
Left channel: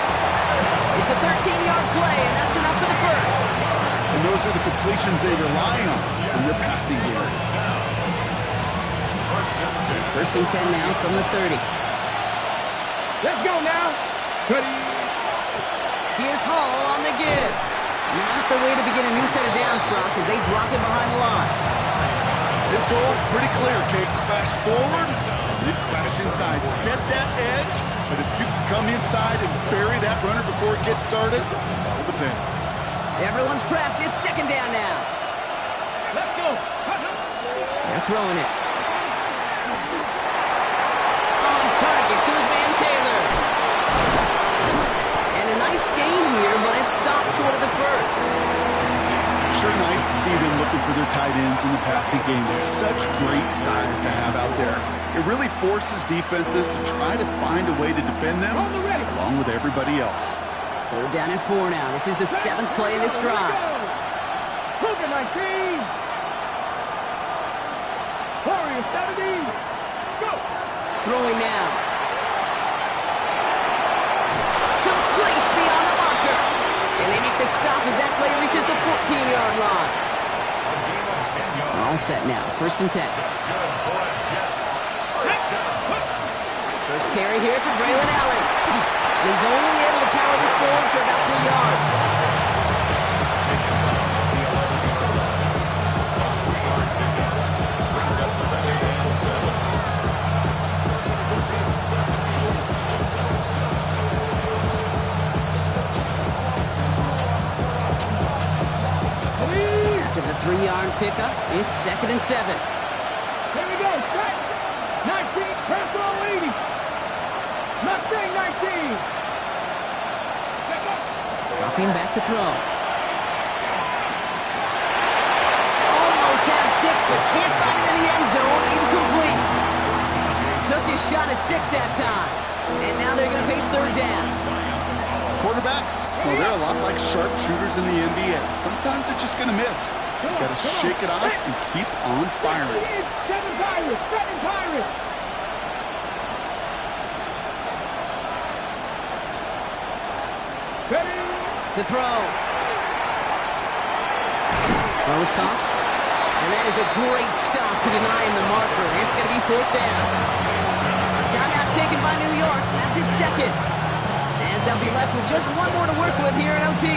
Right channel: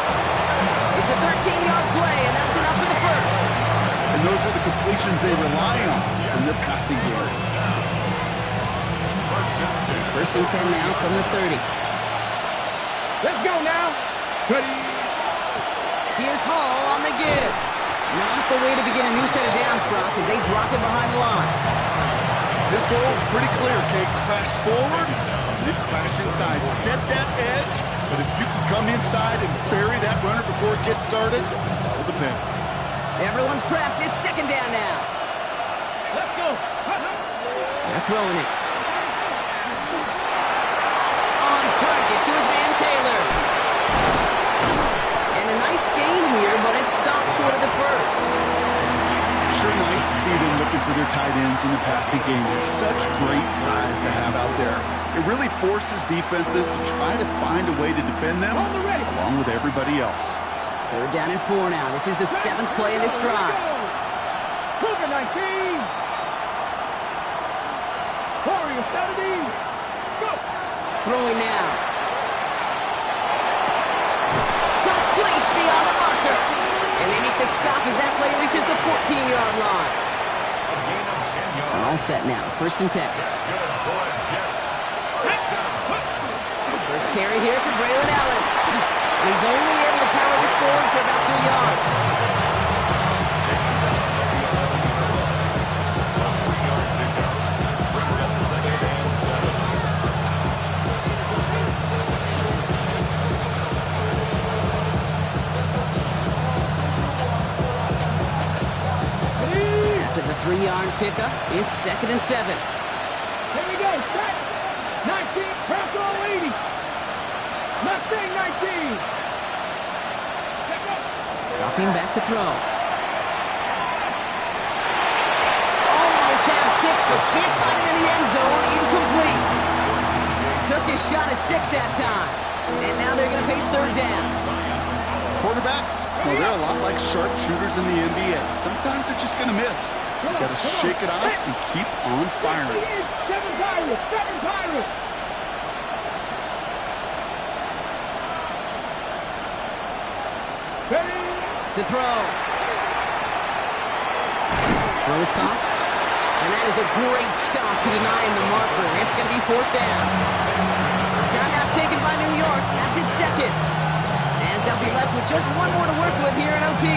It's It's a 13-yard play, and that's enough for the first. And those are the completions they rely on in their passing game. First and 10 now from the 30. Let's go now. Ready. Here's Hall on the give. Not the way to begin a new set of downs, Brock, as they drop him behind the line. His goal is pretty clear, Kate. Crash forward, and then crash inside. Set that edge, but if you can come inside and bury that runner before it gets started, all the better. Everyone's prepped. It's second down now. Let's go. They're throwing it. On target to his man Taylor. And a nice gain here, but it stopped short of the first. Sure nice to see them looking for their tight ends in the passing game. Such great size to have out there. It really forces defenses to try to find a way to defend them along with everybody else. Third down and 4 now. This is the 7th play in this drive. Cougar 19. Warrior 70. Go. Throwing now. Complete beyond the marker. And they make the stop as that play reaches the 14-yard line. A gain of 10 yards. All set now. First and 10. That's good for the Jets. First down. First carry here for Braylon Allen. And he's only able to power this forward for about 3 yards. Taken down on the 11-yard line. A 3-yard pickup. Brings up second and 7. After the 3-yard pickup, it's second and 7. Here we go. Set. 19. Press all 80. Mustang 19. Step up. Dropping back to throw. Almost had 6, but can't find him in the end zone. Incomplete. Took his shot at 6 that time. And now they're going to face third down. Quarterbacks, well, they're a lot like sharpshooters in the NBA. Sometimes they're just going to miss. You got to shake it off and keep on firing. 7 Pirates. 7 Pirates. Ready. To throw. Throws caught. And that is a great stop to deny him the marker. It's going to be fourth down. Timeout taken by New York. That's its second. As they'll be left with just one more to work with here in OT.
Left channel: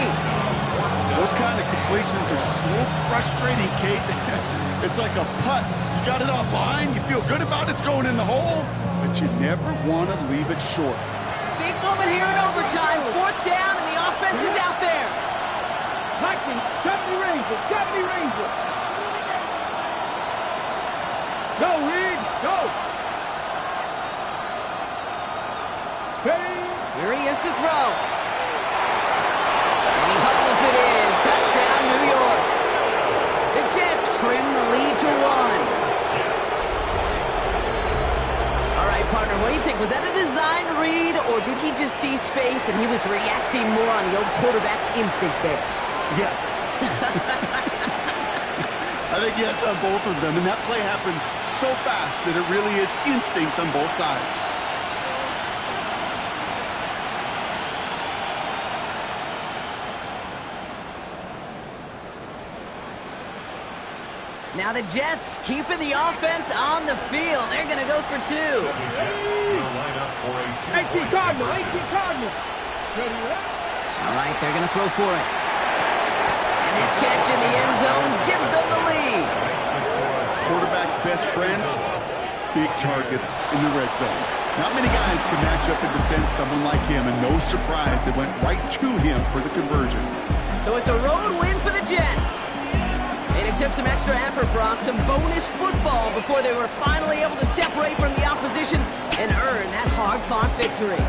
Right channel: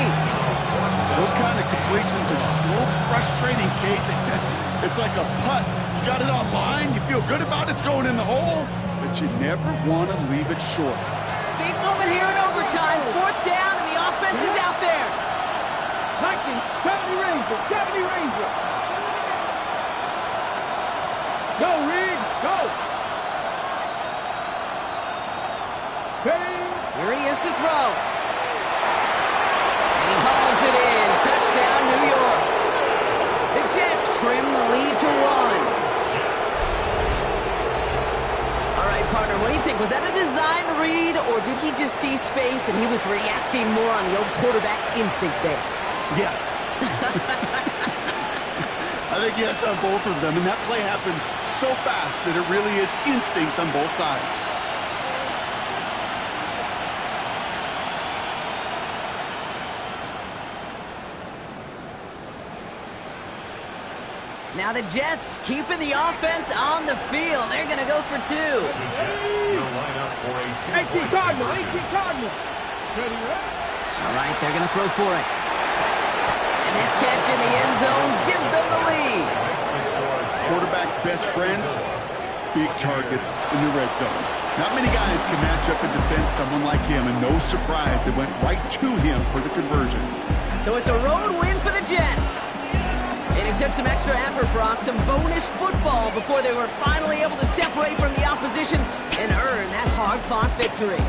Those kind of completions are so frustrating, Kate. It's like a putt. You got it on line, you feel good about it's going in the hole, but you never want to leave it short. Big moment here in overtime. Fourth down, and the offense is out there. 70 Rangers. 70 Rangers. Go, Riggs. Go. Steady. Here he is to throw. And he hauls it in. Touchdown, New York. The Jets trim the lead to 1. All right, partner, what do you think? Was that a design read, or did he just see space and he was reacting more on the old quarterback instinct there? Yes. I think yes on both of them, and that play happens so fast that it really is instincts on both sides. Now the Jets keeping the offense on the field. They're going to go for 2. The Jets will line up for a 18 2-point Cardinal. conversion. 18 Cardinal. Steady, right? All right, they're going to throw for it. And that catch in the end zone gives them the lead. Quarterback's best friend, big targets in the red zone. Not many guys can match up and defend someone like him, and no surprise, it went right to him for the conversion. So it's a road win for the Jets. And it took some extra effort, Brock, some bonus football before they were finally able to separate from the opposition and earn that hard-fought victory.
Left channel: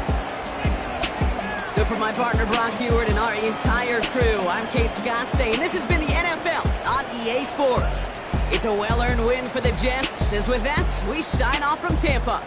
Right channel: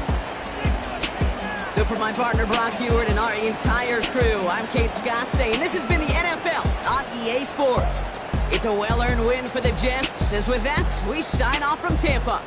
So for my partner, Brock Huard, and our entire crew, I'm Kate Scott saying this has been the NFL on EA Sports. It's a well-earned win for the Jets. As with that, we sign off from Tampa.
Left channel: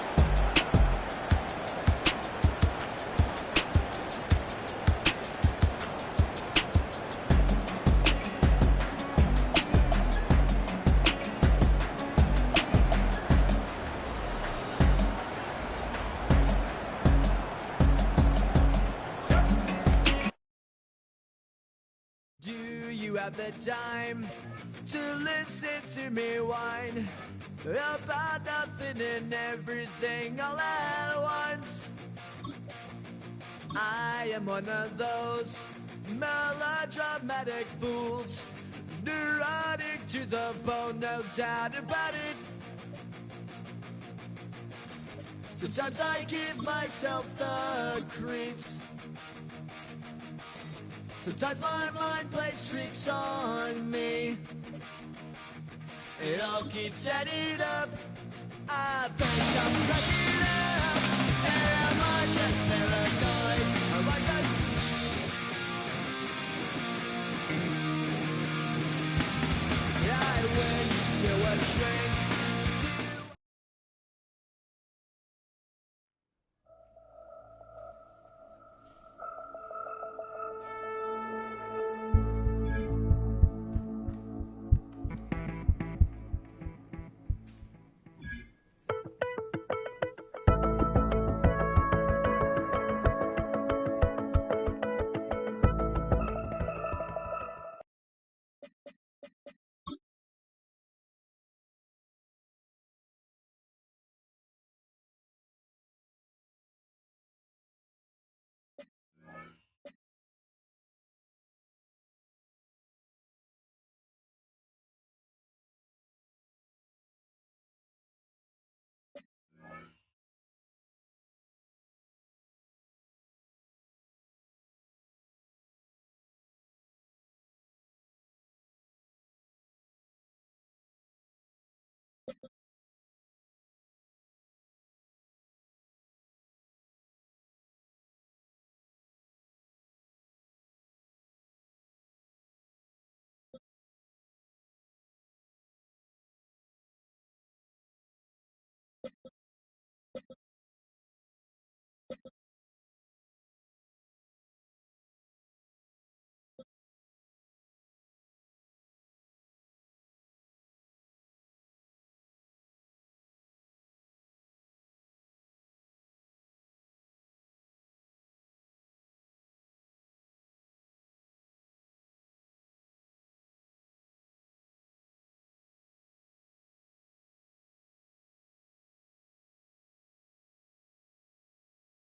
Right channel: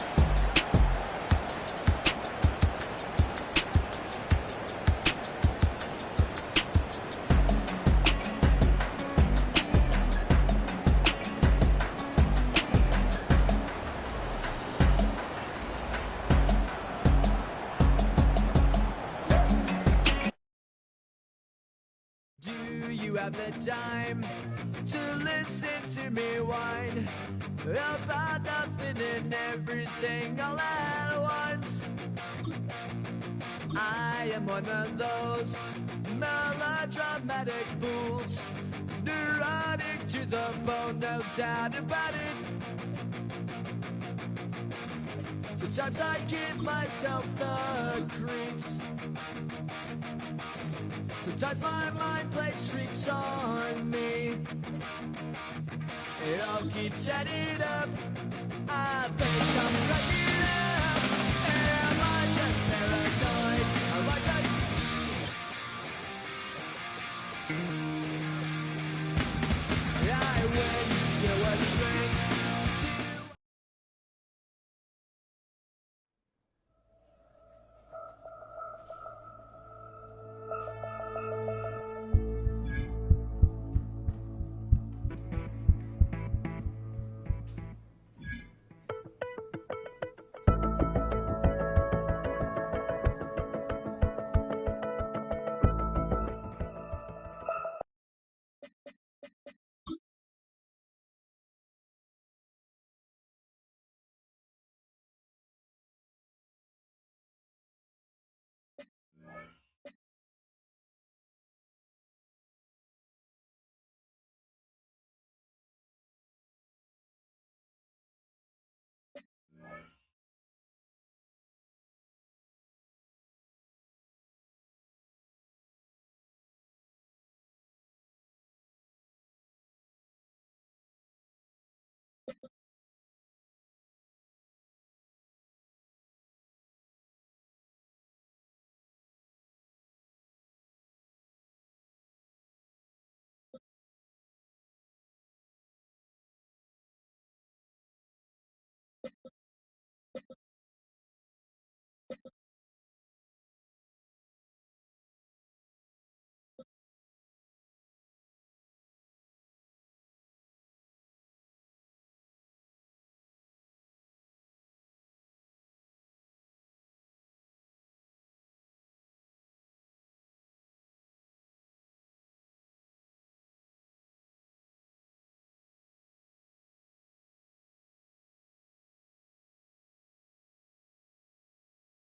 you have the time to listen to me whine about nothing and everything all at once? I am one of those melodramatic fools, neurotic to the bone, no doubt about it. Sometimes I give myself the creeps. Sometimes my mind plays tricks on me. It all keeps adding up. I think I'm cracking up. Am I just paranoid? Am I just... I went to a shrink.